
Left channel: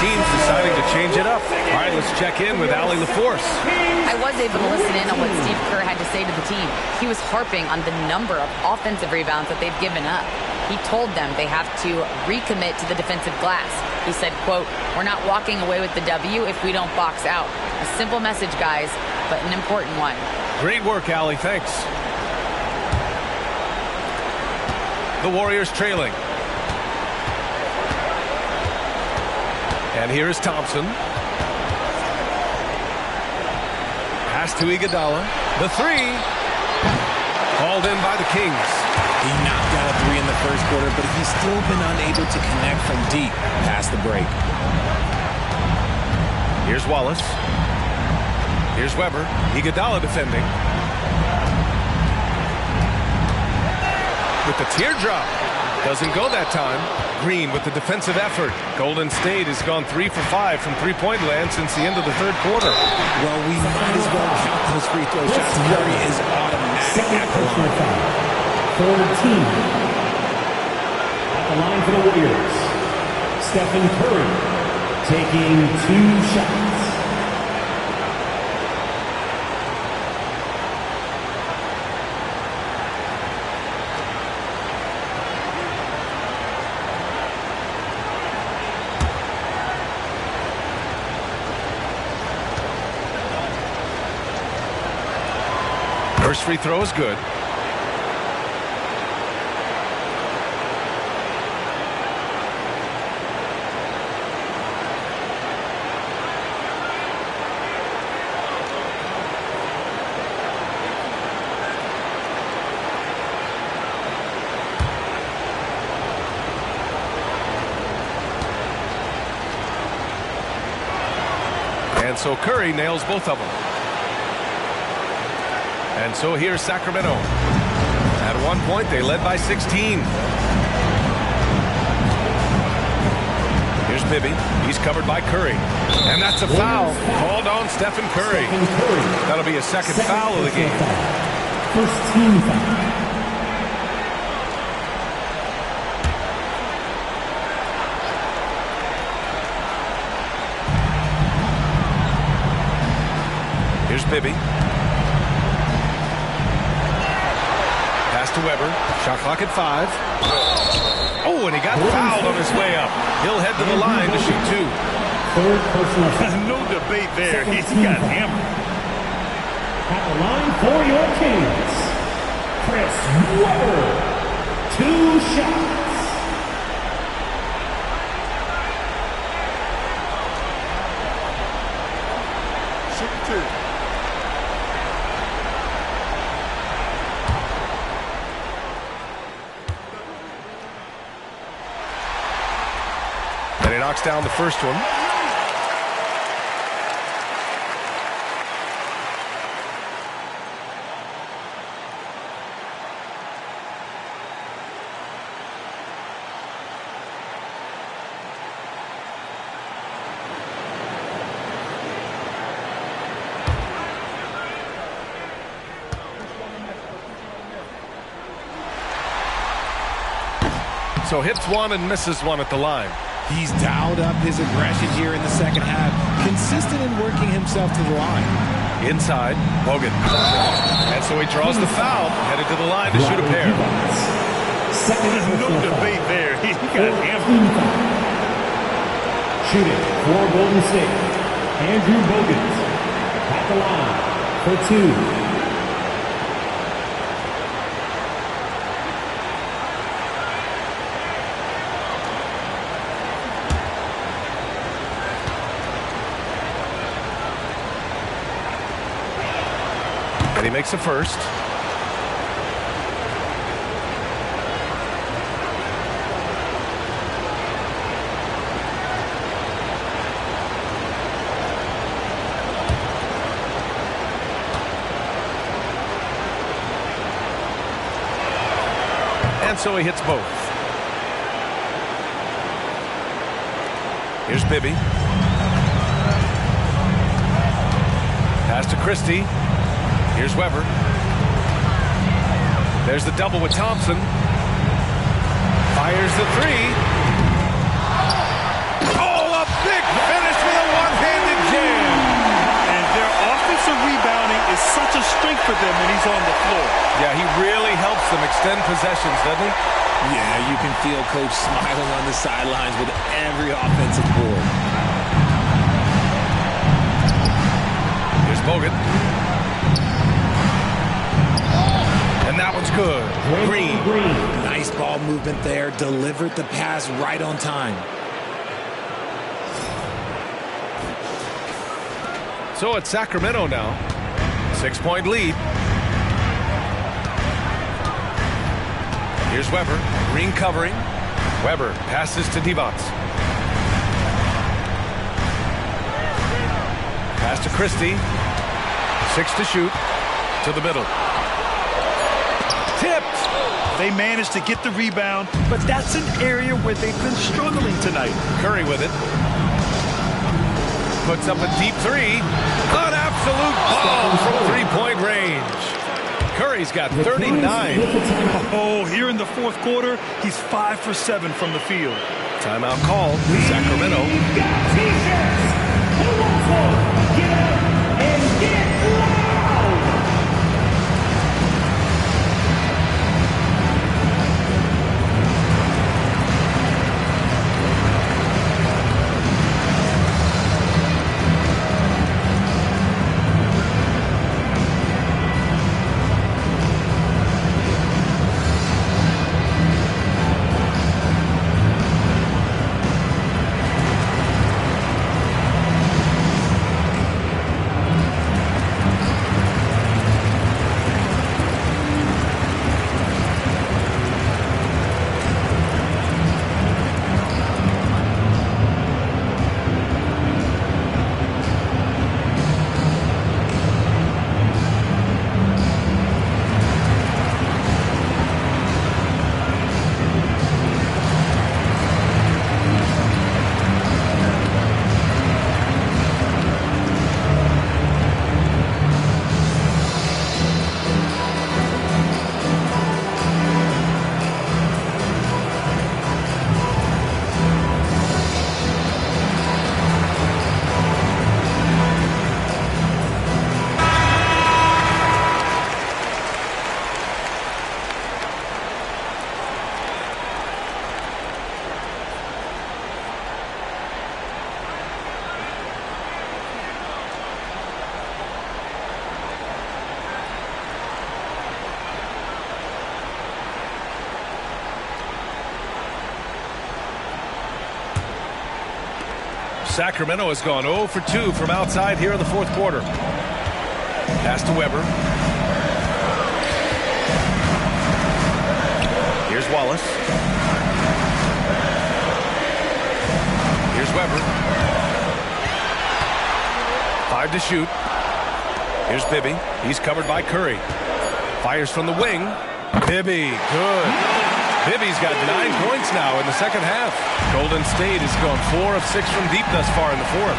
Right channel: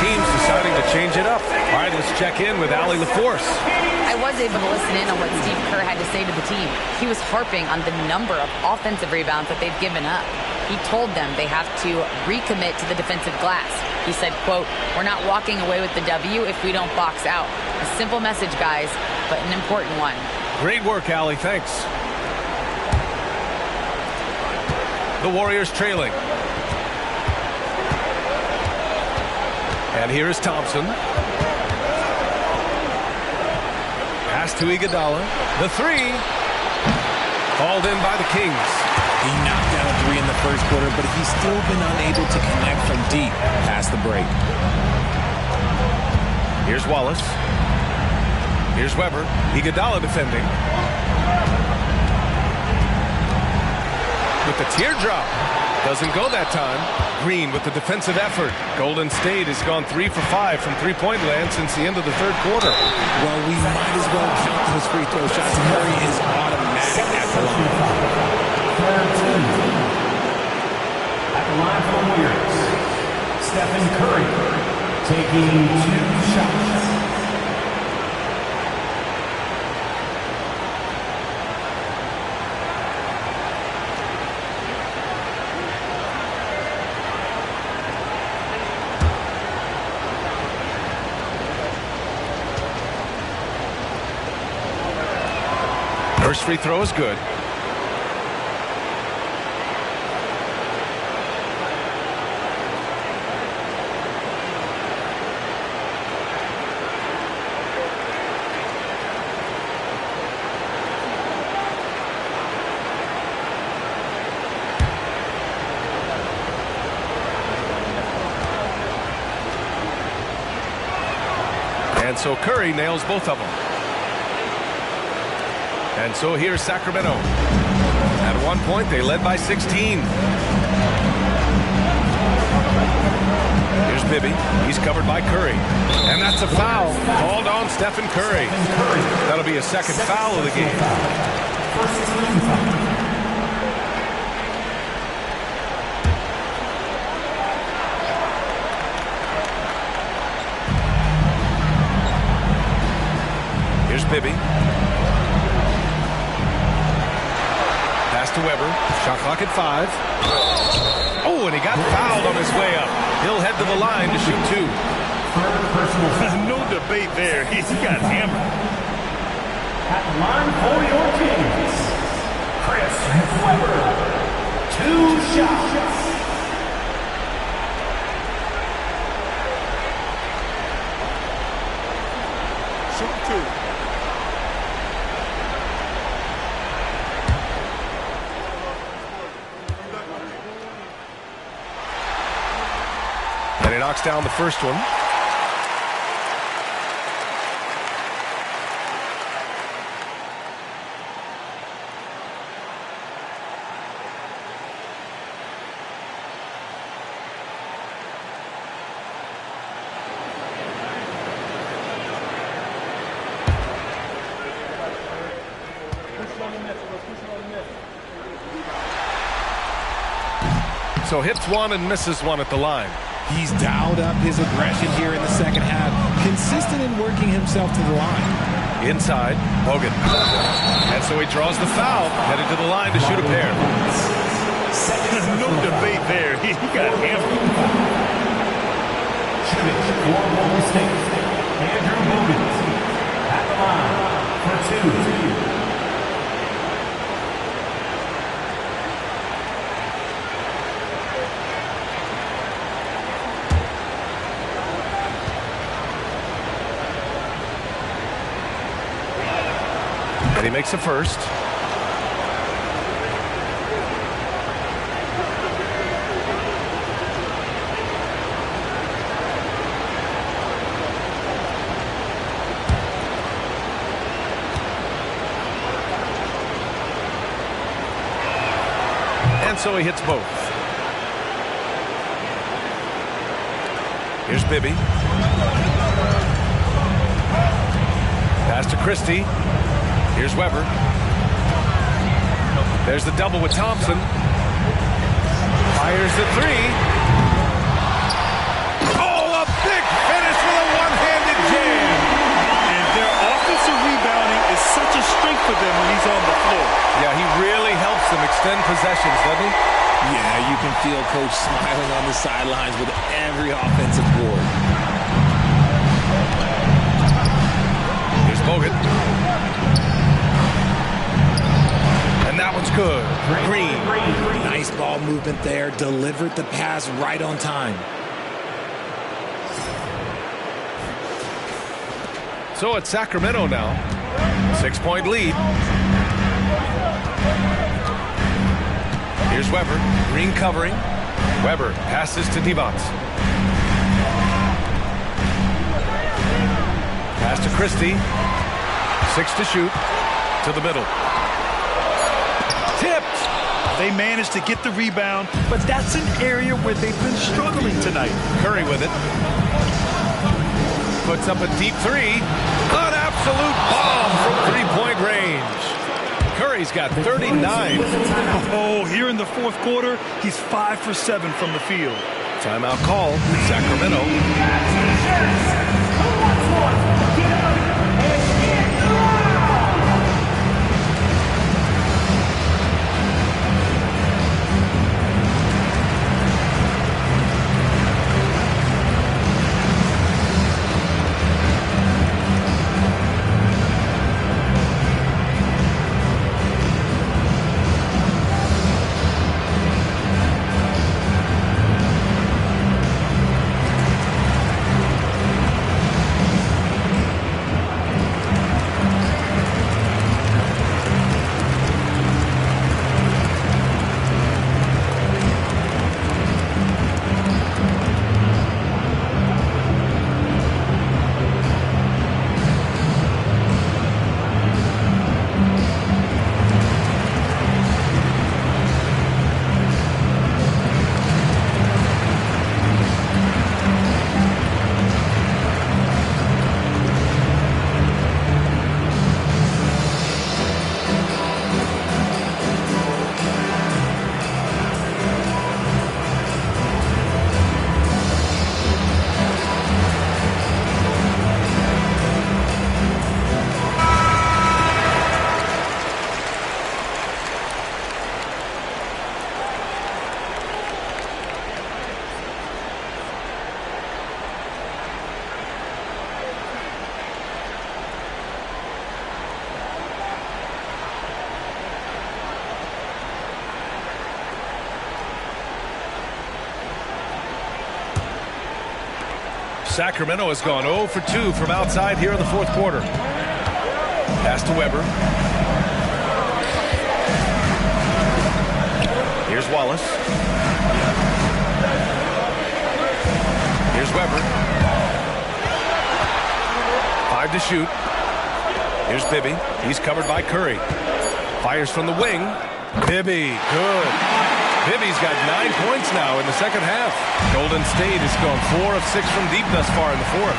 Teams deciding to change it up. All right, let's check in with Allie LaForce. I was able to listen in on what Steve Kerr had to say to the team. He was harping on the number of offensive rebounds that they've given up. He told them they have to recommit to the defensive glass. He said, quote, "We're not walking away with the W if we don't box out." A simple message, guys, but an important one. Great work, Allie. Thanks. The Warriors trailing. And here is Thompson. Pass to Iguodala. The three. Called in by the Kings. He knocked down a three in the first quarter, but he's still been unable to connect from deep past the break. Here's Wallace. Here's Weber. Iguodala defending. With the teardrop. Doesn't go that time. Green with the defensive effort. Golden State has gone 3 for 5 from three-point land since the end of the third quarter. Well, we might as well count those free throw shots. Curry is automatic at the line. Third team. At the line for the Warriors, Stephen Curry taking 2 shots. First free throw is good. And so Curry nails both of them. And so here's Sacramento. At one point, they led by 16. Here's Bibby. He's covered by Curry. And that's a foul called on Stephen Curry. That'll be a second foul of the game. First team foul. Here's Bibby. Pass to Weber. Shot clock at 5. Oh, and he got fouled on his way up. He'll head to the line to shoot 2. No debate there. He got hammered. At the line for your Kings, Chris Weber. 2 shots. Shoot 2. And he knocks down the first one. So hits one and misses one at the line. He's dialed up his aggression here in the second half, consistent in working himself to the line. Inside, Bogut. And so he draws the foul, headed to the line to shoot a pair. No debate there. He got hammered. Shooting for Golden State, Andrew Bogut at the line for two. And he makes a first. And so he hits both. Here's Bibby. Pass to Christie. Here's Weber. There's the double with Thompson. Fires the three. Oh, a big finish with a one-handed jam. And their offensive rebounding is such a strength for them when he's on the floor. Yeah, he really helps them extend possessions, doesn't he? Yeah, you can feel Coach smiling on the sidelines with every offensive board. Here's Bogut. And that one's good. Green. Nice ball movement there. Delivered the pass right on time. So it's Sacramento now. 6-point lead. Here's Weber. Green covering. Weber passes to Divac. Pass to Christie. 6 to shoot. To the middle. Tipped. They managed to get the rebound, but that's an area where they've been struggling tonight. Curry with it. Puts up a deep three. An absolute bomb from three-point range. Curry's got 39. Oh, here in the fourth quarter, he's 5 for 7 from the field. Timeout called. Sacramento. Sacramento has gone 0 for 2 from outside here in the fourth quarter. Pass to Weber. Here's Wallace. Here's Weber. 5 to shoot. Here's Bibby. He's covered by Curry. Fires from the wing. Bibby, good. Bibby's got 9 points now in the second half. Golden State has gone 4 of 6 from deep thus far in the fourth.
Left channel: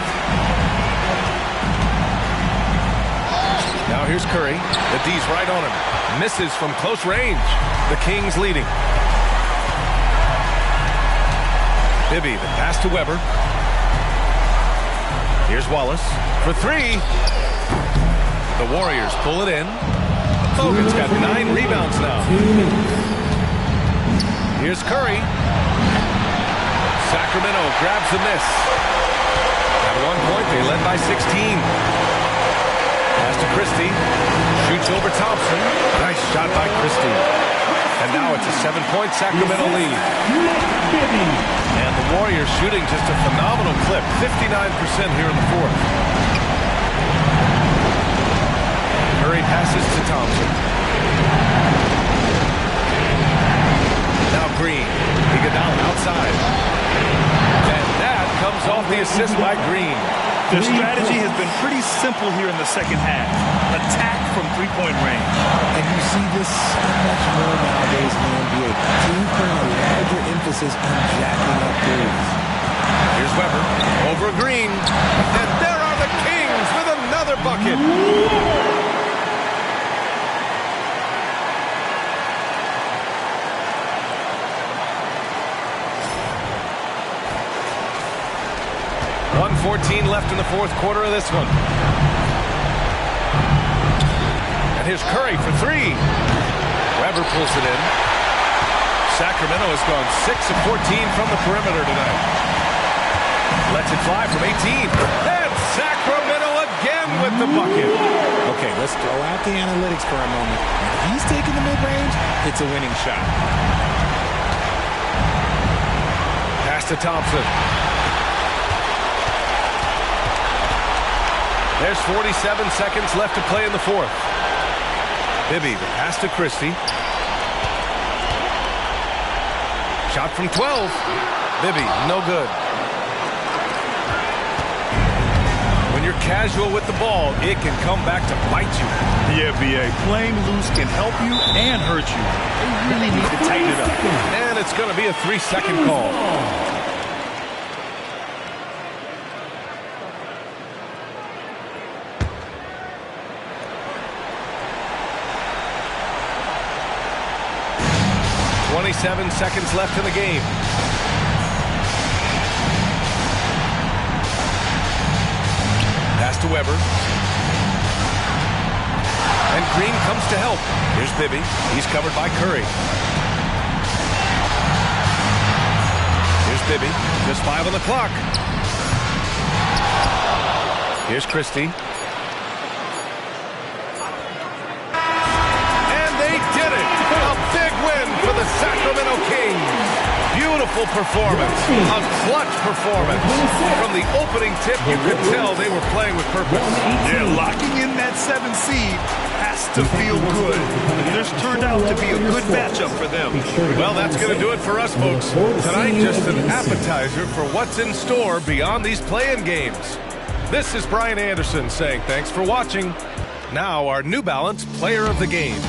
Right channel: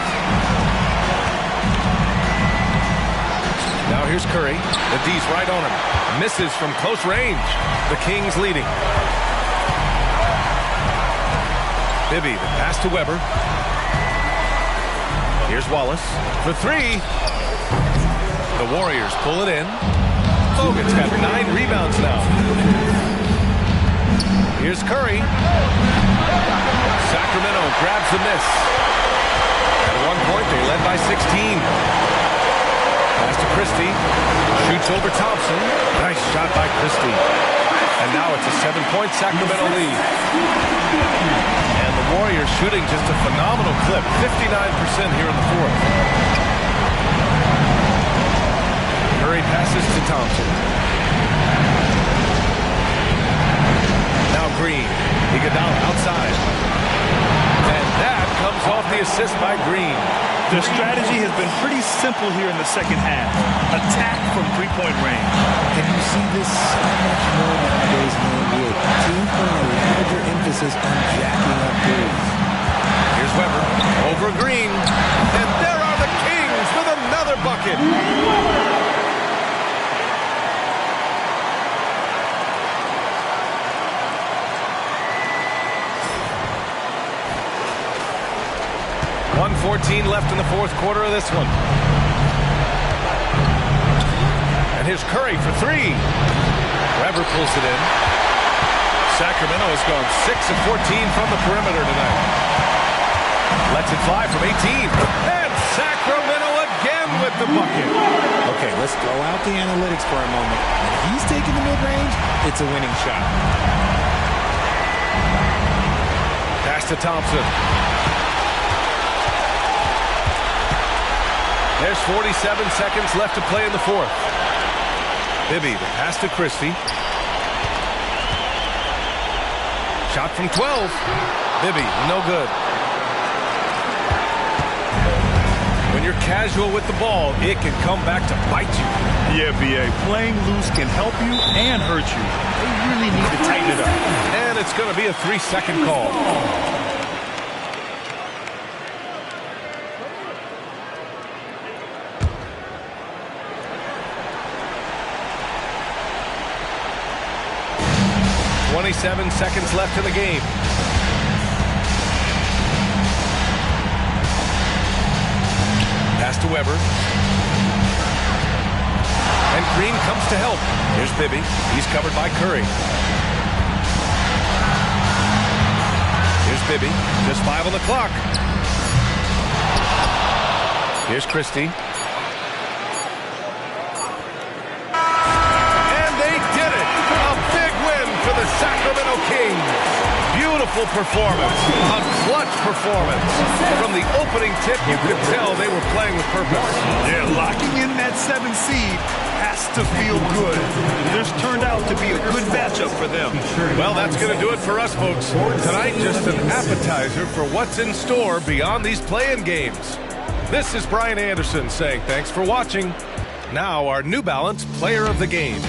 Now here's Curry. The D's right on him. Misses from close range. The Kings leading. Bibby, the pass to Weber. Here's Wallace for three. The Warriors pull it in. Hogan's got 9 rebounds now. Here's Curry. Sacramento grabs the miss. At one point, they led by 16. Pass to Christie. Shoots over Thompson. Nice shot by Christie. And now it's a 7-point Sacramento lead. And the Warriors shooting just a phenomenal clip. 59% here in the fourth. Curry passes to Thompson. Now Green. Iguodala outside. And that comes off the assist by Green. Their strategy has been pretty simple here in the second half. Attack from three-point range. And you see this so much more nowadays in the NBA. Teams putting a larger emphasis on jacking up threes. Here's Weber over Green. And there are the Kings with another bucket. .114 left in the fourth quarter of this one. And here's Curry for three. Weber pulls it in. Sacramento has gone 6 of 14 from the perimeter tonight. Lets it fly from 18. And Sacramento again with the bucket. Okay, let's throw out the analytics for a moment. When he's taking the mid-range, it's a winning shot. Pass to Thompson. There's 47 seconds left to play in the fourth. Bibby, the pass to Christie. Shot from 12. Bibby, no good. When you're casual with the ball, it can come back to bite you. Yeah, B.A. Playing loose can help you and hurt you. They really need to tighten it up. And it's going to be a 3-second call. .27 seconds left in the game. Pass to Weber. And Green comes to help. Here's Bibby. He's covered by Curry. Here's Bibby. Just 5 on the clock. Here's Christie. And they did it! A big win for the Sacramento Kings. Beautiful performance. A clutch performance. From the opening tip, you could tell they were playing with purpose. Yeah, locking in that 7th seed has to feel good. This turned out to be a good matchup for them. Well, that's going to do it for us, folks. Tonight, just an appetizer for what's in store beyond these play-in games. This is Brian Anderson saying thanks for watching. Now, our New Balance Player of the Game.